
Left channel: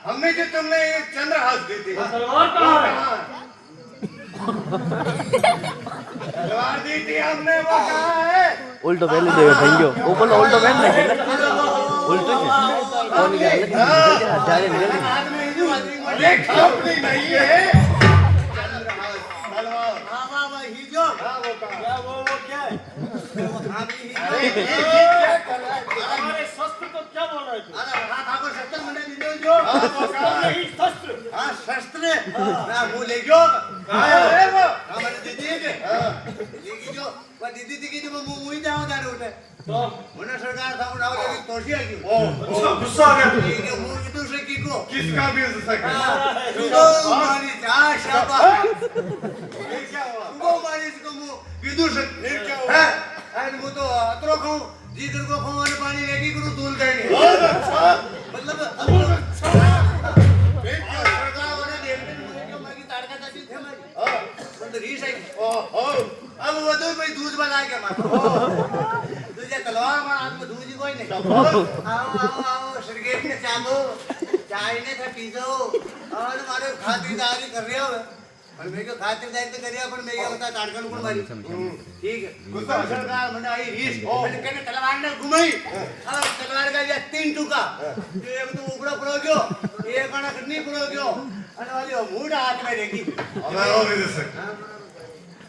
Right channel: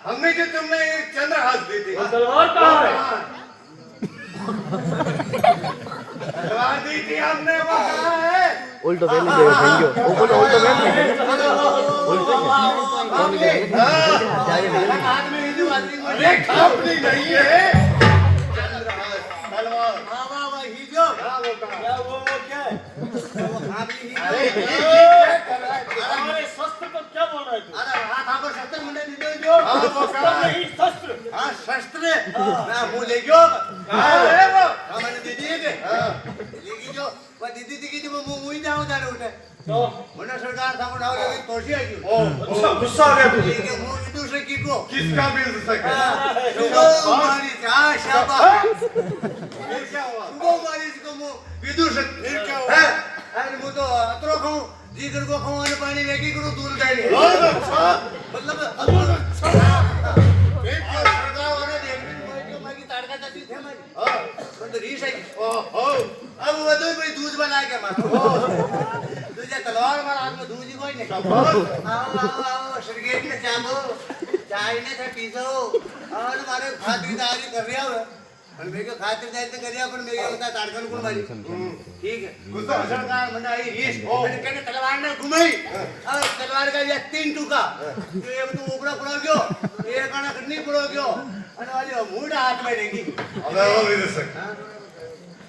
हमें जो तुमने चंद्रहास दी थी तलवार कहाँ है? तलवार दी थी हमने वो कहाँ है? उल्टो पहन लीजिएगा थैंक यू ऊपर उल्टो पहन लीजिएगा हाथ में हिंदू आदमी अरे खापनी नहीं है तलवार हाँ वाह वाह हिजो हाँ वो क्या वो क्या है वो खापी हिजो हमारे शस्त्र को क्या बोल रहे थे? अरे हाथ आको शस्त्र मुंडे दीदो जो नहीं शस्त्र। हाँ शस्त्र ना मुंह ले गयो है वो हाँ मैंने दीदी है के लेकिन जो वो दीदी थी कि जो मुंह मुंह जाओ जा रहे उठे तो मैंने सरकार था उठाओ लेकिन तोशी आ गई गुस्सा आ गया तुझे। ये के मुंह इधर से की को किसका भी हो सकता है? सुबह मारी था शाबाश क्या हुआ सुबह मारी इसको मुंह विदुर से क्या हुआ अरे मुंह तो अतरो खाऊं जीकर को खाऊं और पानी लेके करूं दूर का नहीं बहुत अच्छा मतलब बहुत अच्छा फिर क्यों सरकार वाले देखने में क्यों मागी ताड़का जाती थे मारी मतलब रीस है ओहो अब वो तो भाई दूध बना के मारो तुझे तलवार मार हाथ में दूध ही कोई नहीं शाबाश आओ आओ आओ सरगेट के चाबो चाय ने था पीजो और मारे खातिरदारी कर रहे हो और मेरे को खातिरदारी तो कर रहा पर मेरे बता ताड़कन को मारी ठीक है गुस्सा सरकार मने आई रीस मैंने कहने तलवार ने घुमाई और तलवार का ये 3 टुका जो एक तो ऊपरा पड़ो गयो एक आना नहीं पड़ो गयो और वाली वो मूड हाथ में रहेगी अबे वो भी तो सर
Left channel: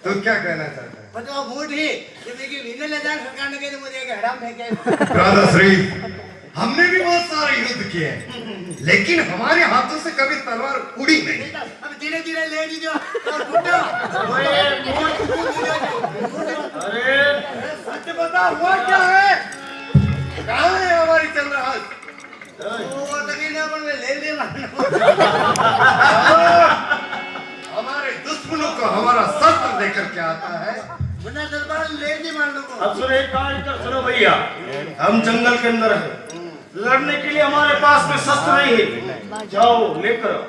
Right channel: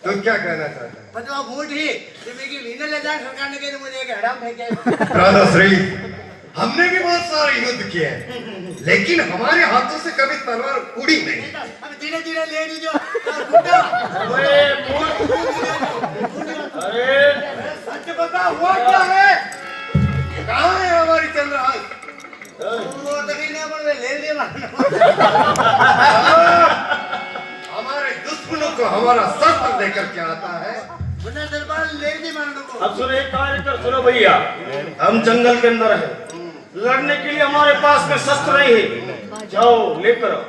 तुम क्या कहना चाहते हैं? बताओ मूड ही जो मेरी वीने ले जाए सरकार ने कहे मुझे एक हड़ाम फेंके राधा श्री हमने भी बहुत सारे युद्ध किए हैं लेकिन हमारे हाथों से कभी तलवार उड़ी नहीं। अब धीरे धीरे ले लीजिए तो टूटा अरे सच बता हुआ क्या है? कहाँ है हमारी चंद्रहास? वो तो नहीं ना, पर वे ले ले हमारे दुश्मनों को हमारा शस्त्र देकर क्या आता है? मुन्ना दरबार ले नहीं मान लो को। अब सुनो, एक कार्य कर, सुनो भैया, हम जंगल के अंदर हैं, लड़ने के लिए हमारे पास में शस्त्र नहीं है। जाओ लेकर आओ।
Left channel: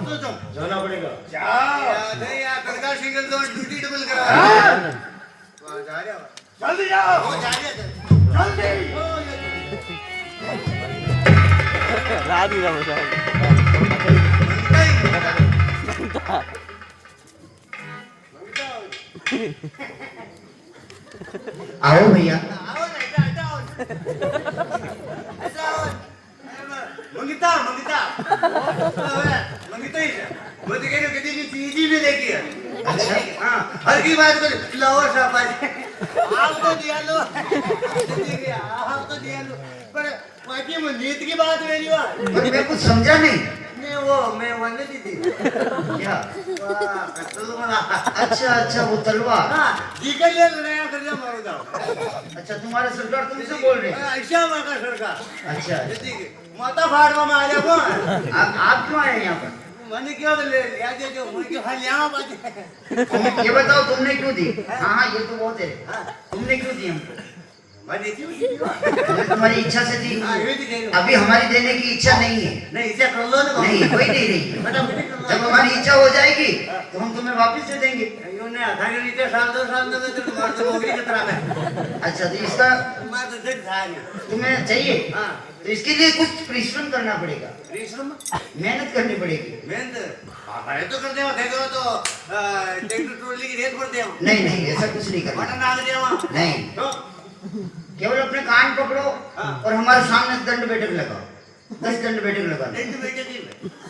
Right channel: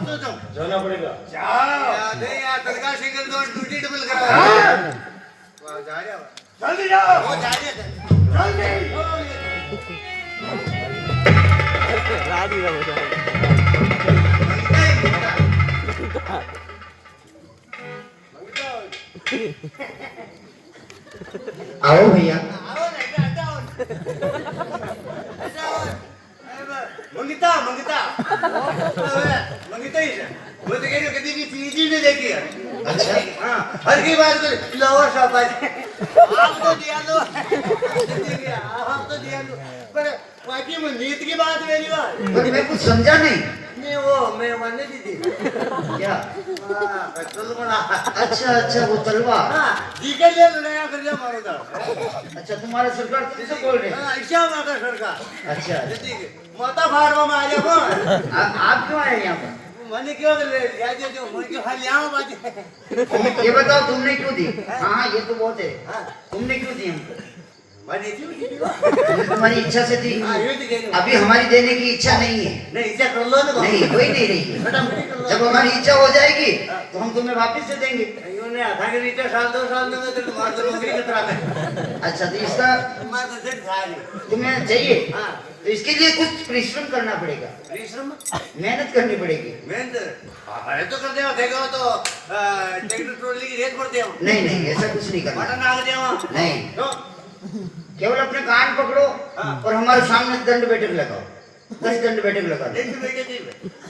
तो जाओ, जाना पड़ेगा। जाओ नहीं यार, तड़का सिंगल तो ड्यूटी डबल करा। जा रहा है, जल्दी जाओ। वो जा रहा है, जल्दी। राजी ना मुझे आओ भैया। आओ ना, इधर आओ। ऐसा आओ। मंगिता मंगिता मंगिता ही है। वो तो कह रही कभी भी चीज ही नहीं देखी है। अच्छा। हाँ, हर की बात को लोवर शाबाश। आप तो दिया लो, आप तो दिया लो, पर बाकी में नीत की बात नहीं हुआ। पर मैं कुछ समझा नहीं। नहीं वो मैं मानने दी थी क्या? चलो बना। अच्छा अच्छा, वो तलवार। हाँ, दीकर ले नया कर लिया मारो था। अच्छा, तुम्हारे सरकार तुमसे बोल रहे हैं? ऐसा माता सरकार। अच्छा, माता फाड़वा में आ जा कौन? आप क्यों आए यहाँ पर? मैंने क्यों ले लिया जो मुझे क्यों हाल यहाँ बात। ये बताओ, तुमने क्यों दी? हाँ, ये तो बहुत है। तुमने क्यों दी हमको? मैंने क्यों दी? हमने तुम्हारी इच्छा से दी। हाँ, ये तो कह रही हूँ। अभी हमारी देने की इच्छा नहीं है। नहीं इसे कर लो ना। नहीं, कोई नहीं रही। फटाफट कर लो। जब हमारी इच्छा हो जाएगी तो हम तुम्हें वापस से देंगे। इन्होंने आधा के लीटर साल 2 साल में तो मार तो नौकरी खतरा में। अच्छा, तो इसका मार तो सिर्फ खा लिया। तुम्हें चाहिए? हाँ, तो इसके लिए कुछ परिश्रम करना पड़ेगा, परिश्रम मेहनत करनी पड़ेगी। मेहनत है तो कर देवा कहेगा तो ट्रैक्टर ट्रॉली की रेत पड़ देवा। नहीं नहीं, ऐसा कुछ नहीं करना। मटन आग देवा। नहीं, तो केवल अपने कान पकड़ो और हमारे सामने दंड बैठक लगाओ। 10 दंड बैठक लगा दो। एक बेटे थी।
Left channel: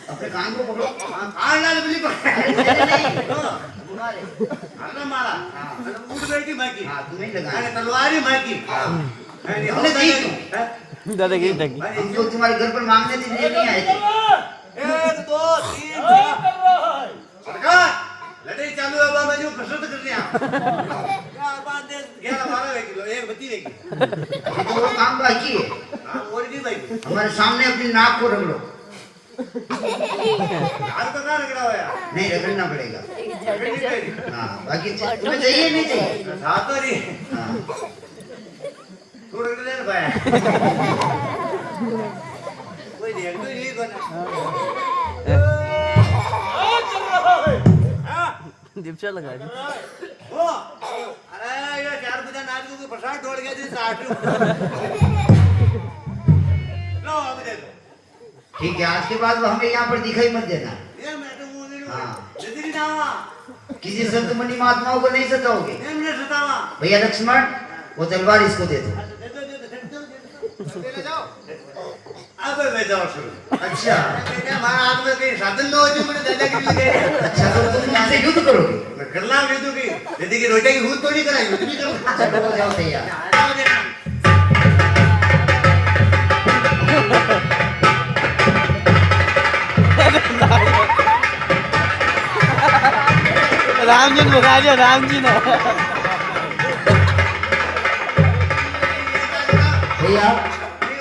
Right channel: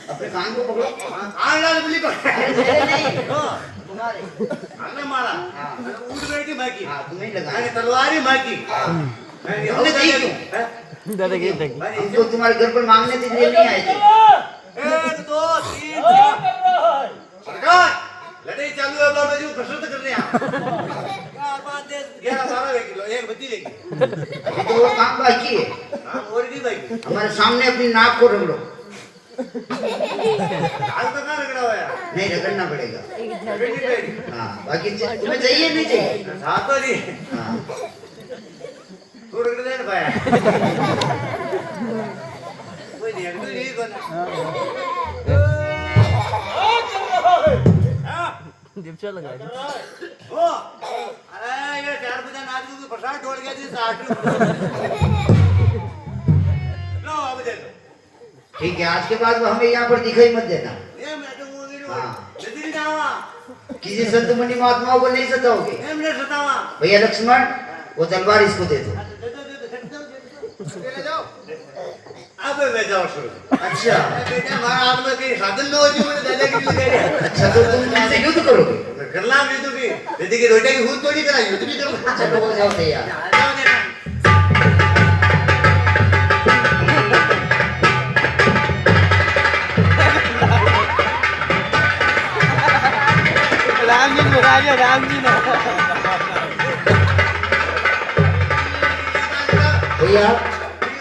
अपने कान को पकड़ो। कान लाल बिल्ली को। अरे नहीं, तो तुम्हारे। अन्ना मारा। हाँ। ऊँट बैठ की माकी। हाँ, तुम्हें लगा। अरे तलवारी माकी। हमने दी क्यों? दादा की टंकी हम तो तुम्हारे घर पर मांगने के लिए नहीं आए थे। 1 2 3 4 सरकार लड़ाई चालू है। बाबा जी कसरत करने आ। क्या बात है? 11-12 किलो एक बत्ती लेगी। अभी तो वो काम बाकी है। हाँ, और की भाई हमारे सामने अपनी नाक को रगड़ो। आज तो कहाँ रगड़ा हुआ है? नहीं, रगड़ना पड़ेगा। रगड़नी चाहिए। हाँ, बाकी तुम्हें चाहिए नहीं चाहिए? हाँ तो नहीं। हाँ, तू रगड़ दे ना भाई। कोई नहीं कोई नहीं जिप्सा लगा ओ अरे ये 4 बजे नाच को प्रसाद छोड़ गया थी 60 लो अब दे दो। ठीक है, आज के बाद हमें यहाँ पर दिखाई मत देना। ये मैं तो मुंह नहीं हाँ। जल्दी जावा। किसी संत मुनि महात्माओं को नहीं सताओगे। हमने सतावा। भैया लक्ष्मण, वो तलवार इसको दे दो। दे दो ले जाओ। अब मैं जाओ शुरू। अच्छा हमारा हाथ में कहीं साधन न हो जो मैंने दादा के लिए दे दिया। अच्छा, तो तुम मुझसे युद्ध करोगे? मैं कर लाऊं युद्ध की। यदि कि रोटा की हूर थोड़ी करा युद्ध भी कर। चलो, हो जाओ तैयार। जाओ देना। राम जी ने राजा राम जी ने भैया,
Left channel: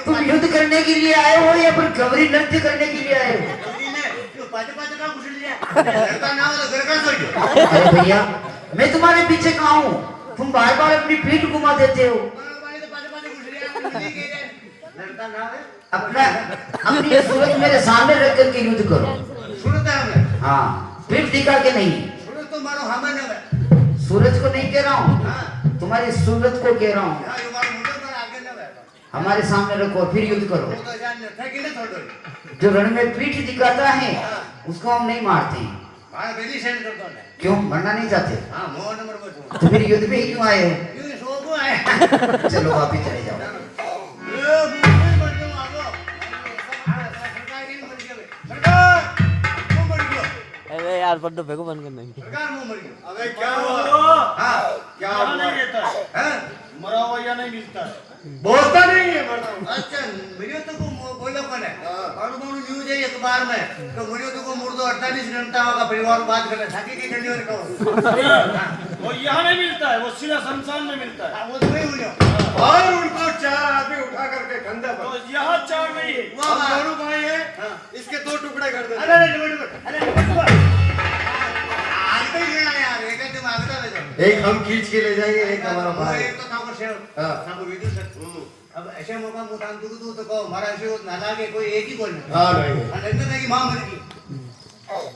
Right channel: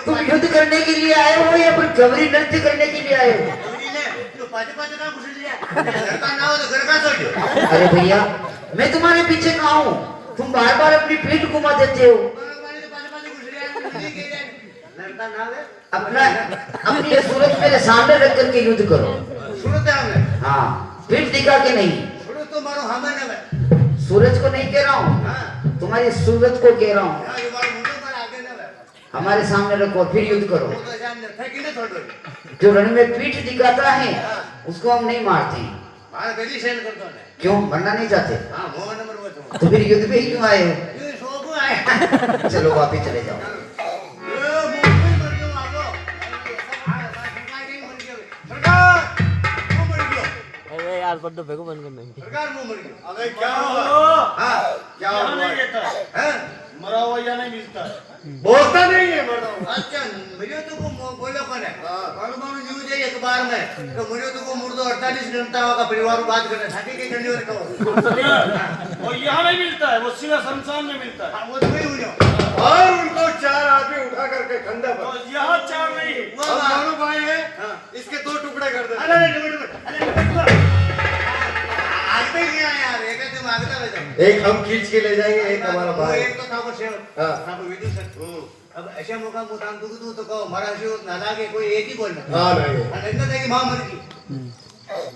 तुम युद्ध करने के लिए आए हो या फिर गौरी नृत्य करने के लिए आए हो? पाँच का घुस लिया। घर का ना हो तो घर का सोचो। अरे भैया, मैं तुम्हारे पीछे कहाँ हूँ? तुम बार बार अपनी पीठ घुमा देते हो। पानी तो पाँच घुस लिया। मिली गई है। लड़का ना है। अपना अपनी ये सूरज मेरे सामने रख करके युद्ध करो। सुनता है मैं। हाँ, पीठ दिखा के नहीं। सुनो तो मारो हमन है। सूरज को नहीं कह रहा हूँ, हाँ। तुम्हारी सूरज को कह रहा हूँ। हाँ, ये मारो मुंडो पर आगे ना है। हमारे सामने रखो, फिर युद्ध वो करो। तो जान था कि ना छोड़ो। जो रण में पीठ दिखाता है उसको हम नहीं मारते। मारा दिल्ली सेंड कर दो ना। क्यों, मरना नहीं चाहते? हाँ, मोह नंबर वो तो फिर युद्ध में ही क्यों आए हो? ये सो को आए। चलो वापिस चले जाओ। ये मुंह मर गयो आगो। सरकार नहीं मर गयो। सरकार क्यों मर गयो? अरे यार पर तो फेंको बंद करना सरकार मुंह मर गया अबे क्या हुआ? हाँ, क्या यहाँ नहीं हुआ? रहता है, हैं? मरा हुआ यहाँ नहीं मिलता है। बोलता नहीं है मरना। अच्छा मुझे तो को बोलो कौन है कौन कौन न्यूज है अखबार में तो मुझे तो को मुर्दो 48 घंटा होगा परिवार को बात करना छाती के जल्दी और कहो वो यहाँ नहीं मिलता है, वो सीधा शमशान में मिलता है। वो तो नहीं हुई और उनको 4 आदमी उठा करके खंडा तो पर यहाँ 4 नहीं है। वो बात। मारू भाई है, इसके 2 टुकड़े कर दे। अरे आगते ही नहीं आया यार एक तुम आगता ले जाओ एक हम खींच के ले जाएंगे, एक हमारा वो भाई। एक तो था को शेव हाँ। था को वीडियो सर अब ऐसे मौका मुताम तू तो कहो महाराज शिव ना लागे कोई एक ही बोलना हाँ नहीं, अंदर जाएगी मां मर गई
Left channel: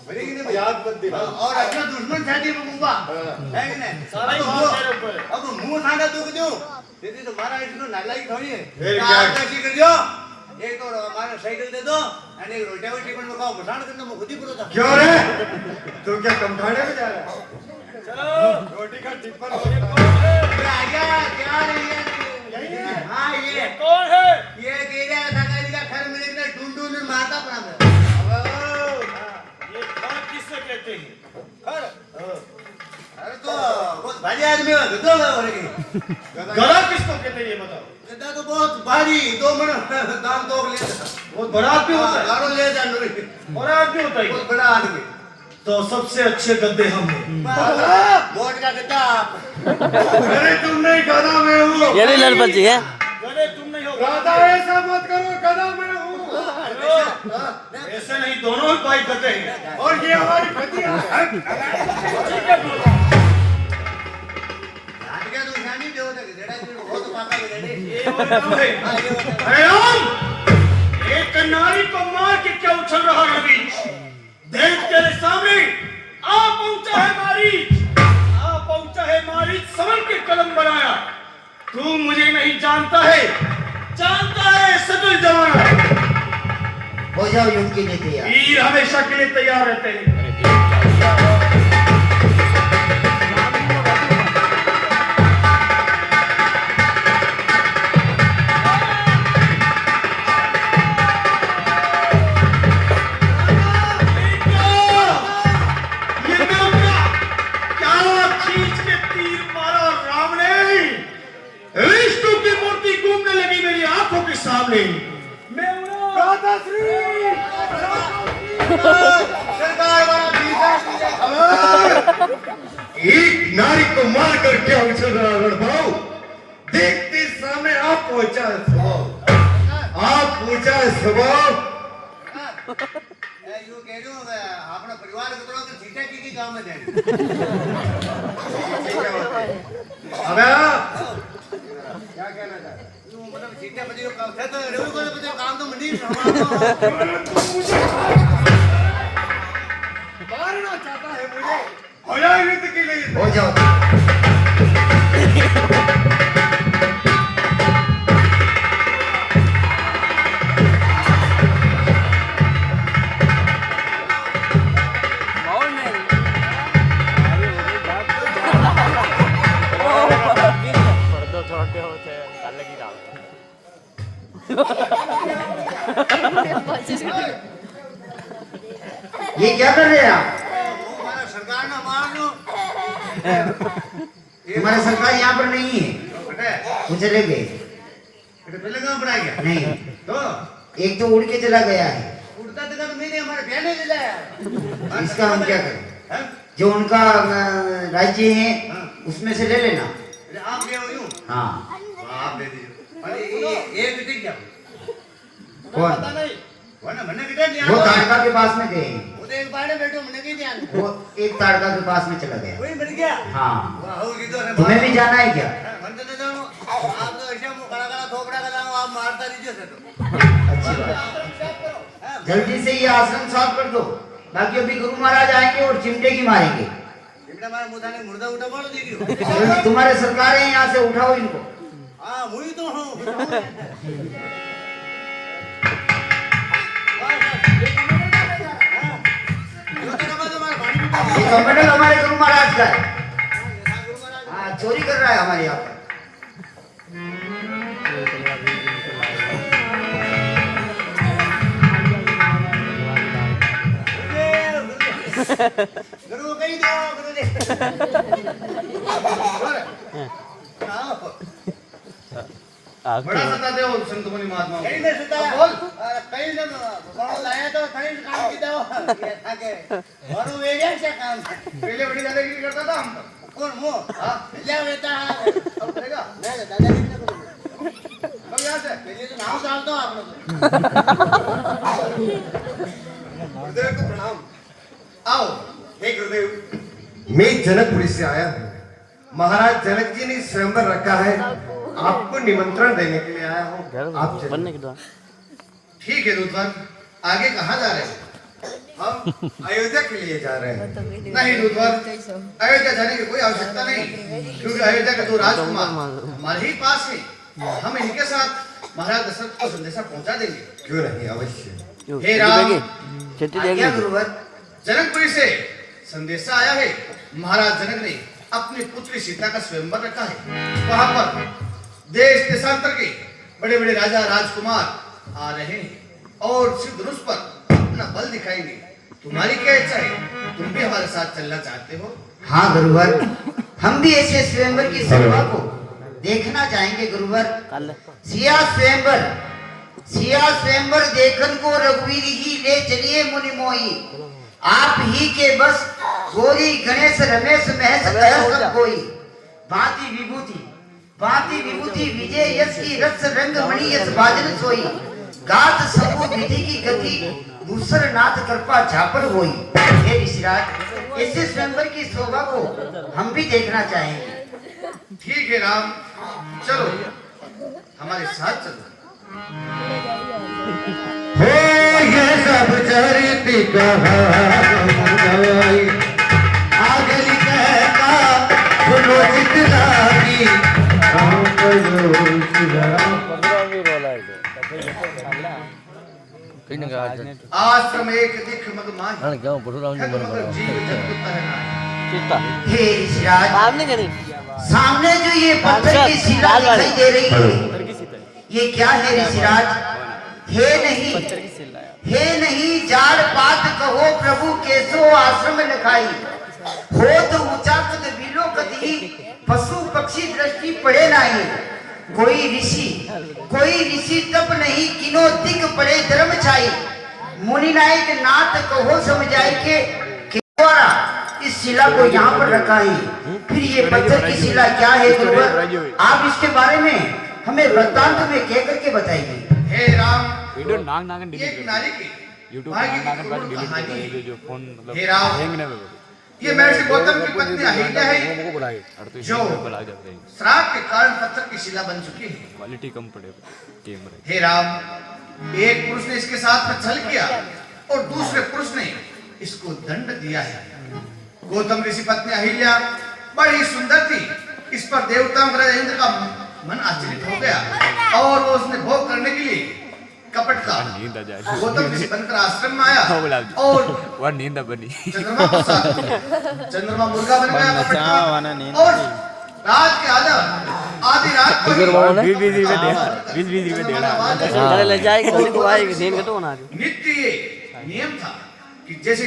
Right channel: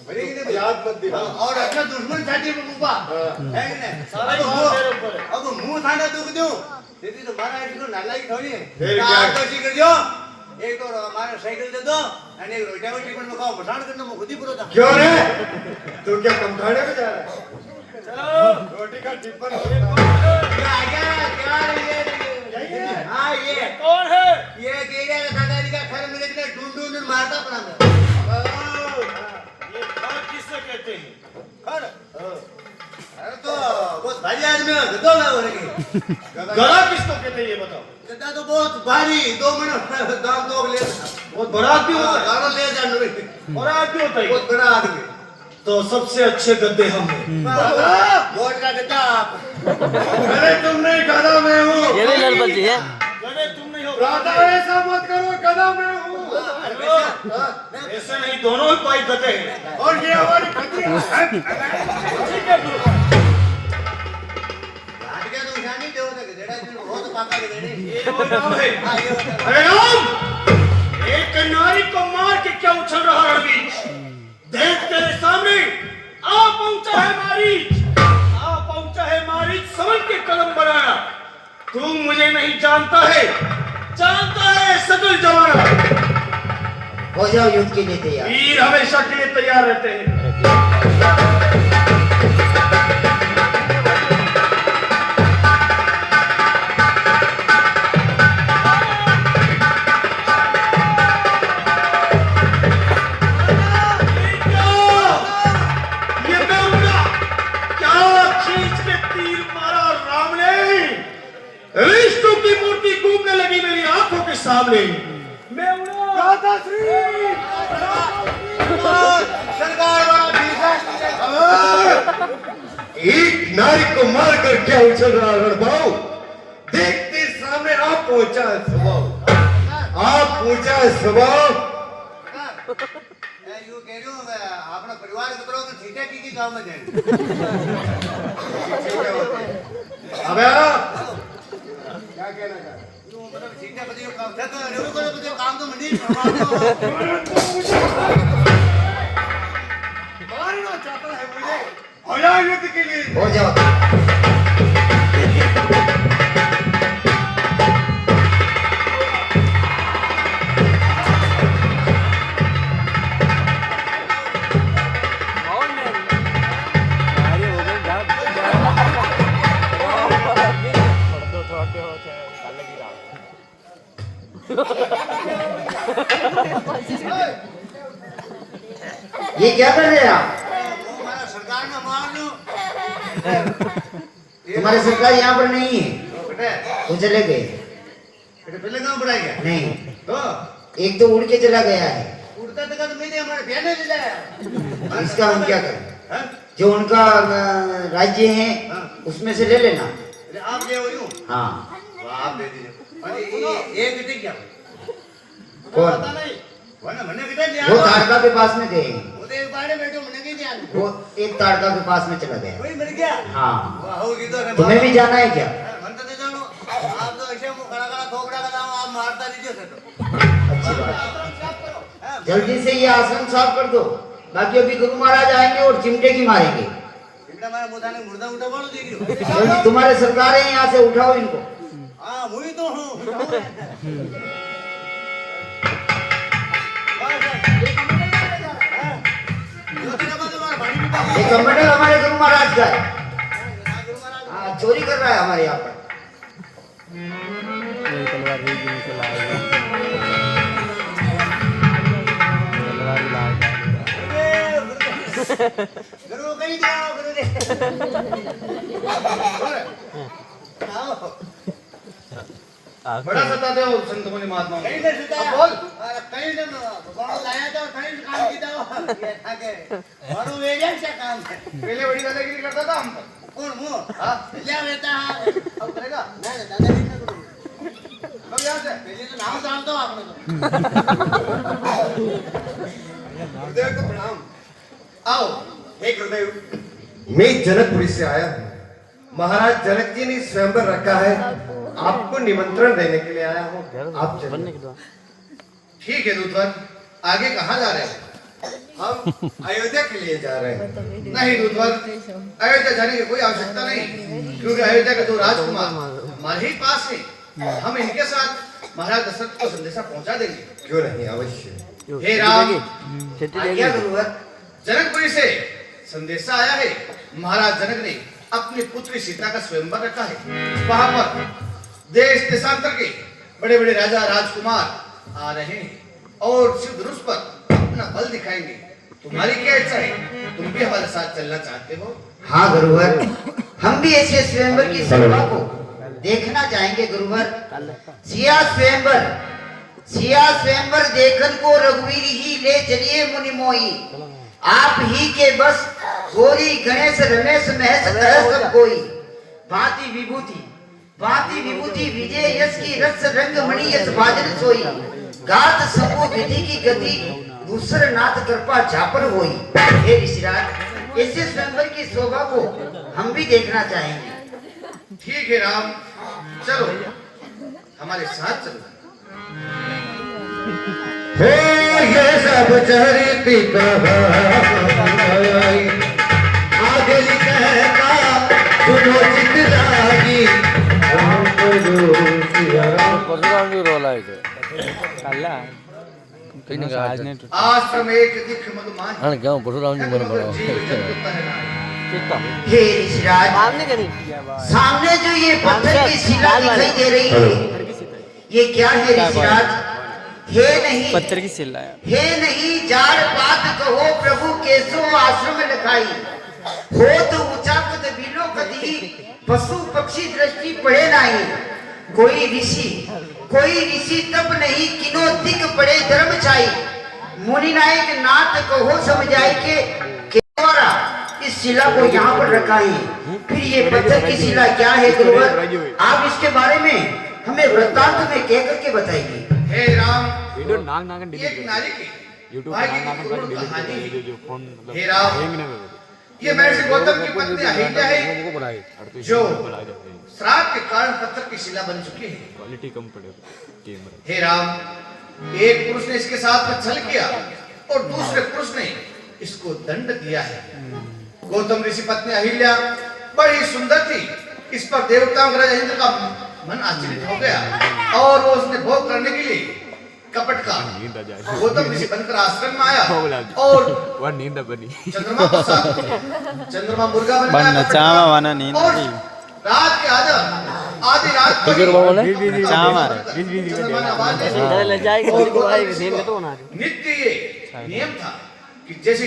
मरेगी नहीं भैया याद मत दिला। और अपना दुश्मन छाती में मुंबा है कि नहीं सारा अब ईमान वो- तेरे ऊपर है। अब मुंह थाना दुख दूं दीदी तो मारा इसको नाला की थोड़ी है फिर तो क्या? आप कैसी कर दो एक तो हमारा साइकिल दे दो और एक रोटियां टिफिन में खाओ बसाड़ करना मैं खुद ही पुरो था क्यों रे? तू क्या कमखाने में जा रहा है? चलो, रोटी का टिफिन ये होता है। कौन है? ये आ गया यार ये हां ये ये कौन है? ये तेरे सगाई का घर में लेकर ढूंढ ढूंढ मारता अपना मैं ये घर किससे कहते हैं? घर अरे तो बहुत भारी आदमी है गधा है और ये गला किसको कहते हैं ये बताओ। गधा तो बहुत भारी 2 मन दाम तो ले बहुत बड़ा आदमी होता है। गाड़ो ले जा लो बड़ा आदमी होता है ये। बहुत बड़ा आदमी तो सबसे अच्छे गद्दे हम हैं। वोट का गधा अरे तुम नहीं, गधा मैं हूँ। ये नहीं लड़ बच्ची है गधे तुम नहीं हो। राधा ऐसा मत करो, गधा मैं हूँ। ऐसे नहीं, दोनों ही भाई गधे हैं। और ये हमारी खतिया है। ठीक है बोलो। आज के तो शानी देव ने गधेड़ा की बहुत पाका गधेड़े ये वो नाम है। हां ये होता अरे राम! एक नारी को मार के क्या उछल रहा है बीच? देख तेरे सामने आ पहुंचा है मारीच, समझ के कदम बढ़ाया। तू मुझे नहीं जानता है, जानता है सकल जमाना। हो जाओ युद्ध के लिए तैयार। वीर हमेशा के लिए तैयार रहते हैं। ये बेवड़ा क्या खींच के तीर मारा राम ने। विष्णु की मूर्ति घूमने लगी मेरी आंखों के सामने। मैं राधा श्री सरकार वाला ठीक है एक नारी को मारकर क्या उछल रहा है रणभाऊ? देखते सामने आप पहुंचा है स्वभाव, आप पहुंचा है स्वभाव। यू कह रही हूँ अपना परिवार के तरह तो ठीक है की गांव में जाए अबे क्या कहना चाहता है? मतलब सीधा पति को काम था तो रेवड़ी को पति काम तो मंडी हमारा मारना चाहता है मुझे। हो जाओ युद्ध के लिए। हो जाओ। ये क्या कर रहे हैं आप? हमारा सरकार ने मार लो तुम्हारी सरकार यहाँ पर नहीं है, बेटे वो चले गए। बेटे पहले काम पड़ाएगा नहीं, तो एक तो उड़ के चला गया है। उड़ता तो मैंने हमारे बहने ले जाया इसका हम क्या करें? हैं? जो उनका राज्य है उसमें से ले लेना। अरे आप ले हो यूं हाँ। आप दे दीजिए अरे ये बेटी क्या कौन? वरना मैंने किधर लिया वो ताड़का के पास में गए। वो तो एक बाड़े बैठो मैंने कहीं ध्यान वो एक ताड़का के पास में चला गया। कोई मर गया हाँ। वाह हो किधर है तुम्हें भी जाना है क्या? मन तो नहीं जानो आप तो ऐसे मुंह खड़ा खड़ा थोपड़ा का जाओ आप मारता रहिए से तो अच्छी बात। जल्दी से ये आश्रम साफ कर दो, बाकी अभी गुरु महाराज आएंगे और चिमटे की मारेंगे। चिमटा मारे मुंह थाने मुर्दा उठा मारो देख रही हो तुम्हारे सरकार है, यहाँ से उठाओ इनको। हां मुई तो हूं ये कमंडल हमारे गुरु महाराज का है। हाँ, चोरी कर रहा है हमारे यहाँ पर। गुरु कहीं दिखाओ गुरु दे बड़ा सताते हो संत मुनि महात्मा कहीं नहीं सुताया बोल कहीं ने बाबा लाया तो कहीं काम की दो ये था के और वो एजेंट का काम है पहले बड़ी दादागिरी करता था हम पर कौन मुंह हां ले बेटा अब करेगा नहीं दादागिरी ना करो कब यहाँ से पहले तो नाम डाल दो आपने तो गुरुदेव को प्रणाम आओ हे गुरुदेव मैं जनकपुरी से आया हूँ। महाराज जनक जी ने स्वयंवर रखा है, आपको निमंत्रण देने के लिए आया हूँ। आप चलिए। ठीक है दूतवर आगे कहाँ जा रहे हैं हम अयोध्या के लिए जा रहे हैं। नहीं दूतवर अयोध्या जाने की कोई आवश्यकता नहीं क्योंकि अयोध्या के दो राजकुमार हमारे ही पास है हम इनके साथ महाराज दशरथ को संदेशा पहुंचा देंगे क्यों नहीं, अवश्य। हे राम आज्ञा गुरुवर जनकपुरी से संदेशा आया है महाराज जनक ने अपनी पुत्री सीता का स्वयंवर रखा है वहां पर देश देशांतर के बड़े बड़े राजा राजकुमार आ रहे हैं और सिद्ध धनुष पर अपना बल दिखाएंगे तुम्हारी क्या इच्छा है तुम भी हमारे साथ चलना चाहते हो हाँ गुरुवर हम भी ऐसे स्वयंवर की शोभा को देखना चाहेंगे गुरुवर सिया स्वयंवर देखन को रघुवीर ही ले चलिए मुनि मोही आप ही के बस गोरी गणेश रमेश महेश कह सब कोई भांति विभूति विजय यश की रस रंग मणि यश बाजन सोई गात सबो विधि की गति दूसर नाथ कृपा झापर होई हे ऋषिराज ऐसे स्वयंवर की शोभा को हम भी देखना चाहेंगे ठीक है राम चलो हमारे साथ चलना हो ये सब चरित आगे कहता सुनो चित लागी राम बोलो सिया। परशुराम भी रोला है तो कहीं ना कहीं आश्रम एक दिख मगमाही हाँ क्या परशुराम जी मन पड़ा हे ऋषिराज सामने जो ये पत्थर की शिला दिखाई दे रही है ये क्या है ऋषिराज हे नहीं पत्थर की शिला हे नहीं जाड़ पात कहो प्रभु केसो आश्रम लखाई हो तो ऊंचा कद बिलो कदी पशु पक्षी दृष्टि पड़े नहीं कोई ऋषि तप नहीं किनो तिक पड़े धर्म छाई मुनि नायक नाथ कहो समझाई के द्वारा इस शिला को यहाँ पर रखा है फिर ये पत्थर की शिला क्या है गुरुवर आप इसके बारे में हमें वृत्तांत में कह करके बताइए हे राम वीडियो नाग एक नारी की यूट्यूब भाई की नाग कहानी डिलीट जो फोन मतलब हे राम हैंग नहीं ये महर्षि गौतम की पत्नी अहिल्या है को बनाए जो श्राप के कारण पत्थर की शिला बन चुकी है क्वालिटी कम पड़ेगा कैमरा हे राम एक पुरुष ने इसके साथ में छल किया और दूसरे पुरुष ने इसको दंड दिया है गौतम ऋषि पत्नी अहिल्या बड़ी सुंदर थी इस पर देवताओं इंद्र का मन आश्चर्य हो गया और वो उसने भोग करने के लिए कपट का गौतम ऋषि बनकर आश्रम में आया और वह नींद बनी चंद्रमा को साथ चंद्रमा मुर्गा बन गया और रात के आधी रात को नित्य ये नियम था कि जैसे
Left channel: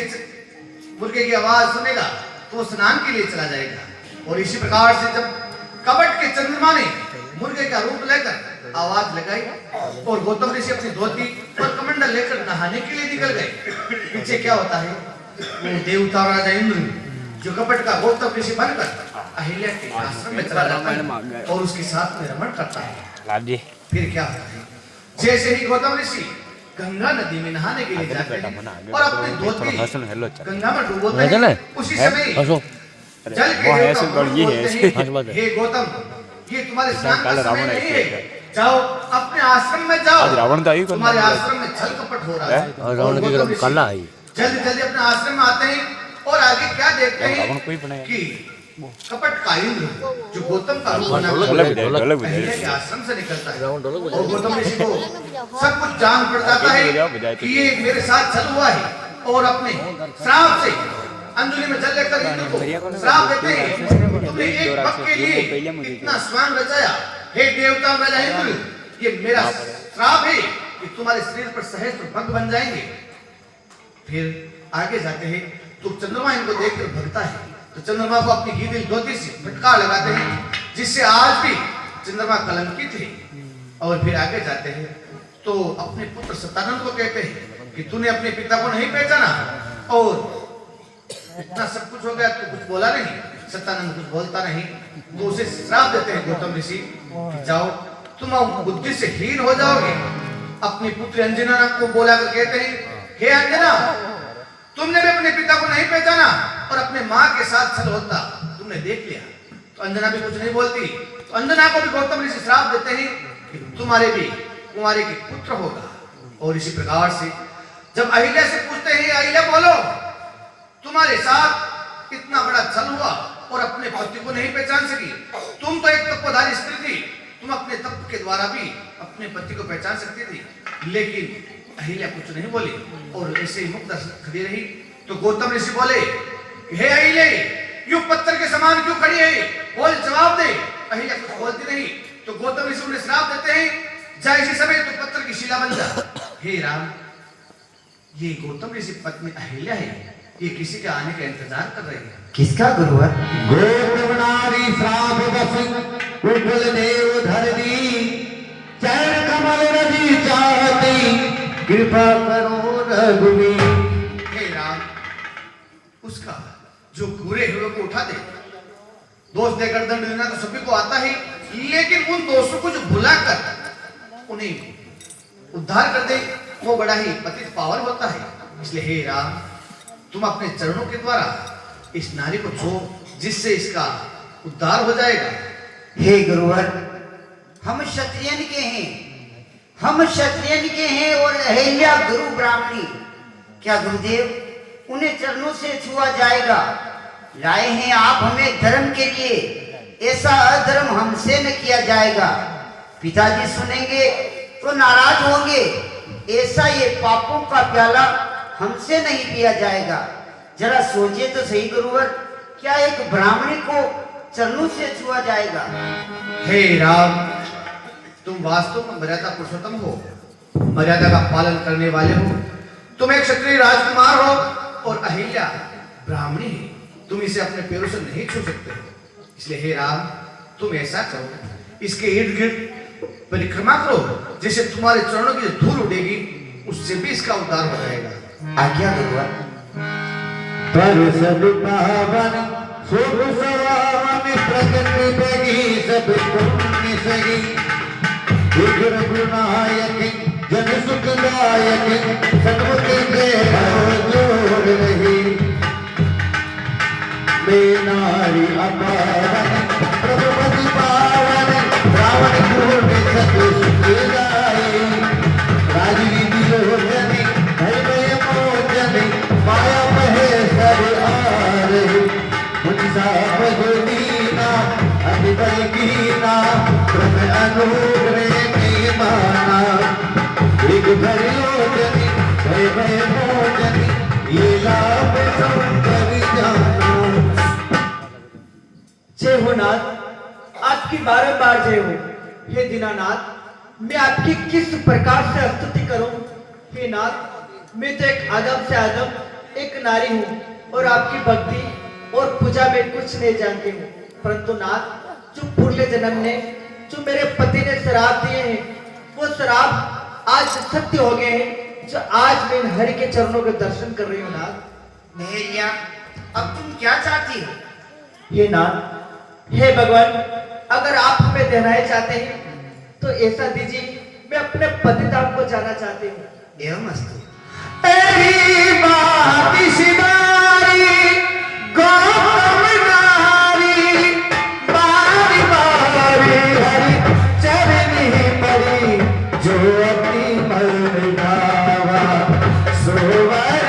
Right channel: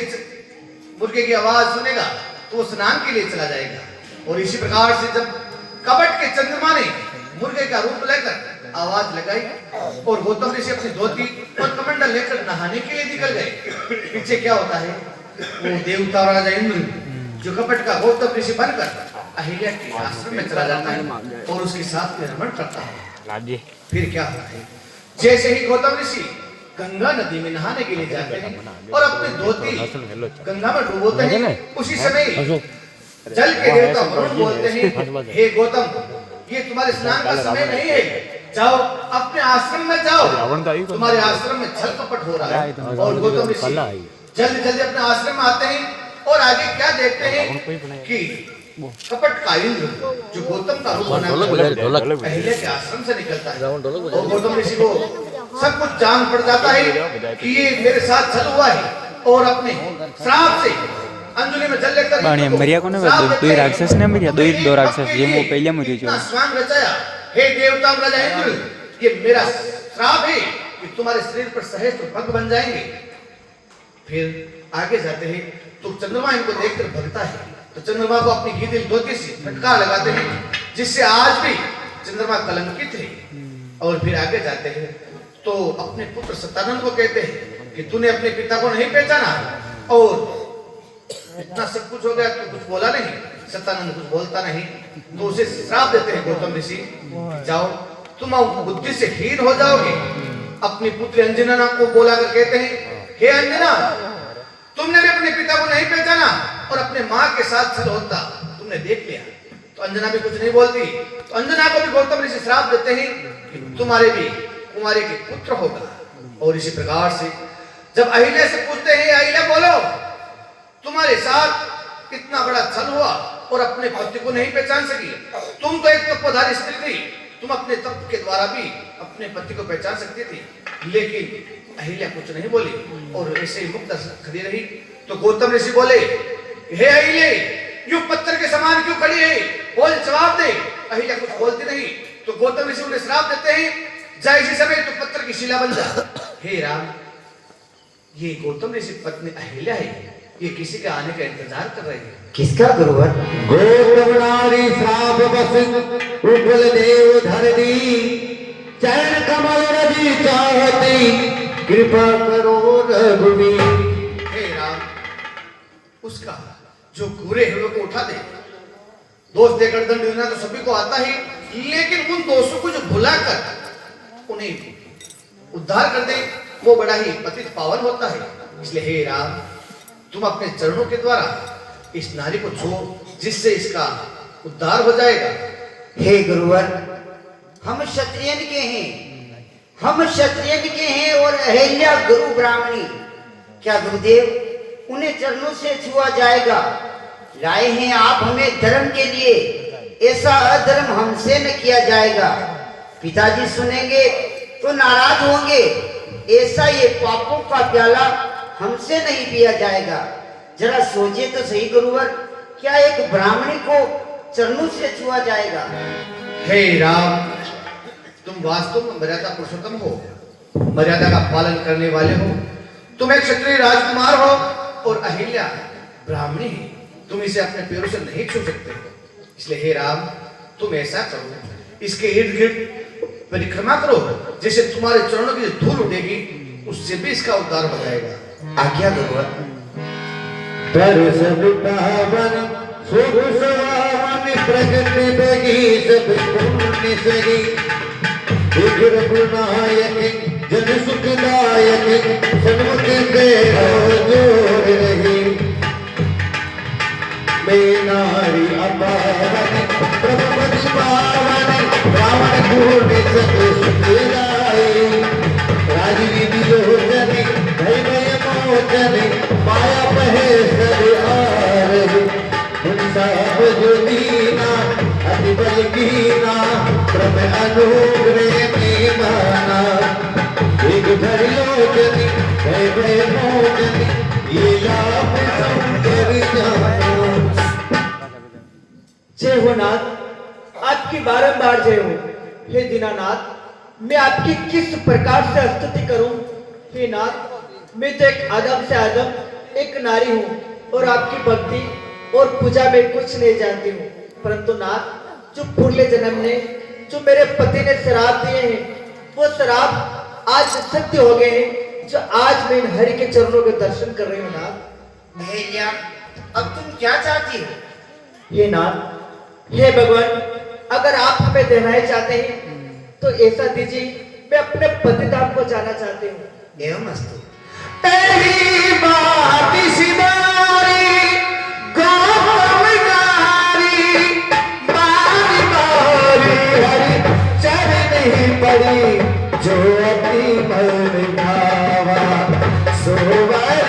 मुर्गे की आवाज सुनेगा तो स्नान के लिए चला जाएगा और इसी प्रकार से जब कपट के चंद्रमा ने मुर्गे का रूप लेकर आवाज लगाई और गौतम ऋषि अपनी धोती और कमंडल लेकर नहाने के लिए निकल गए पीछे क्या होता है वो देवता राजा इंद्र जो कपट का गौतम ऋषि बनकर अहिल्या के आश्रम में चला जाता है और उसके साथ में रमण करता है फिर क्या होता है जैसे ही गौतम ऋषि गंगा नदी में नहाने के लिए जाते हैं और अपनी धोती गंगा में डुबोते हैं उसी समय जल के देवता बोलते हैं हे गौतम ये तुम्हारे स्नान का समय नहीं है जाओ अपने आश्रम में जाओ तुम्हारे आश्रम में छल कपट हो रहा है और गौतम ऋषि जल्दी जल्दी अपने आश्रम में आते हैं और आगे क्या देखते हैं कि कपट का इंद्र जो गौतम का रूप बना अहिल्या के आश्रम से निकलता है और गौतम ऋषि को सब कुछ जान पड़ जाता है कि ये मेरे साथ छल हुआ है और अपने श्राप से अंजलि में जल लेकर मरिया को ना दो राक्षस ने मरिया दो राक्षस ये वो पहले मरे जो स्वयं रचाया हे देवता राजा इंद्र ये मेरा श्राप है कि तुम्हारे शरीर पर सहस्त्र भग बन जाएंगे फिर आगे जाते हैं तो चंद्रमा इनको देखकर भगता है, तो चंद्रमा को अपनी गीदड़ धोती से फटकार लगाते हैं, जिससे आज भी चंद्रमा कलंकित है। और फिर आगे जाते हैं तो अपने पुत्र सत्यानंद को कहते हैं कि तूने अपने पिता को नहीं पहचाना और इतना सब कुछ हो गया, तो कुछ बोला नहीं। सत्यानंद कुछ बोलता नहीं, तो उसे श्राप देते हैं गौतम ऋषि, जाओ तुम बुद्धि से हीन हो जाओगे। अपनी पुत्री अंजना को बोला कर कहते हैं, हे अंजना, तुमने भी अपने पिता को नहीं पहचाना और अपने माँ के साथ छल होता तुमने देख लिया। तो अंजना भी कुछ नहीं बोलती, तो अंजना को भी गौतम ऋषि श्राप देते हैं कि तुम्हारे भी कुमारी के पुत्र होगा। और इसी प्रकार से जब अहिल्या से पूछते हैं, अहिल्या बोलो, तुम्हारे साथ इतना बड़ा छल हुआ और अपने पति को नहीं पहचान सकी, तुम तो एक तत्वधारी स्त्री थी, तुम अपने तत्व के द्वारा भी अपने पति को पहचान सकती थी। लेकिन अहिल्या कुछ नहीं बोली और ऐसे ही मुक्त खड़ी रही। तो गौतम ऋषि बोले, हे अहिल्या, यूं पत्थर के समान क्यों खड़ी है, बोल जवाब दे। अहिल्या कुछ बोलती नहीं, तो गौतम ऋषि उन्हें श्राप देते हैं, जा इसी समय तो पत्थर की शिला बन जा। हे राम, ये गौतम ऋषि पत्नी अहिल्या है, ये किसी के आने का इंतजार कर रही है। किसका गुरुवर? गौतम नारी श्राप बसिन उज्ज्वल देव धरणी, चरण कमल रवि चाहती, कृपा करो रघुवीर। हे राम, उसका जो बुरे हुए को उठा दे, दोष देकर दंड देना तो सभी को आता है, लेकिन उन दोषों को जो भुलाकर उन्हें उद्धार कर दे, वो बड़ा ही पतित पावन होता है। इसलिए हे राम, तुम अपने चरणों के द्वारा इस नारी को छो, जिससे इसका उद्धार हो जाएगा। हे गुरुवर, हम क्षत्रियन के हैं और अहिल्या गुरु ब्राह्मणी, क्या गुरुदेव उन्हें चरणों से छुआ जाएगा? लाए हैं आप हमें धर्म के लिए, ऐसा अधर्म हमसे न किया जाएगा। पिताजी सुनेंगे तो नाराज होंगे, ऐसा ये पापों का प्याला हमसे नहीं पिया जाएगा। जरा सोचिए तो सही गुरुवर, क्या एक ब्राह्मणी को चरणों से छुआ जाएगा? हे राम, तुम वास्तव में मर्यादा पुरुषोत्तम हो, मर्यादा का पालन करने वाले हो। तुम एक क्षत्रिय राजकुमार हो और अहिल्या ब्राह्मणी है, तुम इसे अपने पैरों से नहीं छू सकते हो। इसलिए हे राम, तुम ऐसा करो, इसके इर्द गिर्द परिक्रमा करो, जैसे तुम्हारे चरणों की धूल उड़ेगी, उससे भी इसका उद्धार हो जाएगा। आज्ञा गुरुवर। पर सब पावन शुभ सवामी प्रगति बगी, सब पुण्य सगी, विघ्न विनायक जन सुखदायक, सन्मुख दे जोर रही। मैं नारी अपावन प्रभुपति पावन, रावण पूर्ण सत सुखदाई, राजवीति लोचनी भय मोचनी, माया कहे सर आरही, मुंसा बजुदीना अति बल कीना, प्रभ अनुग्रह में माना, एक घर लोचनी भय भय मोचनी, ये लाभ संकर जाना। जय हो नाथ, आपकी बारंबार जय हो। हे दीनानाथ, मैं आपकी किस प्रकार से स्तुति करूं? हे नाथ, मैं तो एक आदम से आदम एक नारी हूँ और आपकी भक्ति और पूजा में कुछ नहीं जानती हूँ। परंतु नाथ, जो पूर्व जन्म ने जो मेरे पति ने श्राप दिए हैं, वो श्राप आज सत्य हो गए हैं, जो आज मैं इन हरि के चरणों के दर्शन कर रही हूँ। नाथ, अहिल्या, अब तुम क्या चाहती हो? हे नाथ, हे भगवान, अगर आप हमें देनाई चाहते हैं तो ऐसा दीजिए, मैं अपने पतिधाम को जाना चाहती हूँ। एवं अस्तु। तेरी बात सिदारी गोविंदारी, बारी बारी हरि चरण ही पड़ी, जो अपनी मन गावा सोवर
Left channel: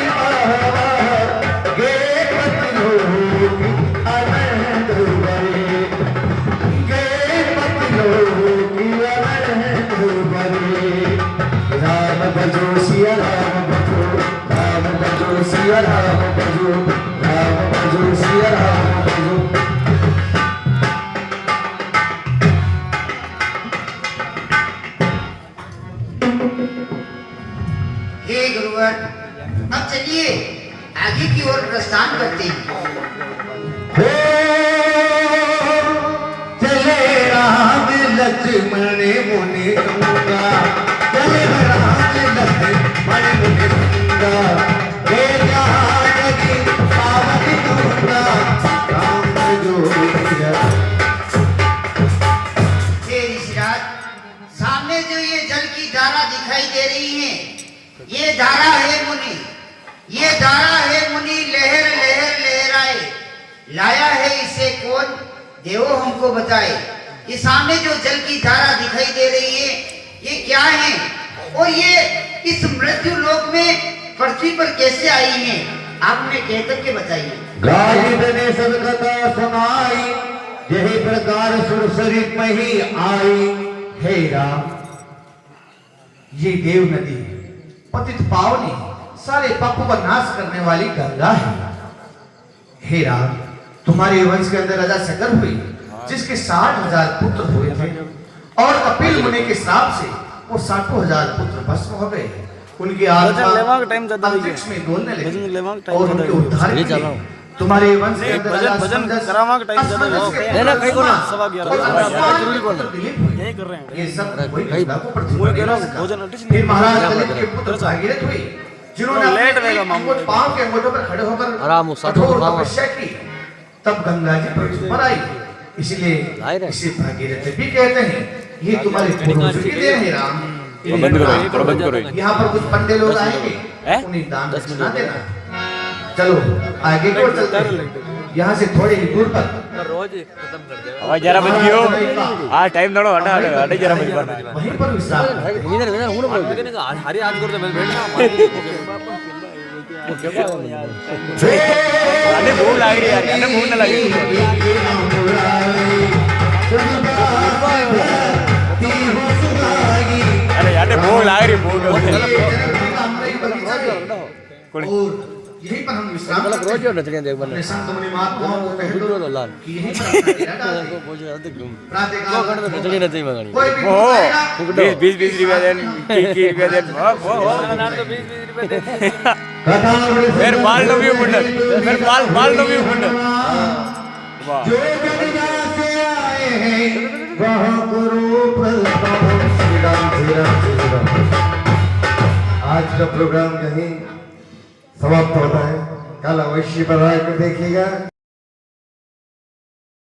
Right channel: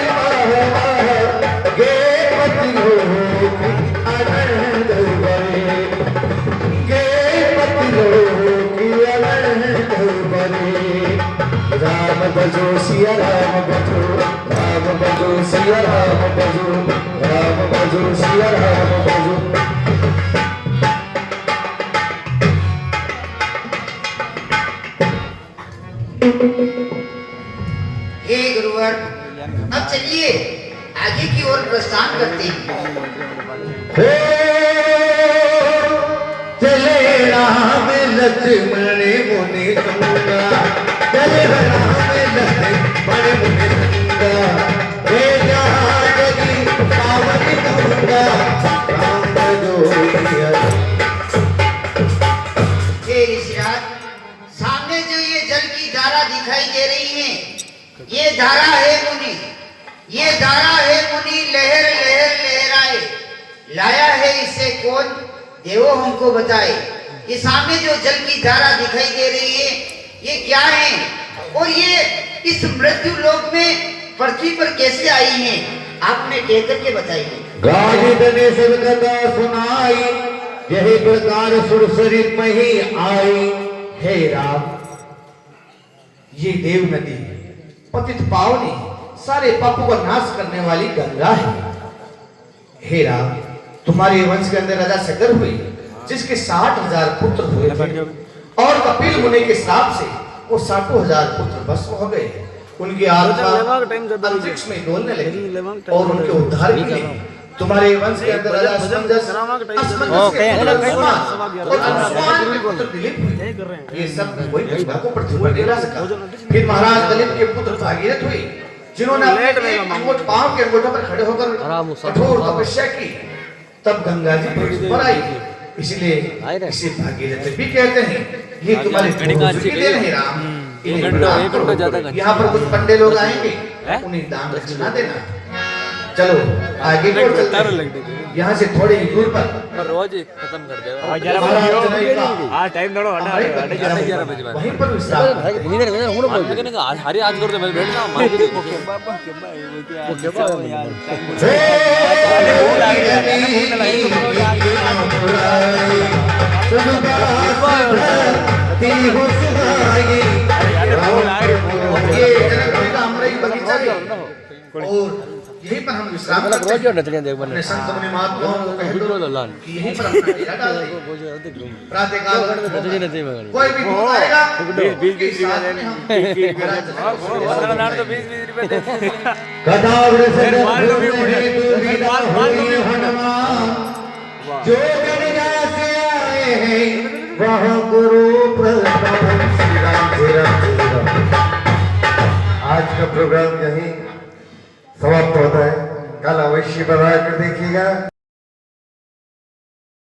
गे पति लोग आनंद भरे, गे पति लोग आनंद भरे। राम भजो सिया राम भजो, राम भजो सिया राम भजो, राम भजो सिया राम भजो। हे गुरुवर, अब चलिए आगे की ओर प्रस्थान करते हैं। चले राम लक्ष्मण मुनि दूंगा, चले राम लक्ष्मण मुनि दूंगा, हे जानकी सावधि दूंगा, राम जोगिया। हे ऋषिराज, सामने जो ये जल की धारा दिखाई दे रही है, ये धारा है मुनि, ये धारा है मुनि, लहर लहर लहराए। लाया है इसे कौन, देवो हमको बताए। ये सामने जो जल की धारा दिखाई दे रही है, ये क्या है और ये इस मृत्यु लोक में पृथ्वी पर कैसे आई है, आपने कह करके बताइए। गालिब ने सब कथा सुनाई, यही प्रकार सुरसरी में ही आई। हे राम, ये देव नदी पतित पावनी सारे पापों का नाश करने वाली गंगा है। हे राम, तुम्हारे वंश के अंदर राजा सगर हुई, जिसके 60,000 पुत्र हुए थे, और कपिल मुनि के श्राप से वो 60,000 पुत्र भस्म हो गए। उनकी आत्मा अंतरिक्ष में डोलने लगी और उनके उद्धार के लिए तुम्हारे वंश के अंदर राजा संजय, ये सब वही गंगा को पृथ्वी पर गिरा सका। फिर महाराज दिलीप के पुत्र भागीरथ हुए, जिन्होंने अपने पांव के अंगूठे पर खड़े होकर कठोर तपस्या की, तब गंगा जी पृथ्वी पर आई। इसलिए इसे भागीरथ भी कहते हैं। ये तुम्हारे पूर्वज के लिए है राम। यहाँ पर कुछ पंडे लोग आएंगे, उन्हें दान दक्षिणा देना। चलो आगे की ओर चलते हैं। यहाँ से थोड़े ही दूर पर रोज ही खत्म कर दे और जरा बजियो आ टाइम दौड़ो हटा हटा जरा वहीं पर विश्राम। नींद नहीं हूं बोल के नहीं हरी आज कर दे मैं बैठ ना मान के देखो वो क्या बात है मुझे अरे बोल आ गया यार फोन लगा अरे यार बोल आ रही बोल और यहीं पर हम विश्राम गलत रोज हो नचने देख बने संत मुनि महात्माओं को कह बुझ दो लो लाल कि यहीं पर अपना डेरा डाल दें। बोझ आते घूम प्रातः काल नचने नहीं मंगनी कोई भी भूत आएगा, 20 रुपया देन 30 रुपया देन नाम तो 20 रुपए दे फिर मार लो भी मुंडा फिर मार लो भी मुंडा जो गंगा से आए हैं वह गुरु प्रसाद। श्री राम श्री राम श्री राम। आज का प्रोग्राम यहीं समाप्त होता है। कल अवश्य बना कर देखिएगा।